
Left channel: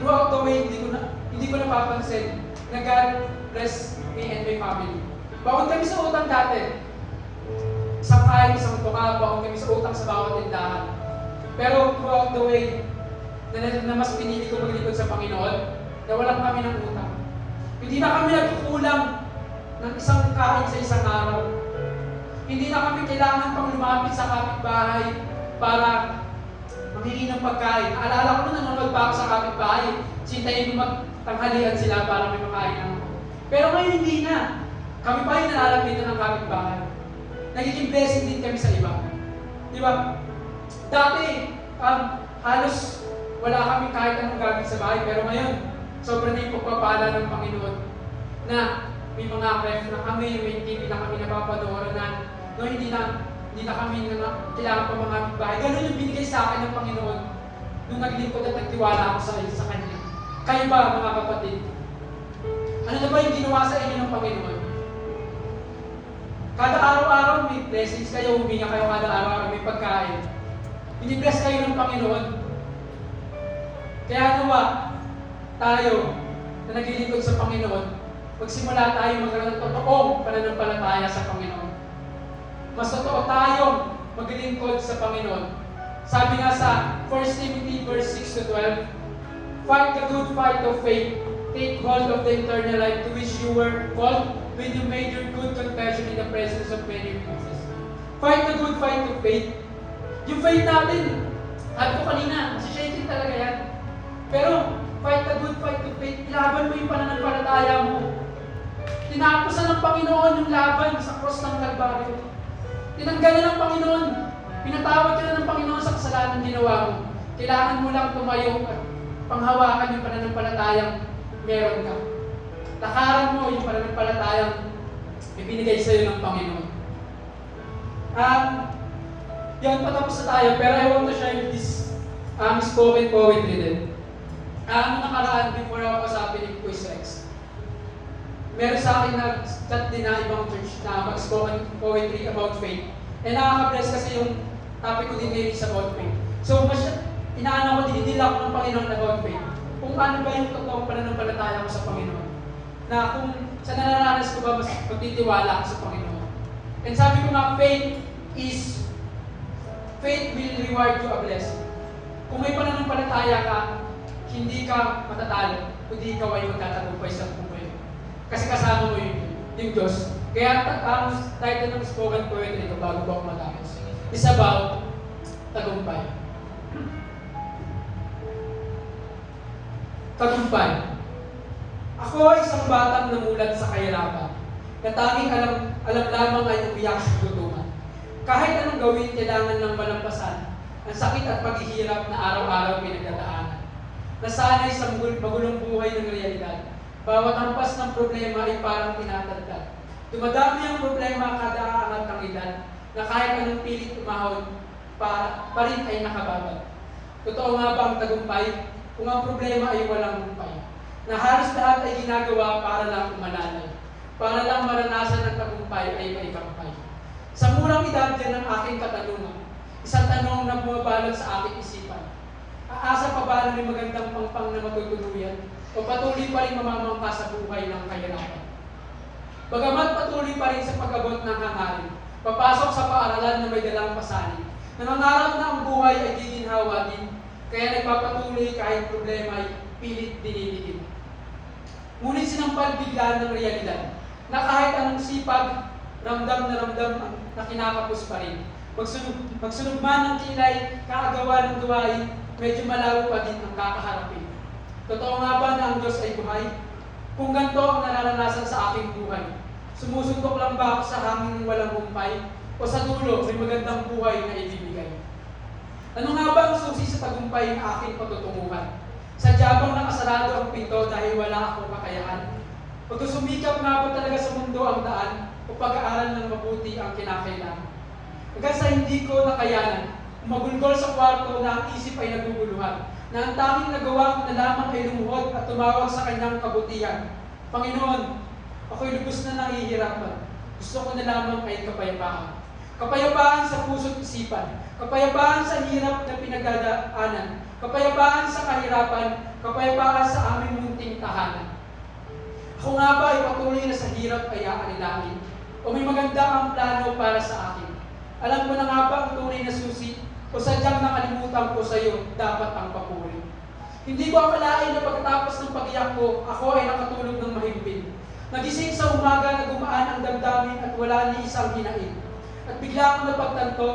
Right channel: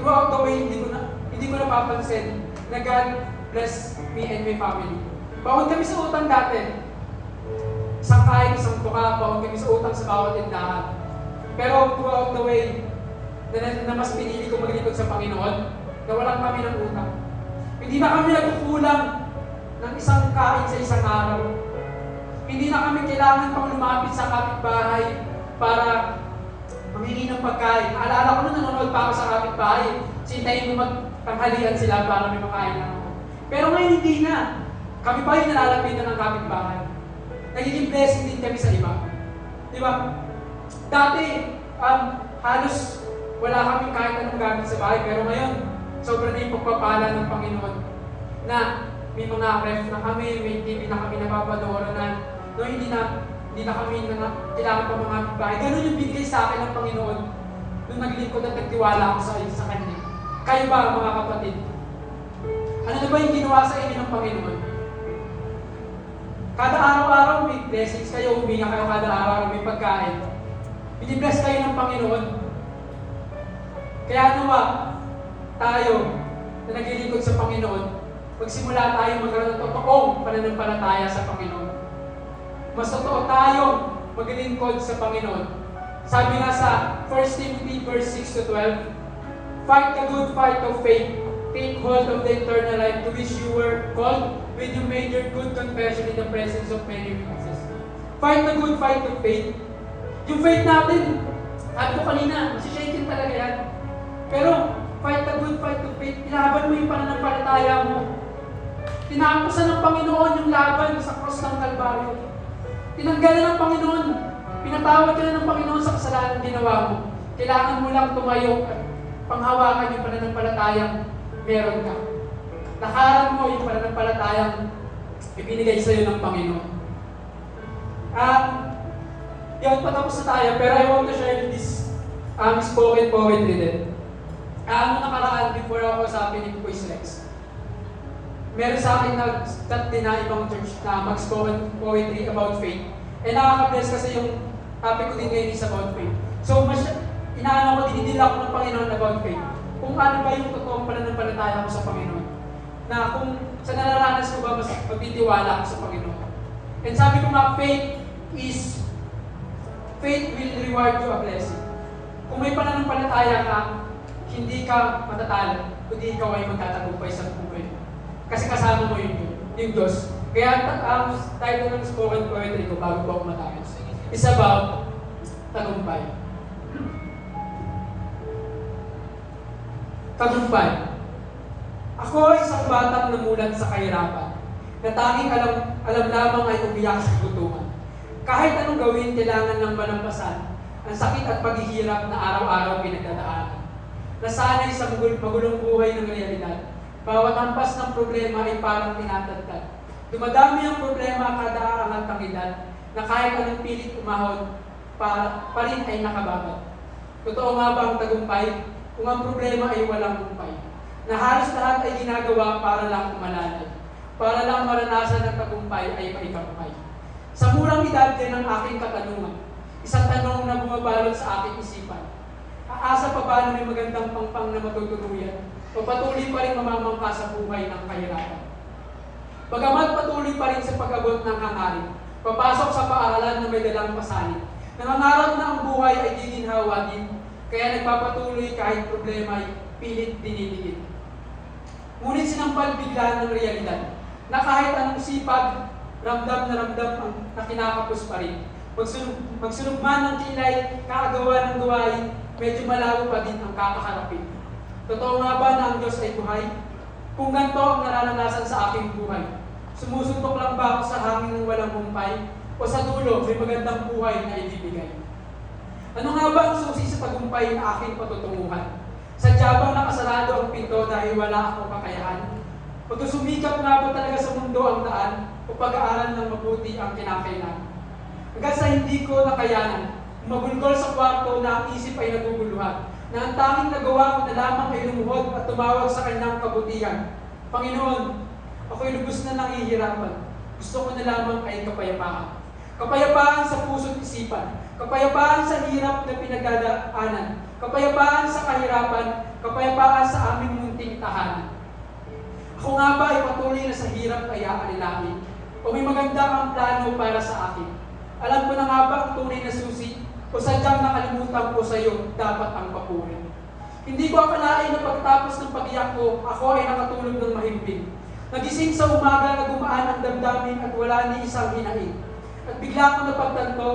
throughout the way, hindi ko napapansin na God bless me and my family. Baon kami sa utang dati. Isang kain, isang tuka, baon kami sa utang sa bawat tindahan. Pero throughout the way, na mas pinili ko maglingkod sa Panginoon, na walang kami ng utang. Hindi na kami nagkukulang ng isang kain sa isang araw. Hindi na kami kailangan pang lumapit sa kapitbahay para mamili ng pagkain. Naalala ko na nanonood pa ako sa kapitbahay. Sintayin mo magtanghalian sila para may pagkain naman. Pero ngayon hindi na. Kami pa yung nalalapitan ng kapitbahay. Nagiging blessing din kami sa iba. Di ba? Dati, halos wala kami kahit anong gamit sa bahay. Pero ngayon, sobrang na yung pagpapala ng Panginoon na may mga ref na kami, may TV na kami napapadooranan. No, hindi na kami kailangan pa mga bahay. Ganun yung binigay sa akin ng Panginoon nung naglingkod at nagtiwala ako sa Kanya. Kayo ba, mga kapatid? Ano na ba yung ginawa sa inyo ng Panginoon? Kada araw-araw may blessings kayo, huminga kayo kada araw-araw may pagkain. Binibless kayo ng Panginoon. Kaya nawa, tayo na naglilingkod sa Panginoon, magsimula tayo magkaroon ng totoong pananampalataya sa Panginoon. Mas totoo tayong maglilingkod sa Panginoon. Sabi nga sa 1 Timothy verse 6 to 12, fight the good fight of faith, take hold of the eternal life to which you were called when you made your good confession in the presence of many witnesses. Fight the good fight of faith. Yung faith natin, sabi ko kanina, masishaking talaga yan. Pero, fight the good fight of faith, ilaban mo yung pananampalataya mo. Tinapusan ng Panginoon yung laban sa cross ng Kalbaryo. Tinanggalan ng Panginoon. Pinatawad ka na ng Panginoon sa kasalanan ginawa mo. Kailangan mo lang tumayo at panghawakan yung pananampalatayang meron ka. Lakaran mo yung pananampalatayang ibinigay sa iyo ng Panginoon. Yun, patapos na tayo, pero I want to share this spoken poetry din. Nung nakaraan, before ako usapin ni Quiz Rex, meron sa akin na chat din na ibang church na mag-spoken poetry about faith. Nakaka-bless kasi yung topic ko din ngayon is about faith. So, inaano ko, dinidila ko ng Panginoon about faith. Kung ano ba yung totoong pananampalataya ko sa Panginoon. Na kung sa nananalas ko ba, mas magtitiwala ako sa Panginoon. And sabi ko nga, faith will reward you a blessing. Kung may pananampalataya ka, hindi ka matatalo, kundi ikaw ay magtatagumpay sa buhay. Kasi kasama mo yung Diyos. Kaya ang title ng spoken poetry ko bago ako matapos is about tagumpay. Tagumpay. Ako ay isang batang namulat sa kahirapan, na tanging alam lamang ay umiyak sa kutungan. Kahit anong gawin, kailangan lang malampasan ang sakit at paghihirap na araw-araw pinagdadaanan. Nasanay sa magulong buhay ng realidad, bawat hampas ng problema ay parang tinatagtad. Dumadami ang problema kada aangat ng edad, na kahit anong pilit umahon, pa rin ay nakababat. Totoo nga ba ang tagumpay? Kung ang problema ay walang humpay, na halos lahat ay ginagawa para lang umalalay, para lang maranasan ng tagumpay ay maikampay. Sa murang edad din ang aking katanungan, isang tanong na bumabalot sa aking isipan. Aasa pa ba na may magandang pangpang na matutuluyan o patuloy pa rin mamamangka sa buhay ng kahirapan? Bagamat patuloy pa rin sa pag-abot ng hangarin, papasok sa paaralan na may dalang pasanin, Nangangarap na ang buhay ay giginhawagin, kaya nagpapatuloy kahit problema ay pilit dinidigin. Ngunit sinampal bigla ng realidad na kahit anong sipag, ramdam na kinakapos pa rin. Magsunog man ng kilay, kakagawa ng gawain, medyo malayo pa din ang kakaharapin. Totoo nga ba na ang Diyos ay buhay? Kung ganito ang nararanasan sa aking buhay, sumusuntok lang ba ako sa hangin ng walang humpay? O sa dulo, may magandang buhay na ibibigay? Ano nga ba ang susi sa tagumpay ng aking patutunguhan? Sadya bang nakasarado ang pinto dahil wala akong kakayahan? Pagsusumikap nga ba talaga sa mundo ang daan o pag-aaral ng mabuti ang kinakailangan? Hanggang sa hindi ko nakayanan, magulgol sa kwarto na ang isip ay naguguluhan, na ang tanging nagawa ko na lamang ay lumuhod at tumawag sa kanyang kabutihan. Panginoon, ako'y lubos na nangihirapan. Gusto ko na lamang ay kapayapaan. Kapayapaan sa puso't isipan. Kapayapaan sa hirap na pinagdadaanan. Kapayapaan sa kahirapan. Kapayapaan sa aming munting tahanan. Ako nga ba ay patuloy na sa hirap ay aalilain? O may maganda ang plano para sa akin? Alam ko na nga ba ang tunay na susi? O sadyang nakalimutan ko sa iyo, dapat ang papurin. Hindi ko akalain na pagkatapos ng pag-iyak ko, ako ay nakatulog ng mahimbing. Nagising sa umaga na gumaan ang damdamin at wala ni isang hinain. At bigla ko napagtanto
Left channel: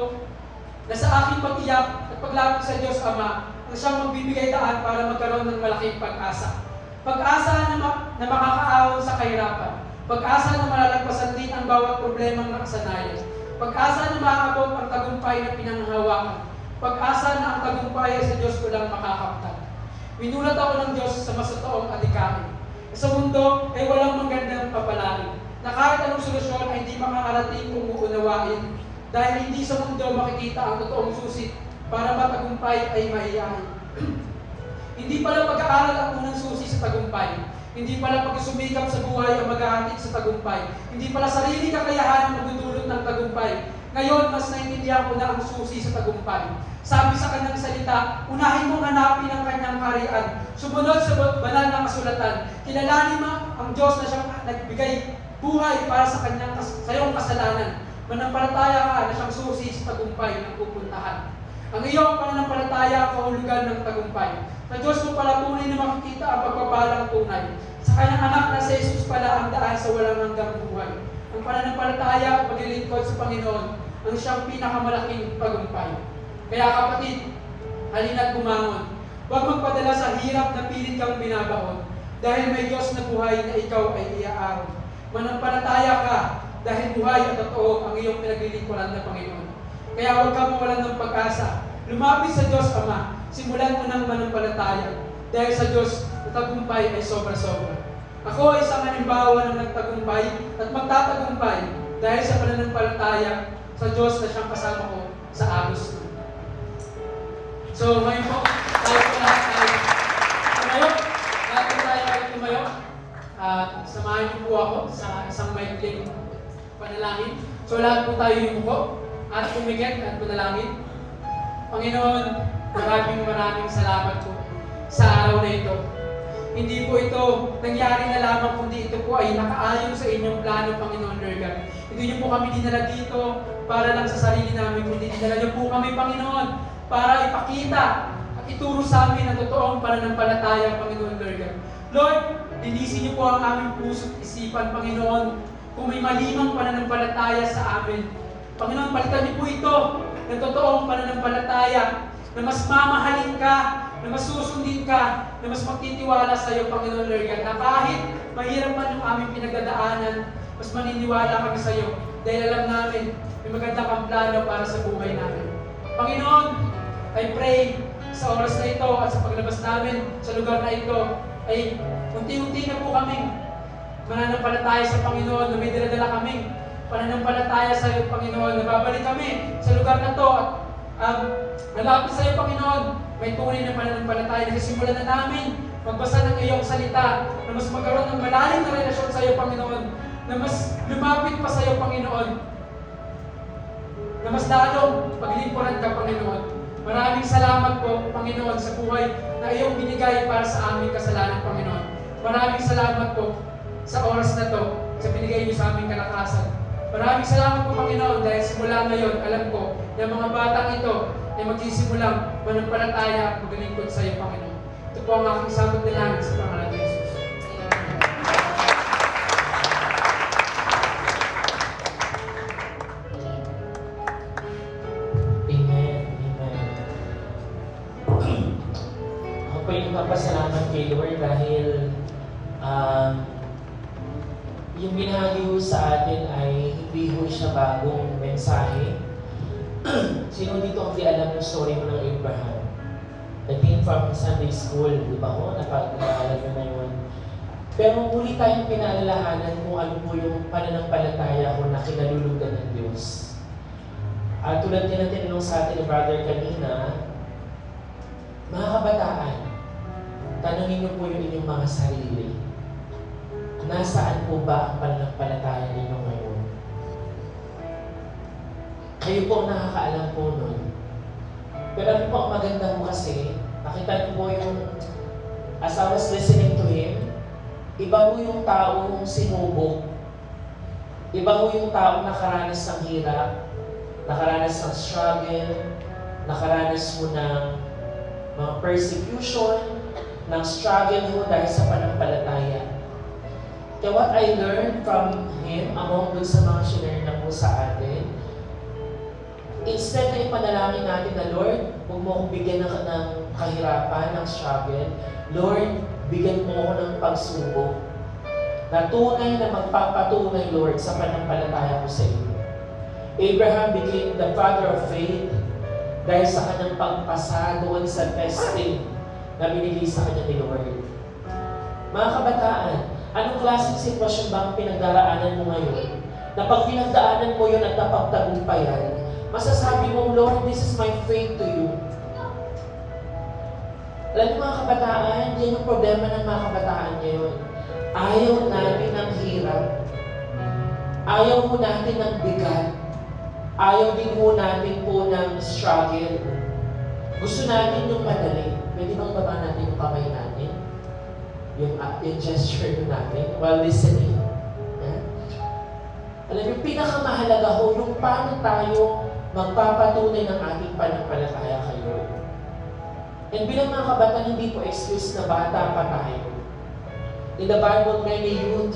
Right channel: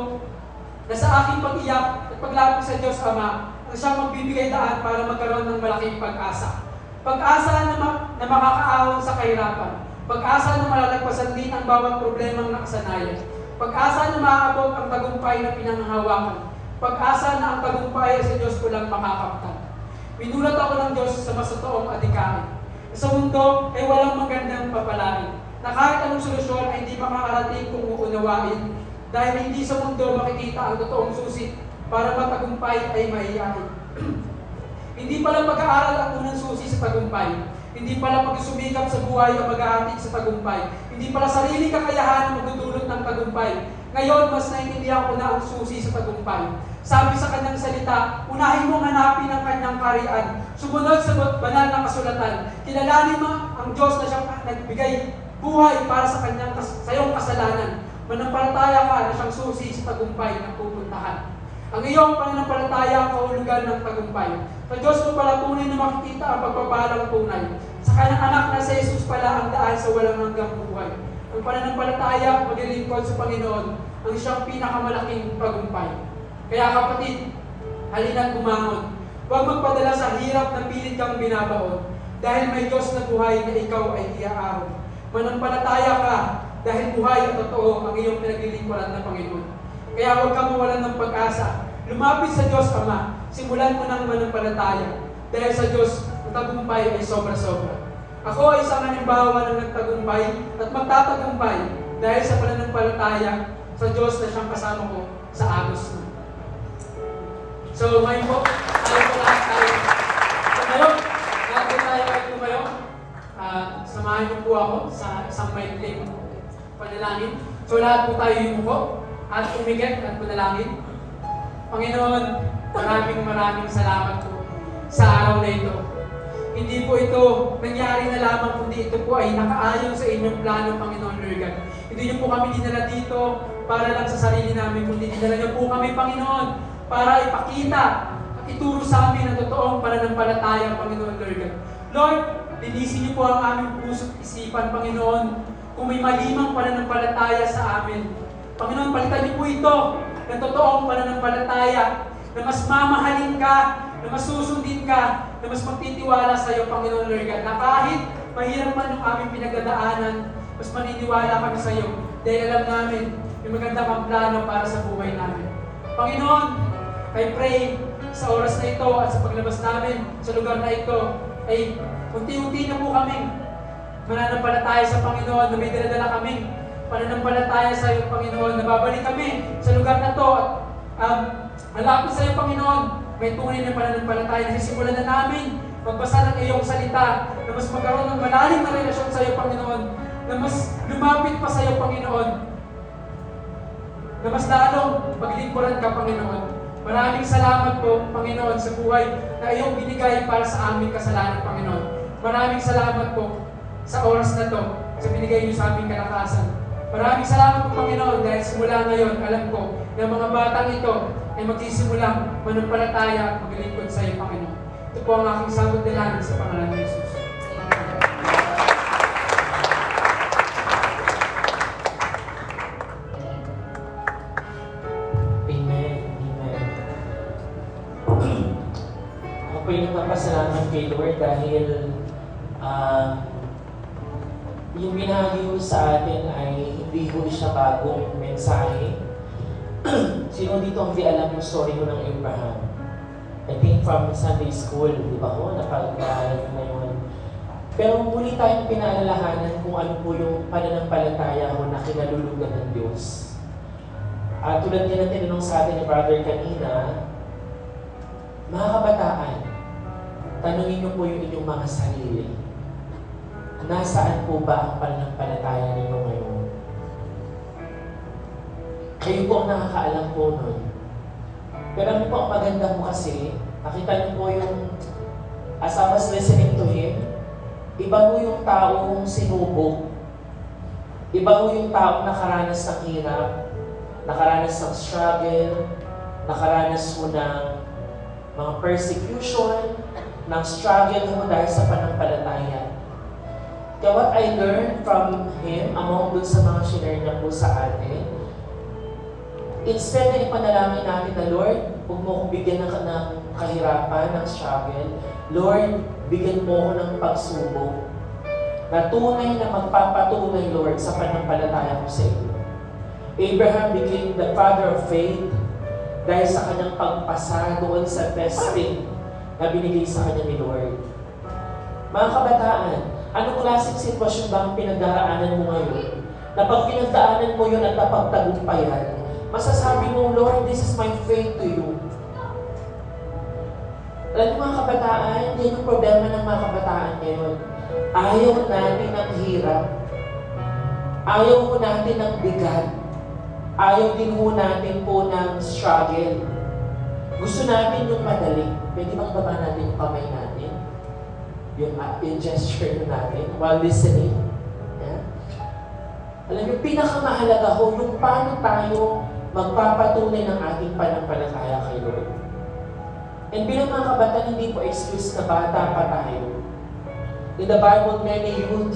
na sa aking pag-iyak at paglapit sa Diyos Ama, ang siyang magbibigay daan para magkaroon ng malaking pag-asa. Pag-asa na makakaahon sa kahirapan. Pag-asa na malalagpasan din ang bawat problemang nakasanayan. Pag-asa na maaabot ang tagumpay na pinanghahawakan. Pag-asa na ang tagumpay ay sa Diyos ko lang makakaptan. Pinulat ako ng Diyos sa masatoong adhikain. Sa mundo ay walang magandang papalain, na kahit anong solusyon ay hindi makakarating kung uunawain, dahil hindi sa mundo makikita ang totoong susi para matagumpay ay maiyain. Hindi pala pag-aaral ang unang susi sa tagumpay. Hindi pala pagsumikap sa buhay ang maghahatid sa tagumpay. Hindi pala sarili kakayahan ang magdudulot ng tagumpay. Ngayon, mas naintindihan ko na ang susi sa tagumpay. Sabi sa kanyang salita, unahin mong hanapin ang kanyang kaharian. Sumunod sa banal na kasulatan. Kilalanin mo ang Diyos na siyang nagbigay buhay para sa kanyang sayong kasalanan. Manampalataya ka na siyang susi sa tagumpay ng pupuntahan. Ang iyong pananampalataya ang kahulugan ng tagumpay. Sa Diyos mo pala tunay na makikita ang pagpapalang tunay. Sa kanyang anak na sa Jesus pala ang daan sa walang hanggang buhay. Ang pananampalataya at paglilingkod sa Panginoon ang siyang pinakamalaking tagumpay. Kaya kapatid, halina't bumangon. Huwag magpadala sa hirap na pilit kang binabaon. Dahil may Diyos na buhay na ikaw ay iaaron. Manampalataya ka dahil buhay at totoo ang iyong pinaglilingkuran ng Panginoon. Kaya huwag ka mawalan ng pag-asa. Lumapit sa Diyos Ama. Simulan mo ng manampalataya. Dahil sa Diyos, na tagumpay ay sobra-sobra. Ako ay isang halimbawa ng nagtagumpay at magtatagumpay dahil sa pananampalataya sa Diyos na siyang kasama ko sa agos ko. So, ngayon po, tayo po lahat ay tumayo. Lahat po tayo ay tumayo. Samahan niyo po ako sa isang maikling panalangin. So, lahat po tayo yumuko at umigit at manalangin. Panginoon, maraming salamat po sa araw na ito. Hindi po ito nangyari na lamang, kundi ito po ay nakaayon sa inyong plano, Panginoon Lord God. Hindi niyo po kami dinala dito para lang sa sarili namin, kundi dinala niyo po kami, Panginoon, para ipakita at ituro sa amin ang totoong pananampalataya, Panginoon Lord God. Lord, linisin niyo po ang aming puso't isipan, Panginoon, kung may malimang pananampalataya sa amin. Panginoon, palitan niyo po ito ng totoong pananampalataya na mas mamahalin ka, na mas susundin ka, na mas magtitiwala sa iyo, Panginoon Lord God, na kahit mahirap man yung aming pinagdadaanan, mas maniniwala kami sa iyo dahil alam namin may maganda kang plano para sa buhay namin. Panginoon, I pray sa oras na ito at sa paglabas namin sa lugar na ito ay unti-unti na po kaming mananampalataya sa Panginoon, na may dinadala kaming pananampalataya sa iyo, Panginoon, na babalik kami sa lugar na ito at nalapit sa iyo, Panginoon, may tunay na pananampalataya na sisimulan na namin magbasa ng iyong salita, na mas magkaroon ng malalim na relasyon sa iyo, Panginoon, na mas lumapit pa sa iyo, Panginoon, na mas lalong paglingkuran ka, Panginoon. Maraming salamat po, Panginoon, sa buhay na iyong binigay para sa aming kasalanan, Panginoon. Maraming salamat po sa oras na to, sa binigay niyo sa aming kalakasan. Maraming salamat po, Panginoon, dahil simula ngayon, alam ko ng mga batang ito ay magsisimulang manampalataya at maglingkod sa iyo, Panginoon. Ito po ang aking sagot na namin sa pangalan ni Jesus. Amen. Amen. Ako po yung nagpapasalamat kay Lord dahil yung binahagi ko sa atin ay hindi ko siya bagong mensahe. Sino dito ang di alam yung story mo ng Abraham? I think from Sunday school, di ba ho? Napag-aaral nyo na yun. Pero muli tayong pinaalalahanan kung ano po yung pananampalataya ko na kinalulugan ng Diyos. At tulad din na tinanong sa atin ni Brother kanina, mga kabataan, tanungin niyo po yung inyong mga sarili. Nasaan po ba ang pananampalataya ninyo ngayon? Kayo po ang nakakaalam po nun. Pero ano po ang maganda mo kasi, nakita niyo po yung, as I was listening to him, iba mo yung taong sinubok, iba mo yung taong nakaranas ng hirap, nakaranas ng struggle, nakaranas mo ng mga persecution, ng struggle mo dahil sa pananampalataya. Kaya what I learned from him, among dun sa mga shinare niya po sa atin, instead na ipanalangin natin na, Lord, huwag mo akong bigyan ng kahirapan, ng struggle. Lord, bigyan mo ako ng pagsubok na tunay na magpapatunay, Lord, sa pananampalataya ko sa iyo. Abraham became the father of faith dahil sa kanyang pagpasa doon sa testing na binigay sa kanya ni Lord. Mga kabataan, anong klaseng sitwasyon ba ang pinagdaraanan mo ngayon? Na pag pinagdaanan mo yun at napagtagumpayan, masasabi mo, Lord, this is my faith to you. Alam niyo mga kabataan, yan ang problema ng mga kabataan ngayon. Ayaw natin ng hirap. Ayaw mo natin ng bigat. Ayaw din mo natin po ng struggle. Gusto natin yung madali. Pwede bang baba natin yung kamay natin? Yung gesture natin while listening. Yeah. Alam niyo, pinakamahalaga ho, yung paano tayo magpapatunay ng ating pananampalataya kay Lord. And bilang mga kabataan, hindi po excuse na bata pa tayo. In the Bible, many youth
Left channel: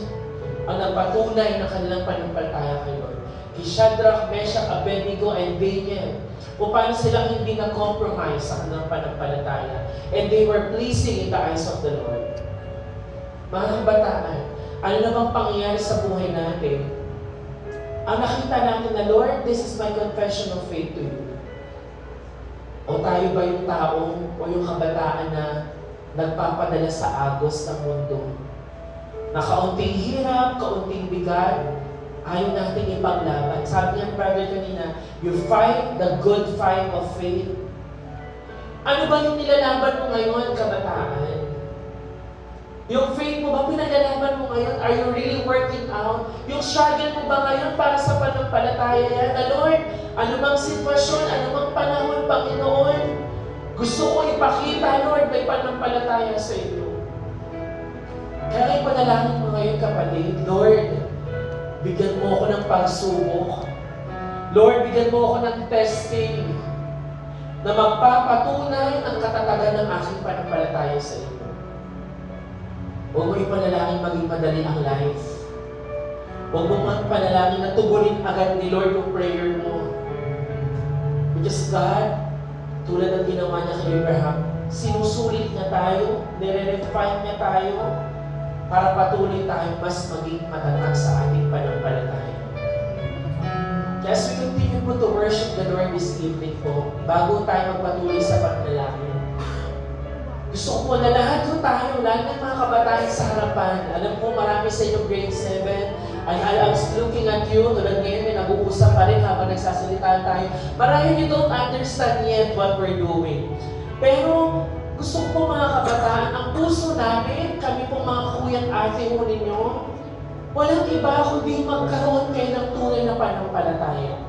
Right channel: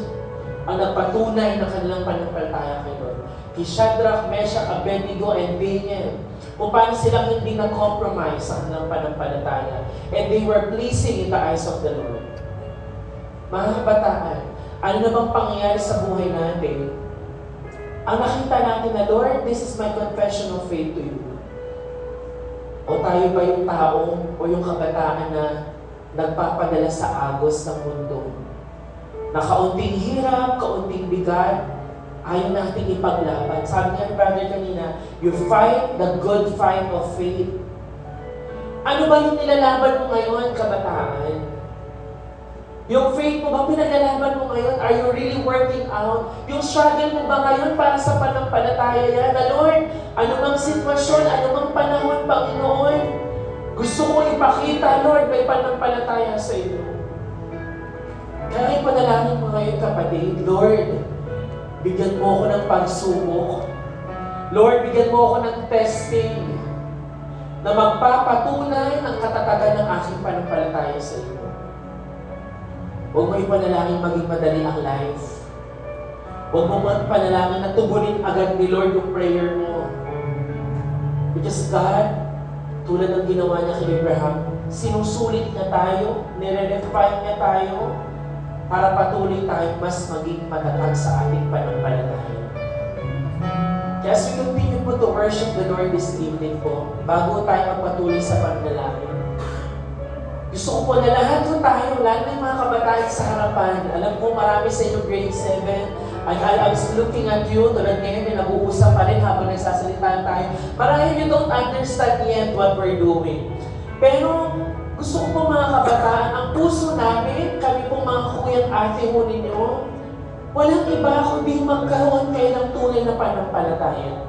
ang nagpatunay ng kanilang pananampalataya kay Lord. Shadrach, Meshach, Abednego, and Daniel. Kung paano silang hindi na-compromise ang kanilang pananampalataya. And they were pleasing in the eyes of the Lord. Mga kabataan, ano na bang pangyayari sa buhay natin? Ang nakita natin na, Lord, this is my confession of faith to you. O tayo ba yung taong o yung kabataan na nagpapadala sa agos ng mundo? Na kaunting hirap, kaunting bigat, ayaw natin ipaglaban. Sabi niya, brother kanina, you fight the good fight of faith. Ano ba yung nilalaban mo ngayon, kabataan? Yung faith mo ba, pinagalaman mo ngayon? Are you really working out? Yung struggle mo ba ngayon para sa pananampalataya yan? Na Lord, anumang sitwasyon, anumang panahon, Panginoon, gusto ko ipakita, Lord, may pananampalataya sa inyo. Kaya ipanalangin mo ngayon, kapatid, Lord, bigyan mo ako ng pagsubok. Lord, bigyan mo ako ng testing na magpapatunay ng katatagan ng aking pananampalataya sa inyo. Huwag mo ipanalangin maging madali ang life. Huwag mo ipanalangin na tugunin agad ni Lord yung prayer mo. Because God, tulad ng ginawa niya kay Abraham, sinusulit niya tayo, nire-refine niya tayo, para patuloy tayo mas maging matatag sa ating pananampalataya. Kaya as we continue po to worship the Lord this evening po, bago tayo magpatuloy sa pananalangin, gusto ko po na lahat po tayo, lahat ng mga kabataan sa harapan, alam ko marami sa inyo grade 7, and I was looking at you, tulad ngayon na nag-uusap pa rin habang nagsasalita tayo. Marami you don't understand yet what we're doing. Pero gusto ko mga kabataan, ang puso namin, kami po mga kuya at ate ho ninyo, walang iba kundi magkaroon kayo ng tunay na pananampalataya.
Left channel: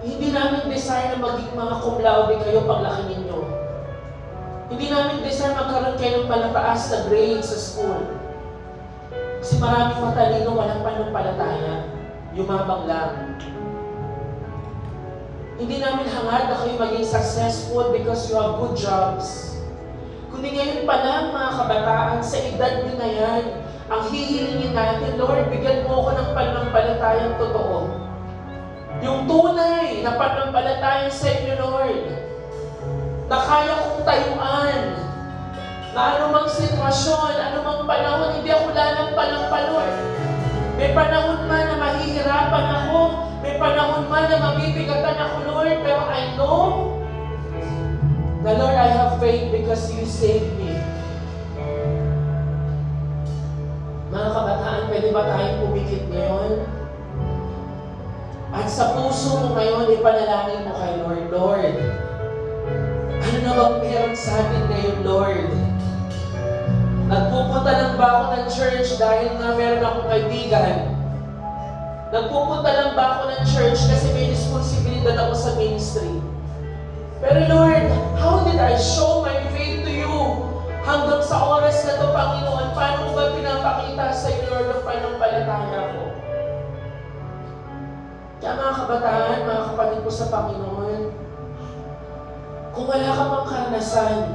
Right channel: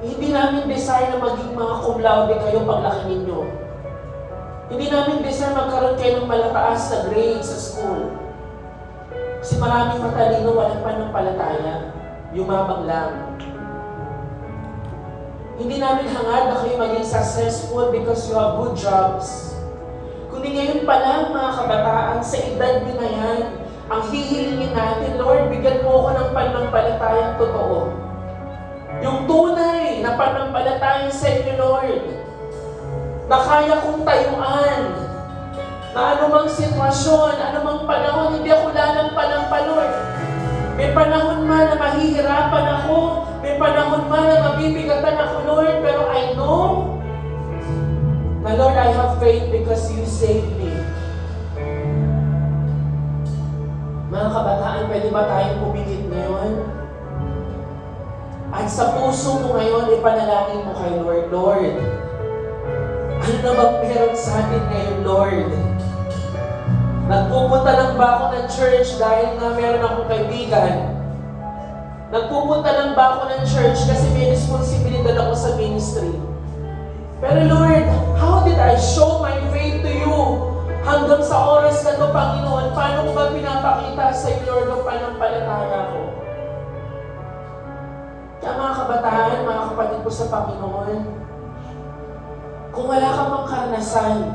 Hindi namin desire na maging mga cum laude kayo paglaki ninyo. Hindi namin desire magkaroon kayo ng malataas na grades sa school. Kasi maraming matalino walang pananampalataya, yumabang lang. Hindi namin hangad na kayo maging successful because you have good jobs. Kundi ngayon pa lang, mga kabataan, sa edad nyo na yan, ang hihilingin natin, Lord, bigyan mo ako ng pananampalatayang totoo. Yung tunay na pananampalatayang sa inyo, Lord, na kaya kong tayuan, na anumang sitwasyon, anumang panahon, hindi ako lalampa-lampa, Lord. May panahon man na mahihirapan ako, may panahon man na mabibigatan ako, Lord, pero I know na, Lord, I have faith because you saved me. Mga kabataan, pwede ba tayong pumikit ngayon? At sa puso mo ngayon, ipanalangin mo kay Lord, Lord, ano na bang meron sa atin ngayon, Lord? Nagpupunta lang ba ako ng church dahil nga meron akong kaibigan? Nagpupunta lang ba ako ng church kasi may responsibilidad ako sa ministry? Pero Lord, how did I show my faith to you? Hanggang sa oras na ito, Panginoon, paano ko ba pinapakita sa iyo, Lord, ang panampalataya ko? Kaya mga kabataan, mga kapatid ko sa Panginoon, kung wala kang mang karanasan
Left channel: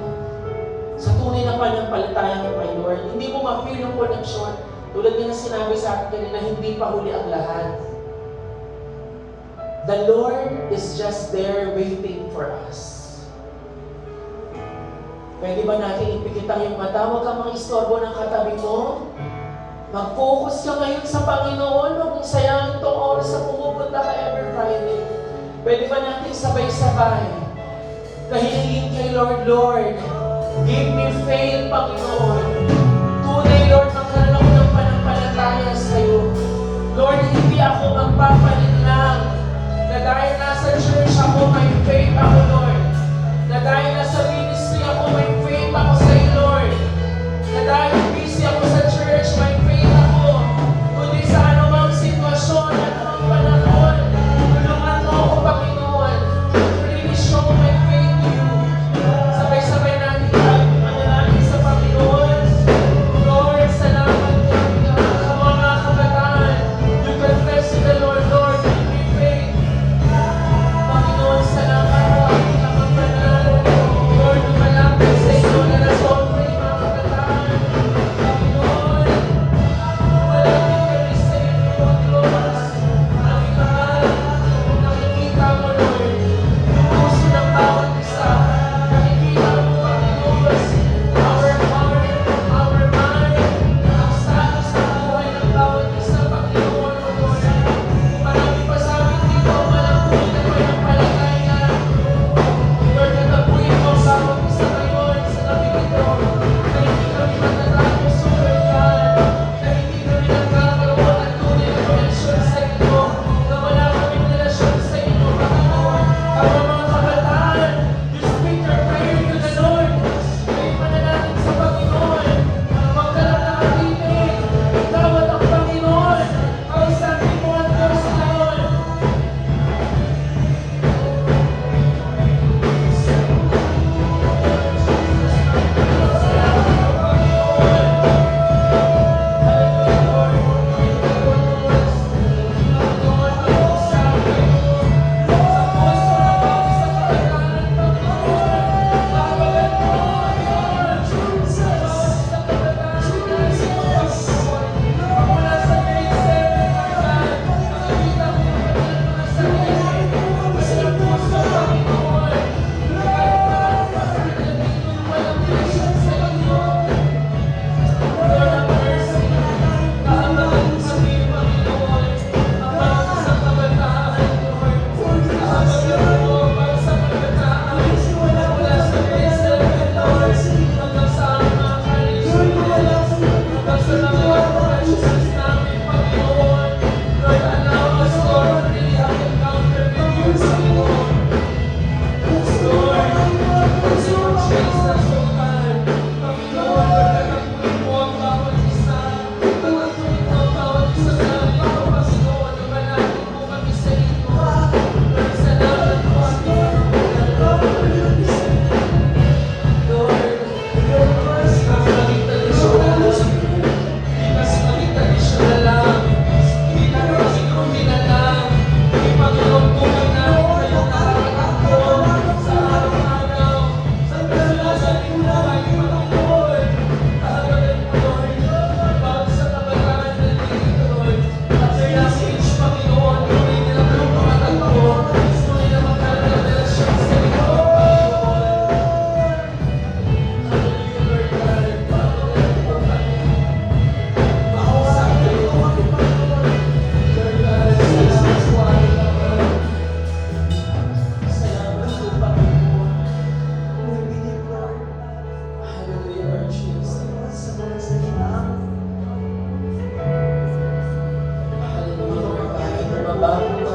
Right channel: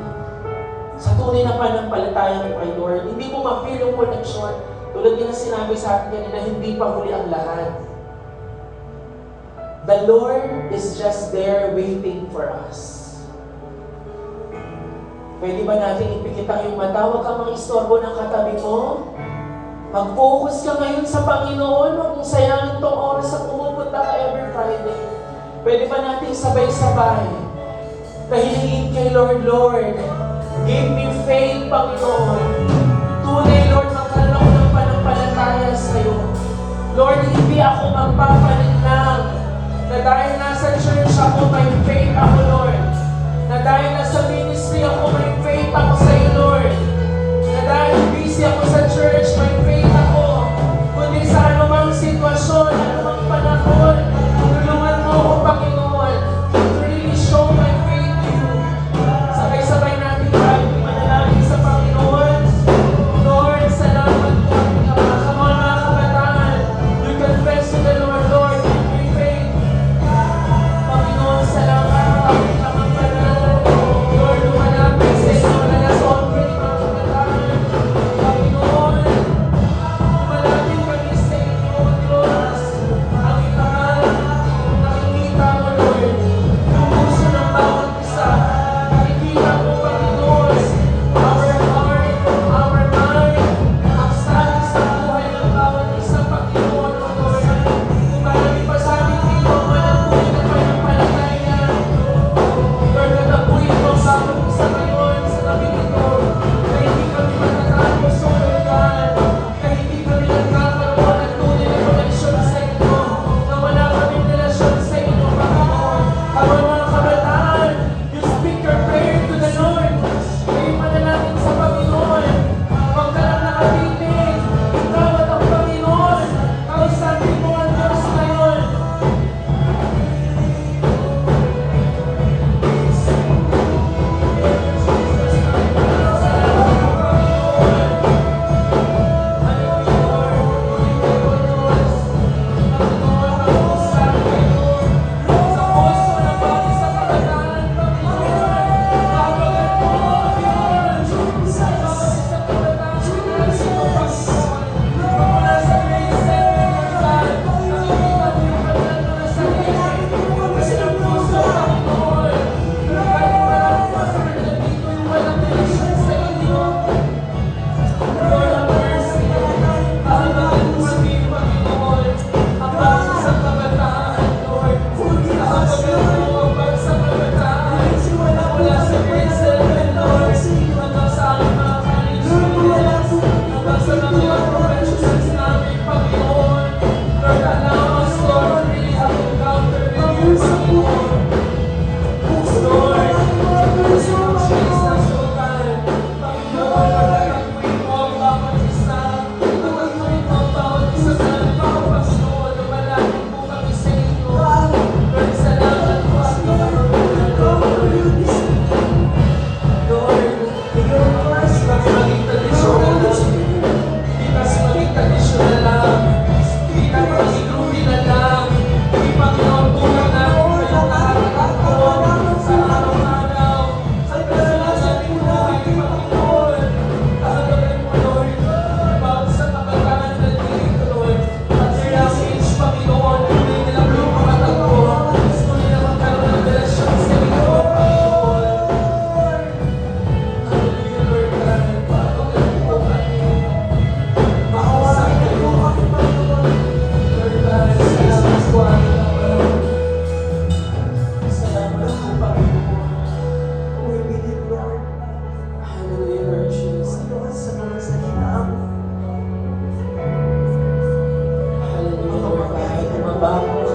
sa tunay na panampalataya mo kay Lord, hindi mo ma-feel yung connection. Tulad din na sinabi sa atin kanina, hindi pa huli ang lahat. The Lord is just there waiting for us. Pwede ba natin ipikit ang iyong mata? Huwag kang mang-istorbo ng katabi mo. Mag-focus ka ngayon sa Panginoon. Huwag mong sayangin itong oras sa pumupunta ka every Friday. Pwede ba natin sabay-sabay kahilingin kay Lord, Lord, give me faith, Panginoon. Tunay, Lord, magkaroon ako ng panampalataya sa iyo. Lord, hindi ako magpapalit lang na dahil nasa church ako, may faith ako, Lord. Na dahil nasa ministry ako, may faith ako sa iyo, Lord. Na dahil busy ako sa church, may faith ako. Kundi sa anumang sitwasyon, anumang panahon, tulungan mo ako, Panginoon, to really show my faith to you. Sabay-sabay natin manalangin sa Panginoon. Lord, salamat po. Sa mga kabataan, you confess to the Lord, Lord,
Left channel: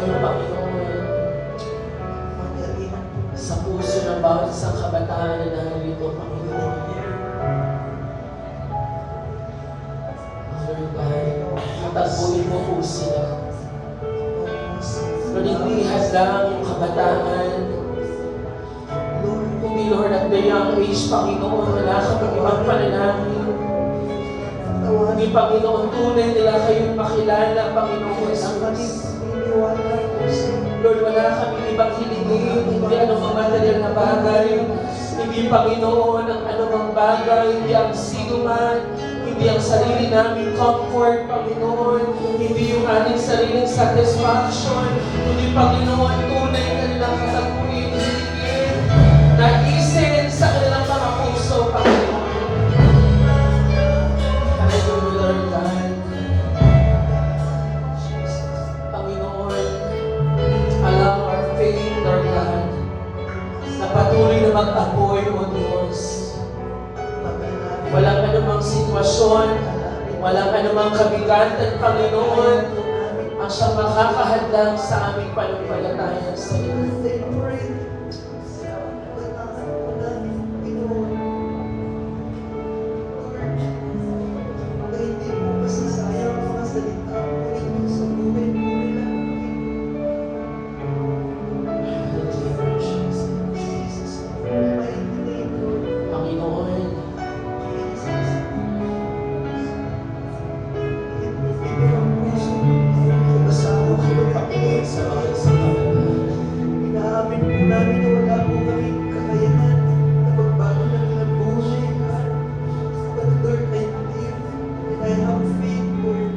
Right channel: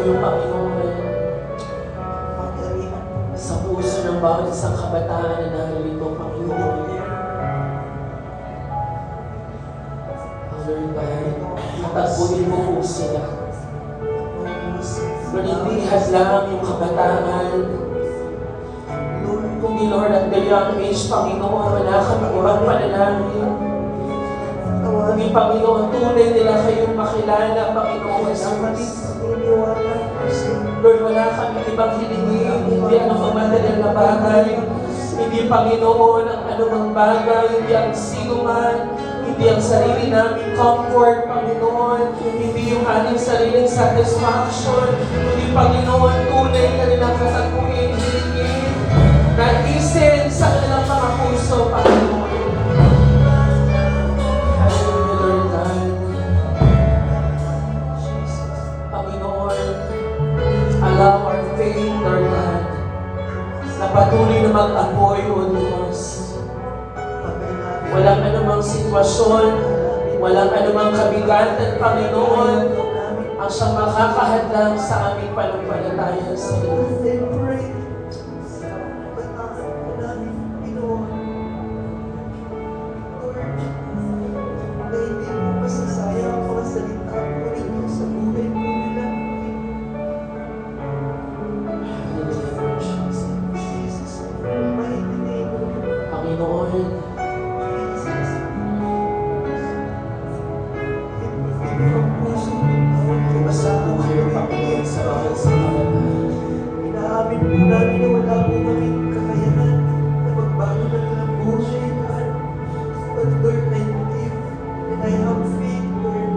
kayo, Panginoon, sa puso ng bawat isang kabataan na narito, Panginoon. Lord God, katagpuin mo po sila. Lord, hindi hadlang yung kabataan. Hindi, Lord, at the young age, Panginoon, wala kami ibang panalangin. Hindi, Panginoon, tunay nila kayong makilala, Panginoon, Jesus. Lord, wala kami ibang hilingin, hindi anumang material na bagay, hindi, Panginoon, ang anumang bagay, hindi ang sinuman, hindi ang sarili namin comfort, Panginoon, hindi yung ating sariling satisfaction, kundi, Panginoon, tunay na nilang katagpuin, hilingin, naisin sa kanilang mga puso, Panginoon. Hallelujah, Lord God. Panginoon, allow our faith, Lord God, na patuloy na mag-apoy, O Diyos. Walang anumang sitwasyon, walang anumang kabigatan, Panginoon, ang siyang makakahadlang sa aming panumpalataya sa iyo. Panginoon, basta po kayo, Panginoon, sa bawat isang kabataan. Inaamin po namin na wala po kami kakayanan na magbago na ng buhay na but Lord, I believe and I have faith, Lord,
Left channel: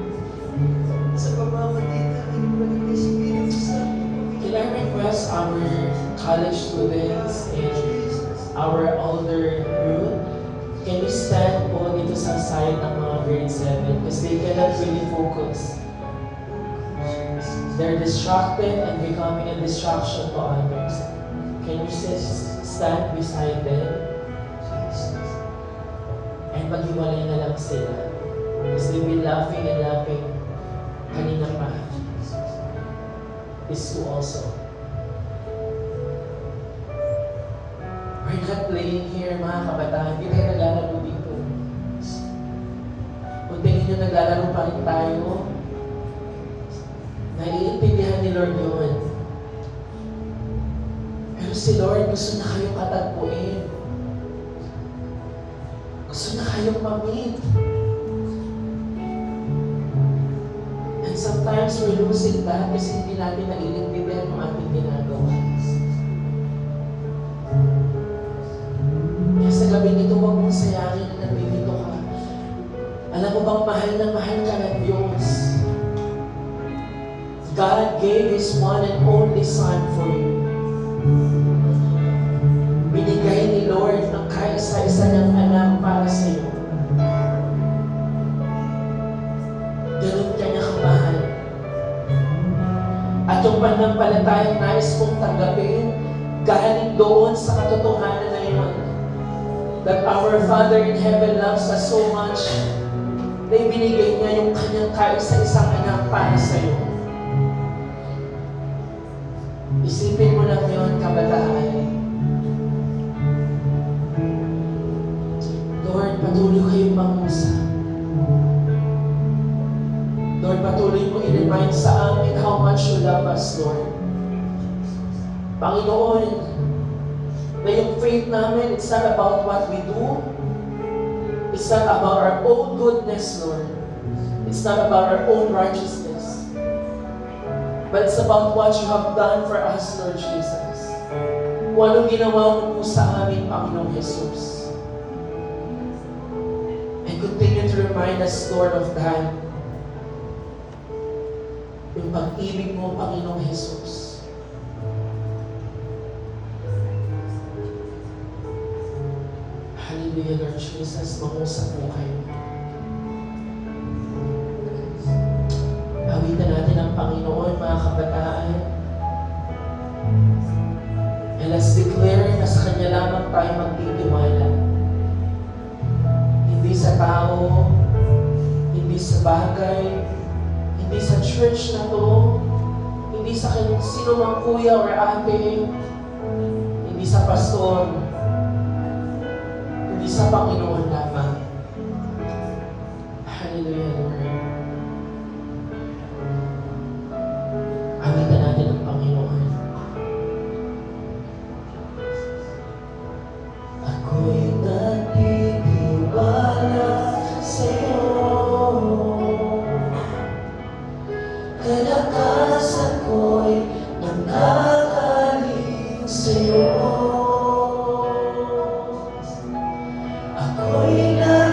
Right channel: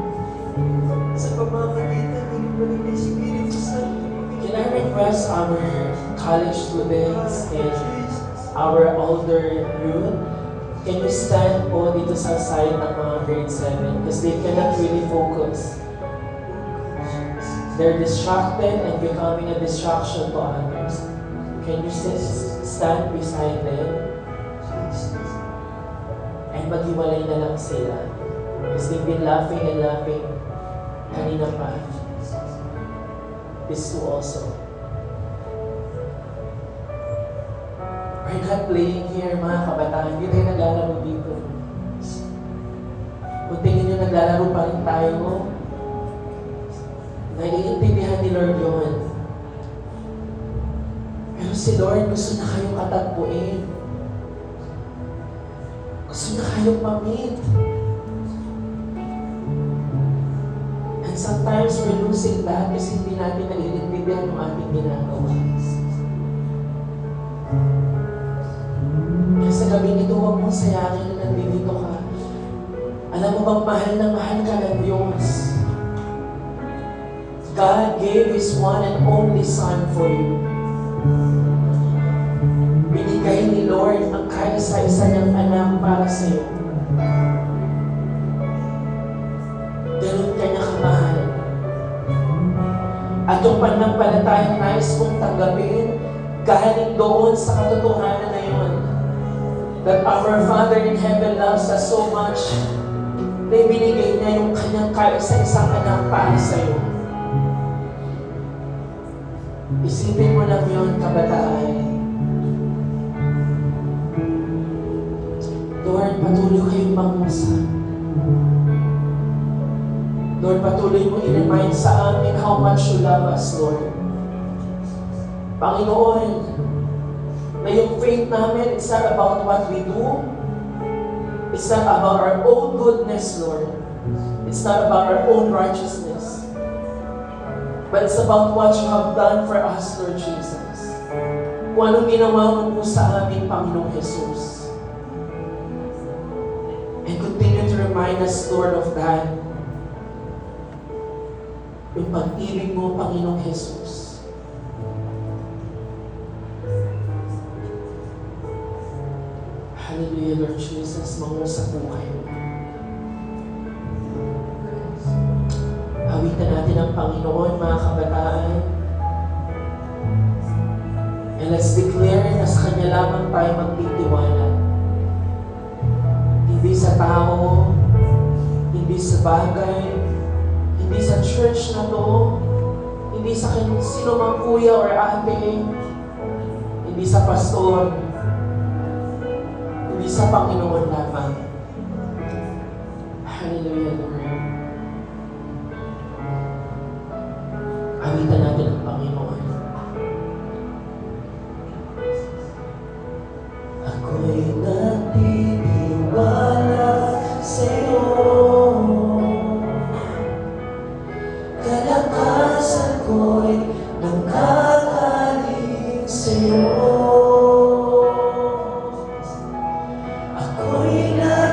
sa pamamagitan ng Holy Spirit Santo. Can I request our college students and our older youth, can you stand po dito sa side ng mga grade 7 because they cannot really focus. They're distracted and becoming a distraction to others. Can you stand beside them? And maghiwalay na lang sila. Because they've been laughing and laughing kanina pa. This too also. We're not playing here, mga kabataan. Hindi tayo naglalaro dito. Kung tingin nyo naglalaro pa rin tayo, naiintindihan ni Lord yun. Pero si Lord gusto na kayong katagpuin. Gusto na kayong ma-meet. And sometimes we're losing that kasi hindi natin naiintindihan yung aming ginagawa. Kaya sa gabi nito, huwag mong sayangin na nandito ka. Alam mo bang mahal ka ng Diyos? God gave His one and only Son for you. Binigay ni Lord ang kaisa-isa niyang anak para sa iyo. Ganun ka niya kamahal. At yung pananampalatayang nais mong tanggapin, galing doon sa katotohanan na yun, that our Father in Heaven loves us so much, na ibinigay niya yung kanyang kaisa-isang anak para sa iyo. Isipin mo lang yun, kabataan. Lord, patuloy kayong mangusap. Lord, patuloy mo i-remind sa amin how much you love us, Lord. Panginoon, na yung faith namin, it's not about what we do. It's not about our own goodness, Lord. It's not about our own righteousness. But it's about what you have done for us, Lord Jesus. Kung anong ginawa mo po sa amin, Panginoong Jesus. And continue to remind us, Lord, of that. Yung pag-ibig mo, Panginoong Jesus. Hallelujah, Lord Jesus. Mangusap po kayo. Awitan natin ang Panginoon, mga kabataan. And let's declare na sa Kanya lamang tayo magtitiwala. Hindi sa tao, hindi sa bagay, hindi sa church na to, hindi sa sino mang kuya or ate, hindi sa pastor, hindi sa Panginoon lamang. Hallelujah, Lord. Awitan natin ang Panginoon. Ako'y nagtitiwala sa'yo. Kalakasan ko'y nangkakaling sa'yo. Ako'y nagtitiwala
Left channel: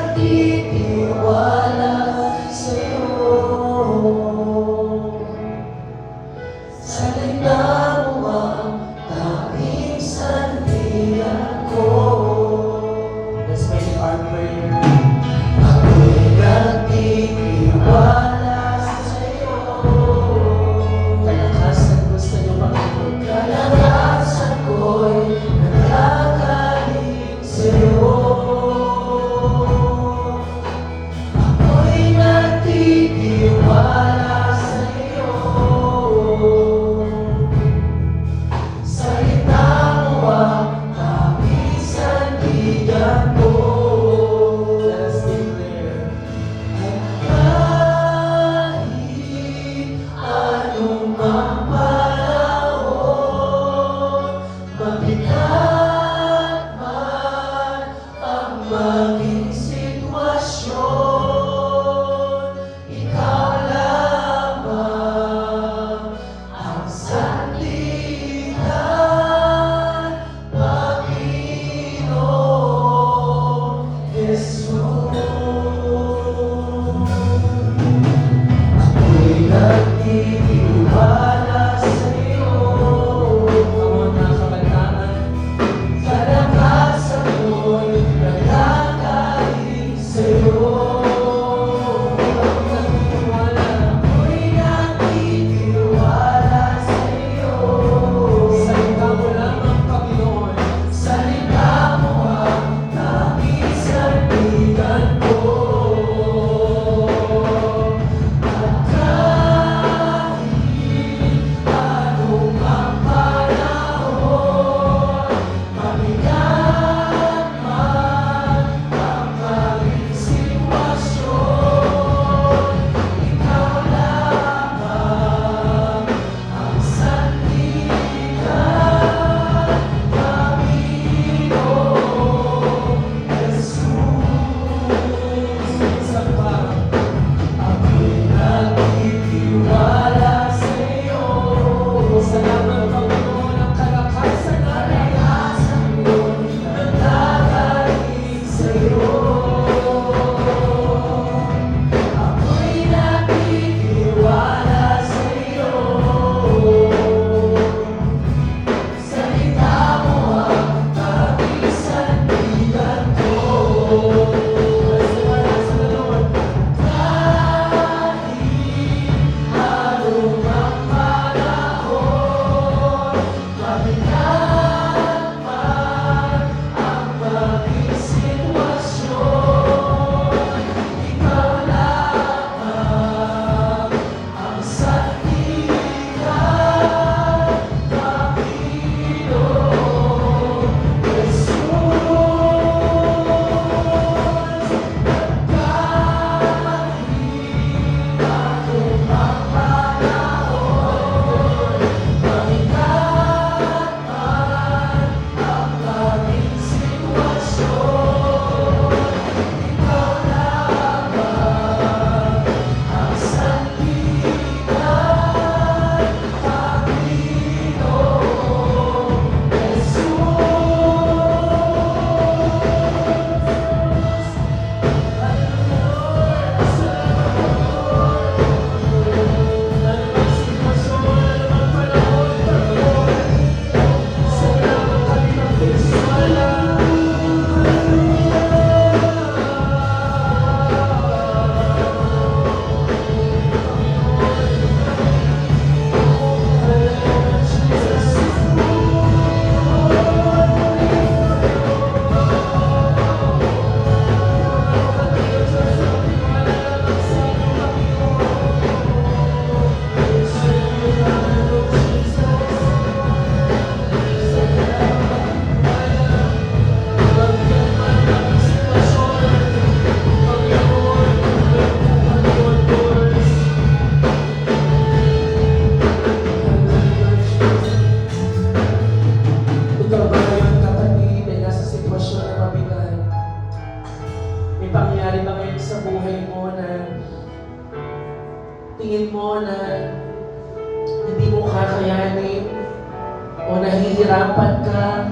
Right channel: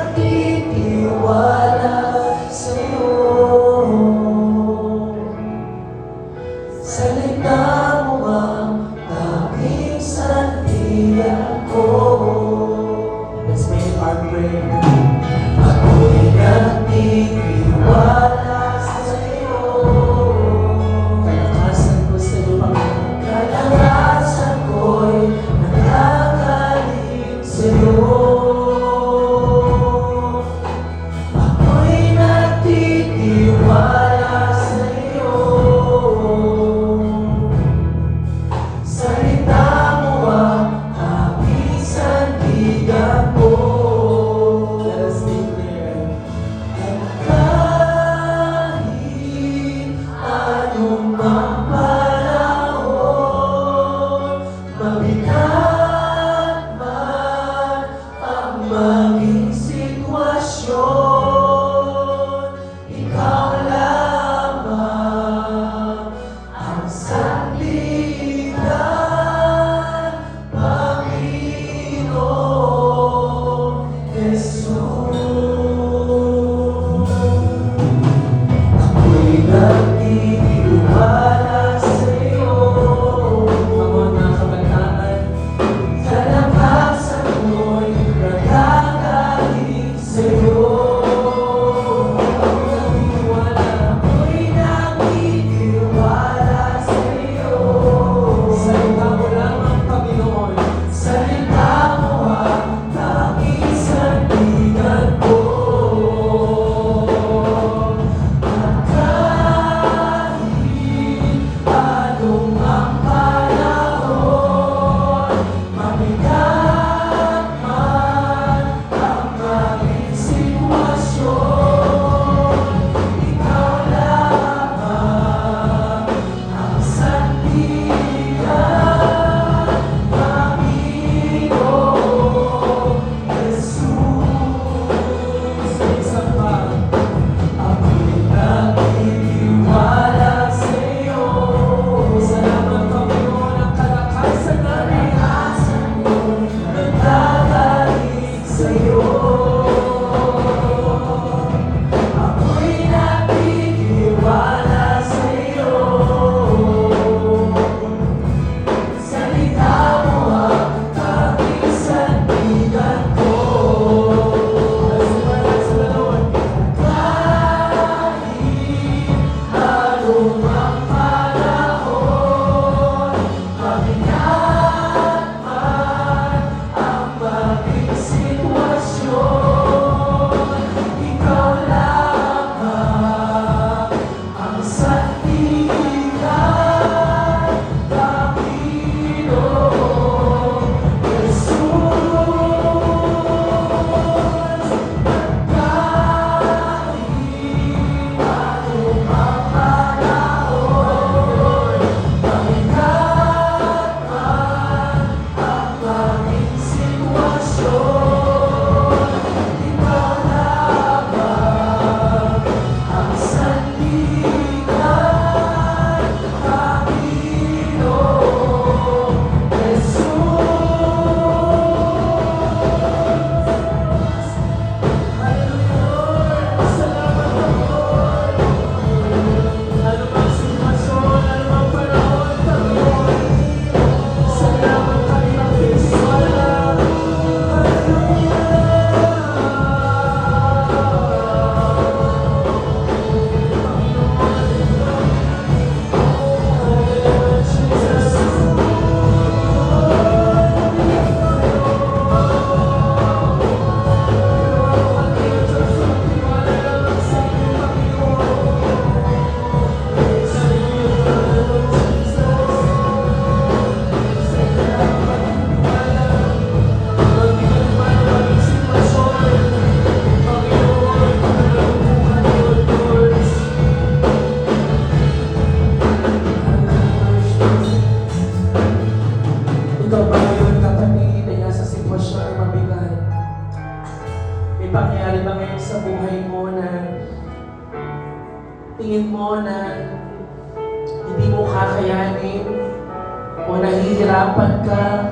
nahihirapan ka.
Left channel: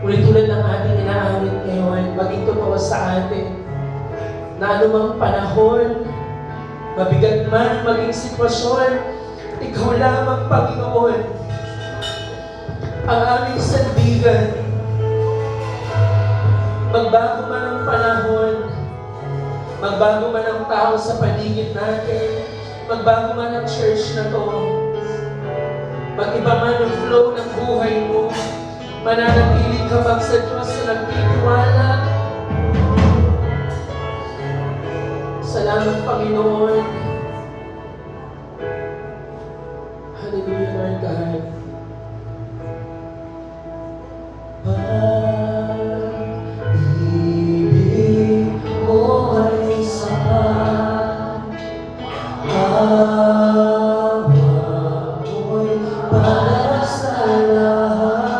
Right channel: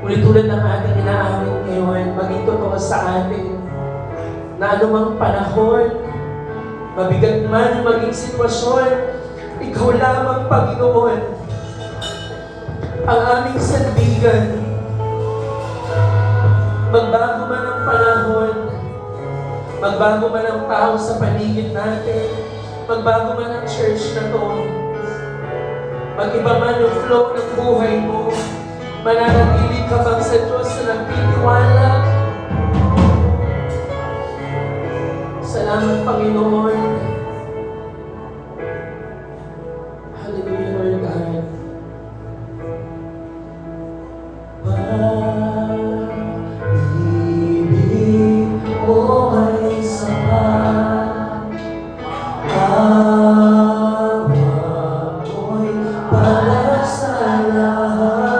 Ngunit tulad ng ating inaamit ngayon, maging totoo sa atin na anumang panahon, mabigat man maging sitwasyon, ikaw lamang, Panginoon, ang aming sandigan. Magbago man ang panahon, magbago man ang tao sa paligid natin, magbago man ang church na to, mag-iba man yung flow ng buhay mo, mananatili ka bang sa Diyos na nagtitiwala? Salamat, Panginoon. Hallelujah, Lord God. Pag-ibig mo ay sapat, awa mo'y para sa lahat.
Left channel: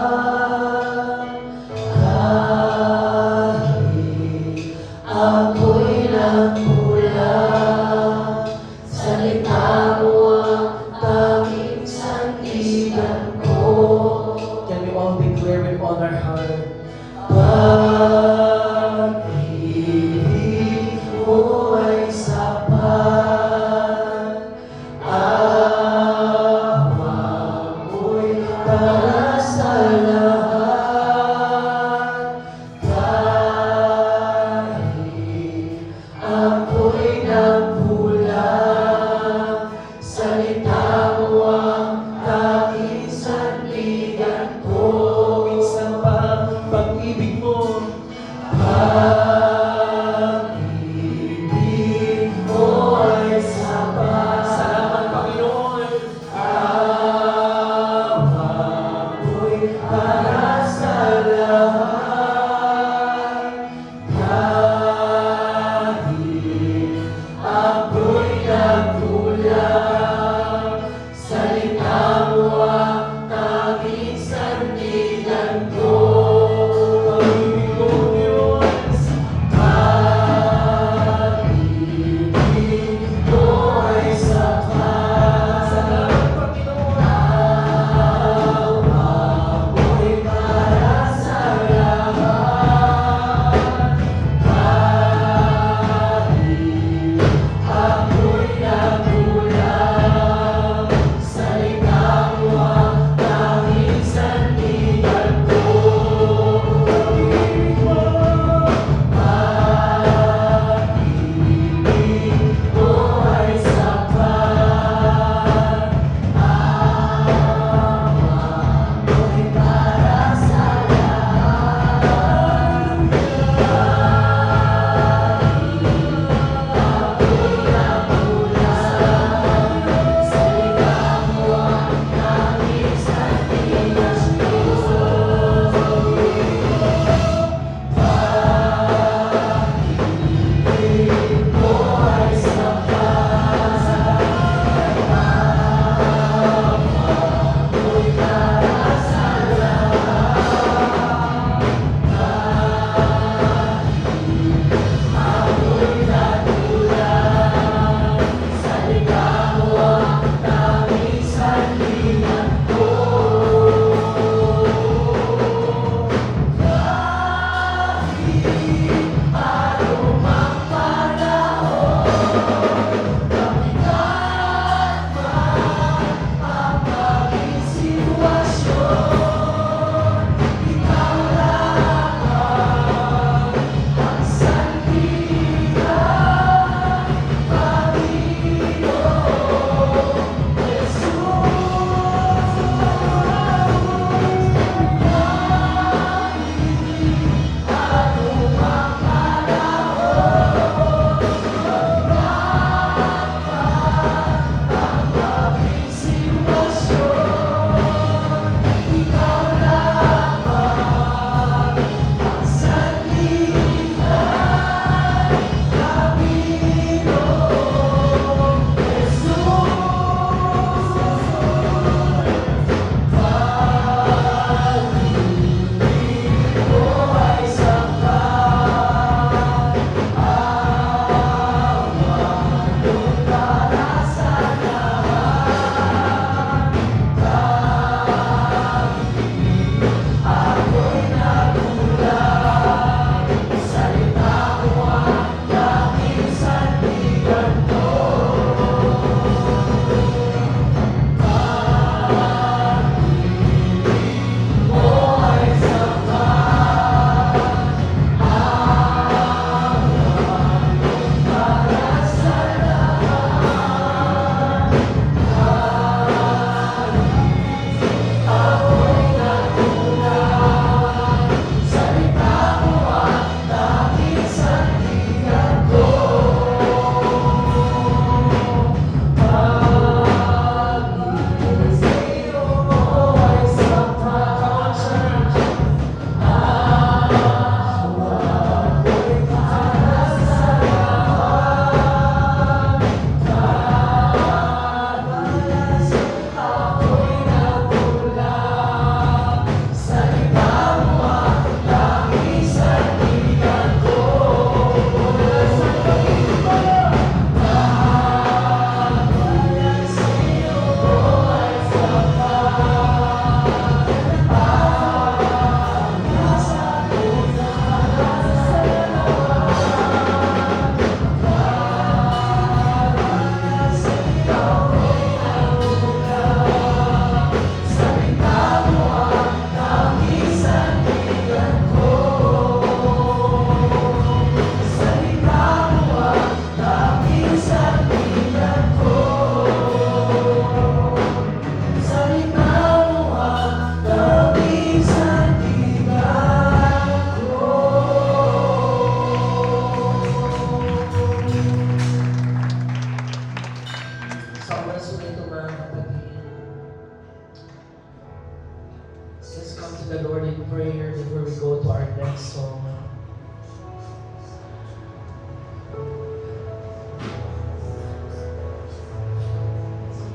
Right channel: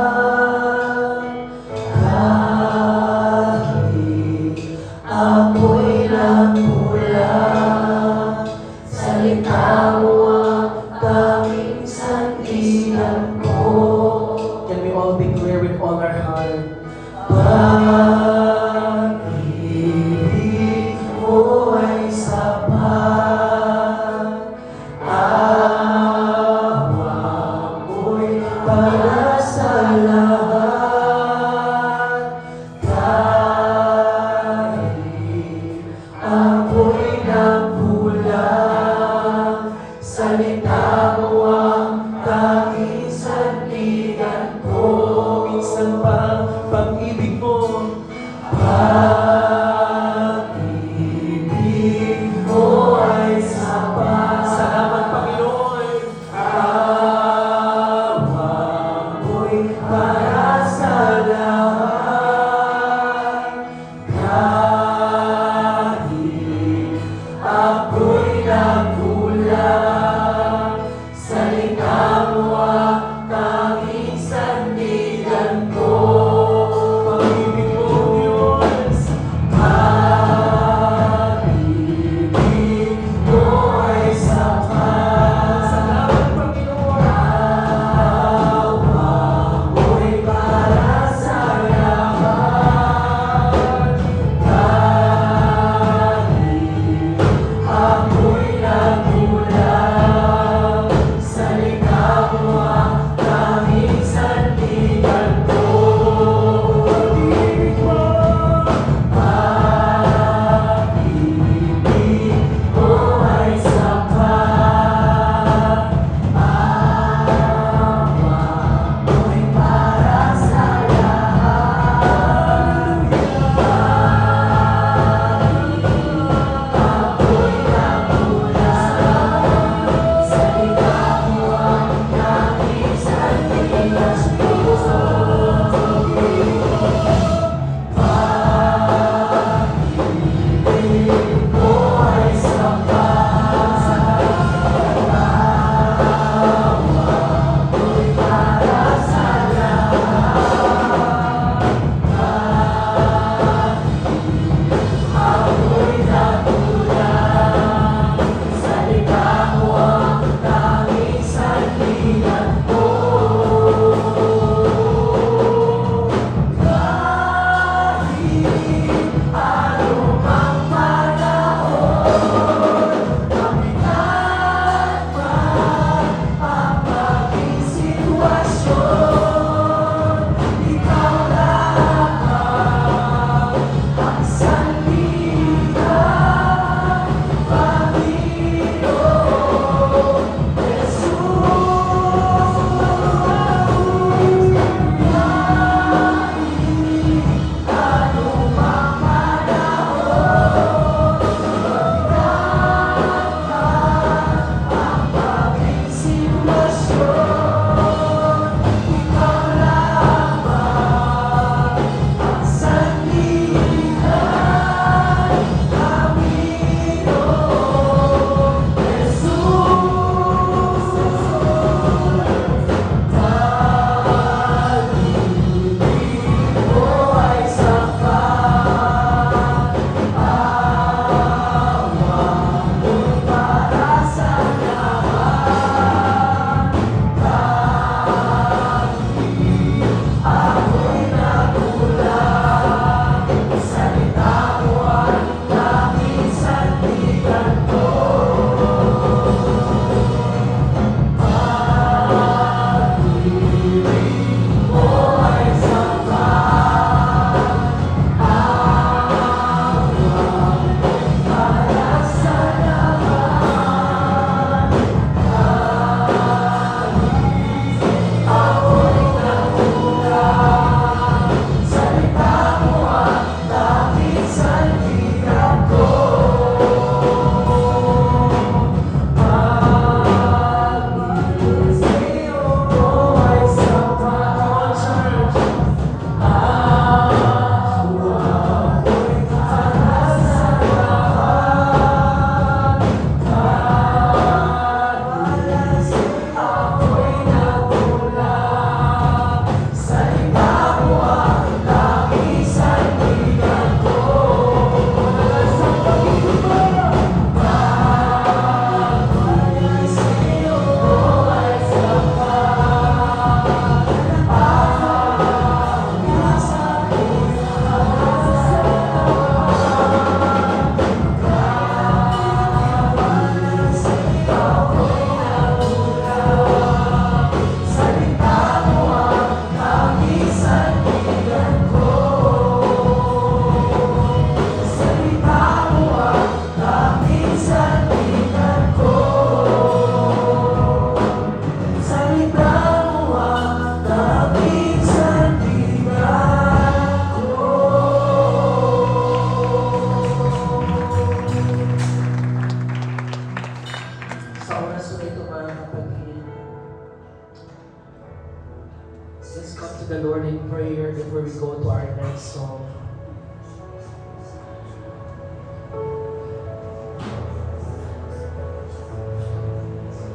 come to the Lord in prayer before we go to our next song.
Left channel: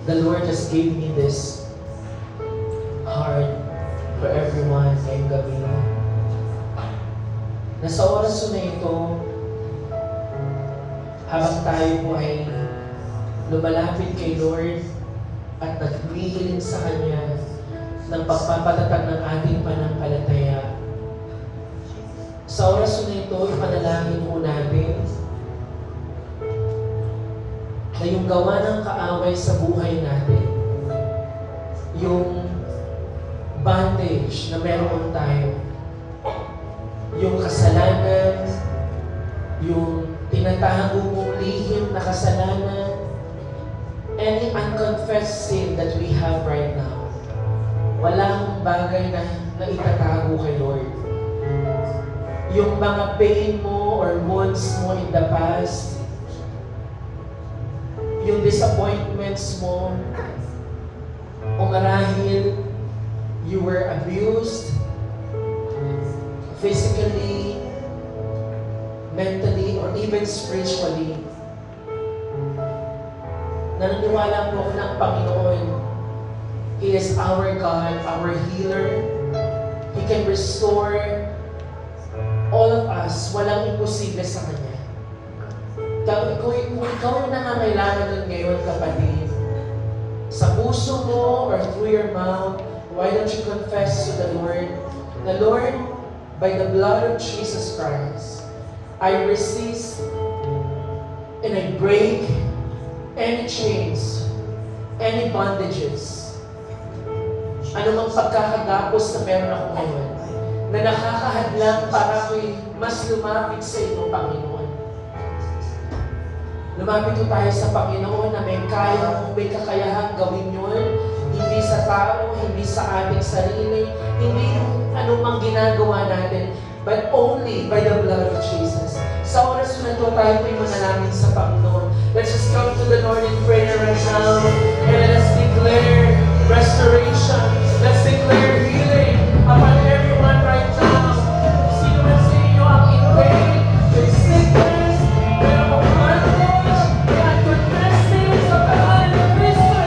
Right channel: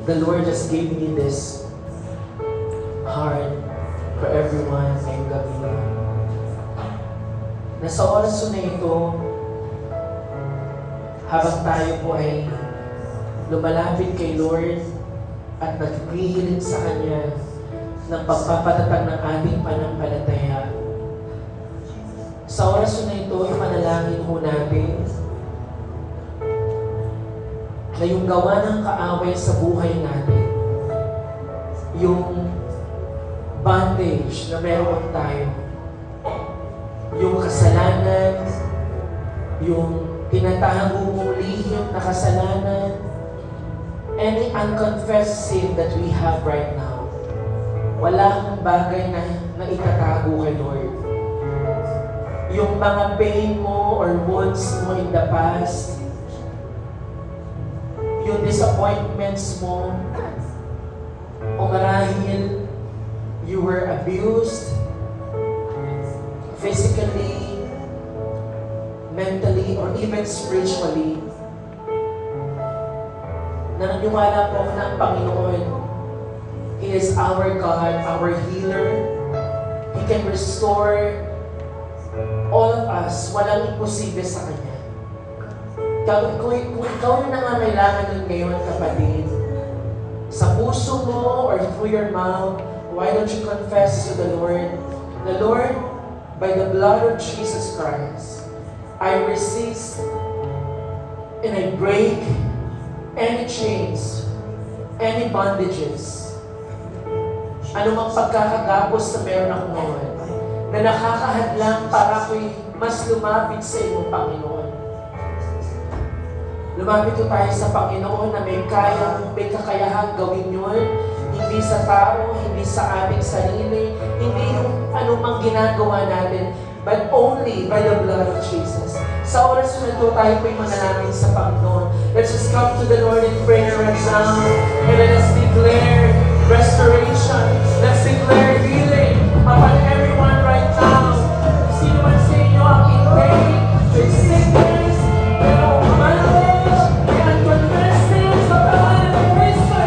The Lord just gave me this heart for everyone ngayong gabi. Na sa oras na ito, habang tayo po ay lumalapit kay Lord at nagpihilit sa Kanya ng pagpapatatag ng ating panampalataya. Sa oras na ito, ipanalangin po natin na yung gawa ng kaaway sa buhay natin, yung bondage na meron tayo, yung kasalanan, yung tinatago mong lihim na kasalanan, any unconfessed sin that we have right now, walang bagay na itatago kay Lord. Yung mga pain mo or wounds mo in the past, yung disappointments mo, o marahil you were abused, physically, mentally, or even spiritually, naniniwala po ako na ang Panginoon, He is our God, our healer. He can restore all of us. Walang imposible sa Kanya. Kung ikaw yung nangangailangan nun ngayon, kapatid, sa puso mo or through your mouth, why don't you confess to the Lord, by the blood of Jesus Christ, I resist and I break any chains, any bondages, anumang pagkakagapos na meron ako ngayon, na nakakahadlang para ako'y mas lumapit sa iyo, Panginoon. Lumapit po tayo sa Panginoon na may kakayahan gawin yun, hindi sa tao, hindi sa ating sarili, hindi yung anumang ginagawa natin, but only by the blood of Jesus. Sa oras na ito, tayo po'y manalangin sa Panginoon. Let's just come to the Lord in prayer right now, and let's declare restoration. Let's declare healing upon everyone right now. Sino man sa inyo ang in pain, may sickness, may bondage, may unconfessed sins sa pangalan ng Kristo.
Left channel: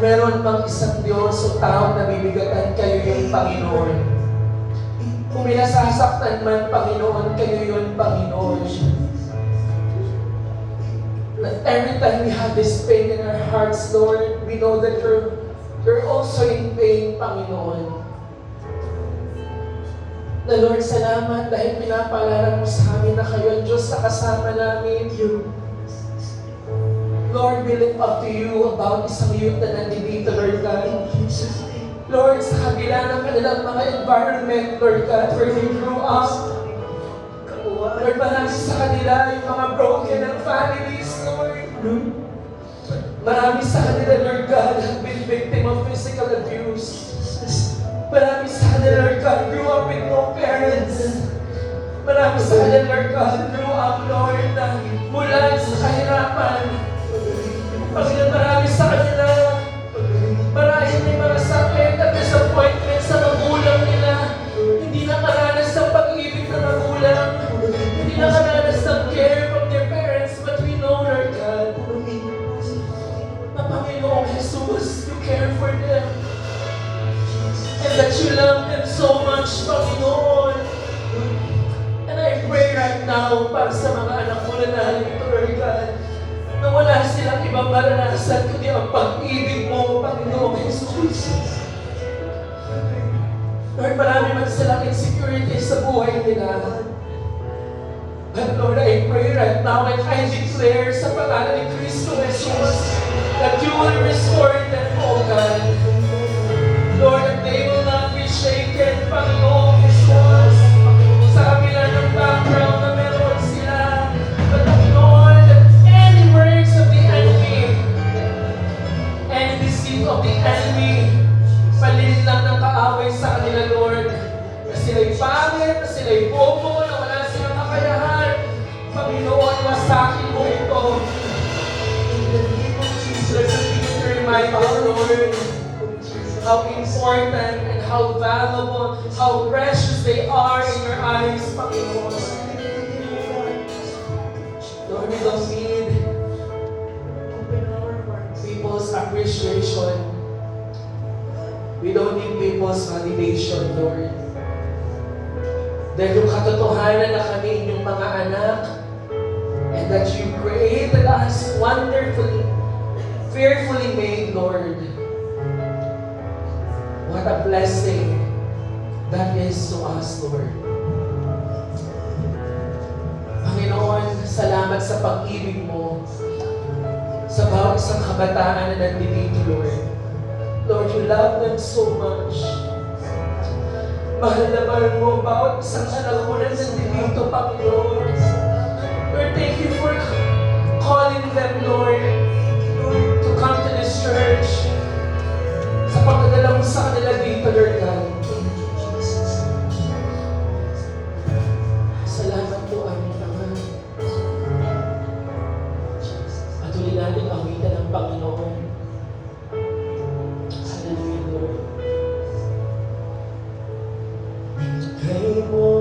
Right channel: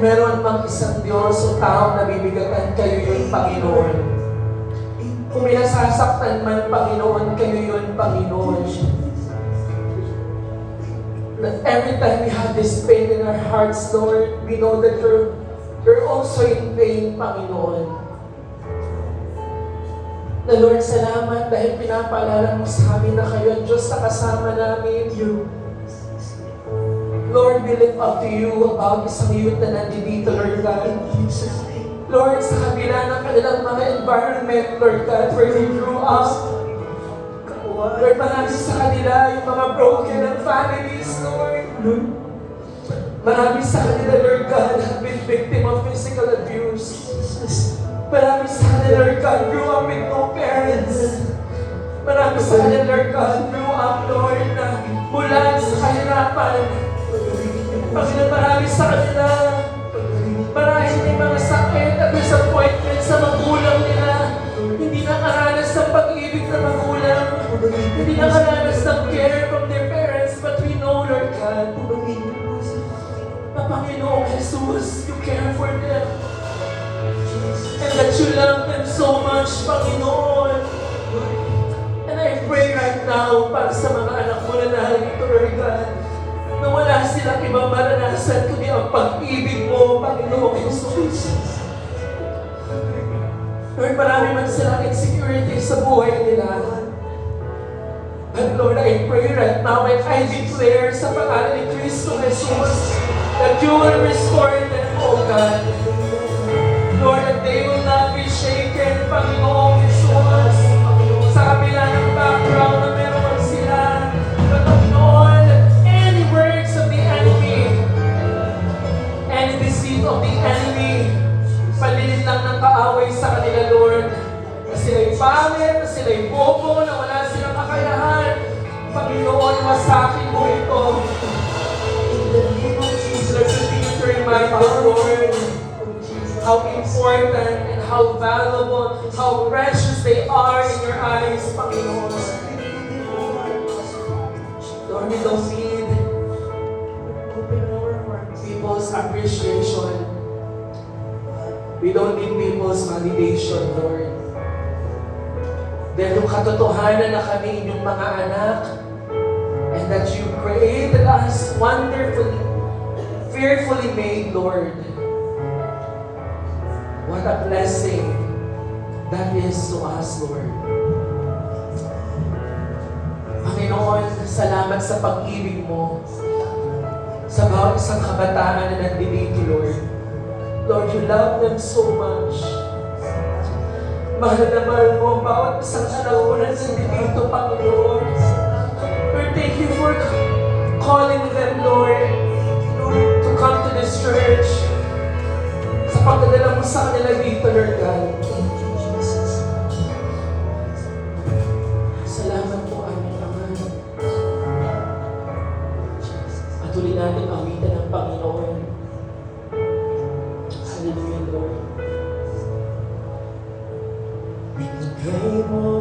Kung meron mang isang Diyos o tao na bibigatan, kayo yun, Panginoon. Kung may nasasaktan man, Panginoon, kayo yun, Panginoon. That every time we have this pain in our hearts, Lord, we know that you're also in pain, Panginoon. Na Lord, salamat dahil pinapaalala mo sa amin na kayo ang Diyos na kasama namin. Lord, we look up to you about isang youth na nandito, Lord God. Lord, sa kabila ng kanilang mga environment, Lord God, where they grew up, Lord, marami sa kanila yung mga broken and families, Lord. Marami sa kanila, Lord God, have been victim of physical abuse. Marami sa kanila, Lord God, grew up with no parents. Marami sa kanila, Lord God, grew up, Lord, na mula sa kahirapan. Panginoon, marami sa kanila, marahil may mga sakit at disappointment sa magulang nila. Hindi nakaranas ng pag-ibig ng magulang. Hindi nakaranas ng care from their parents. But we know, Lord God, na Panginoong Jesus, you care for them. And that you love them so much, Panginoon. And I pray right now para sa mga anak mo na narito, Lord God, na wala silang ibang maranasan kundi ang pag-ibig mo, Panginoong Jesus. Lord, marami man silang insecurity sa buhay nila. But Lord, I pray right now and I declare sa pangalan ni Cristo Jesus that you will restore them, O God. Lord, that they will not be shaken, Panginoong Jesus. Sa kabila ng background na meron sila, but Lord, any words of the enemy, any deceit of the enemy, palit lang ng kaaway sa kanila, Lord. Na sila'y pangit, na sila'y bobo, na wala silang kakayahan. Panginoon, wasakin mo ito. In the name of Jesus, continue to remind us, Lord, how important and how valuable, how precious they are in your eyes, Panginoon. Lord, we don't need people's appreciation. We don't need people's validation, Lord. Dahil yung katotohanan na kami inyong mga anak, and that you created us wonderfully, fearfully made, Lord. What a blessing that is to us, Lord. Panginoon, salamat sa pag-ibig mo sa bawat isang kabataan na nandito, Lord. Lord, you love them so much. Mahal na mahal mo bawat isang anak mo na nandito, Panginoon. Lord, thank you for calling them, Lord, to come to this church. Sa pagdadala mo sa kanila dito, Lord God. Salamat po, aming Ama. Patuloy natin awitan ng Panginoon. Hallelujah, Lord. Bigay mo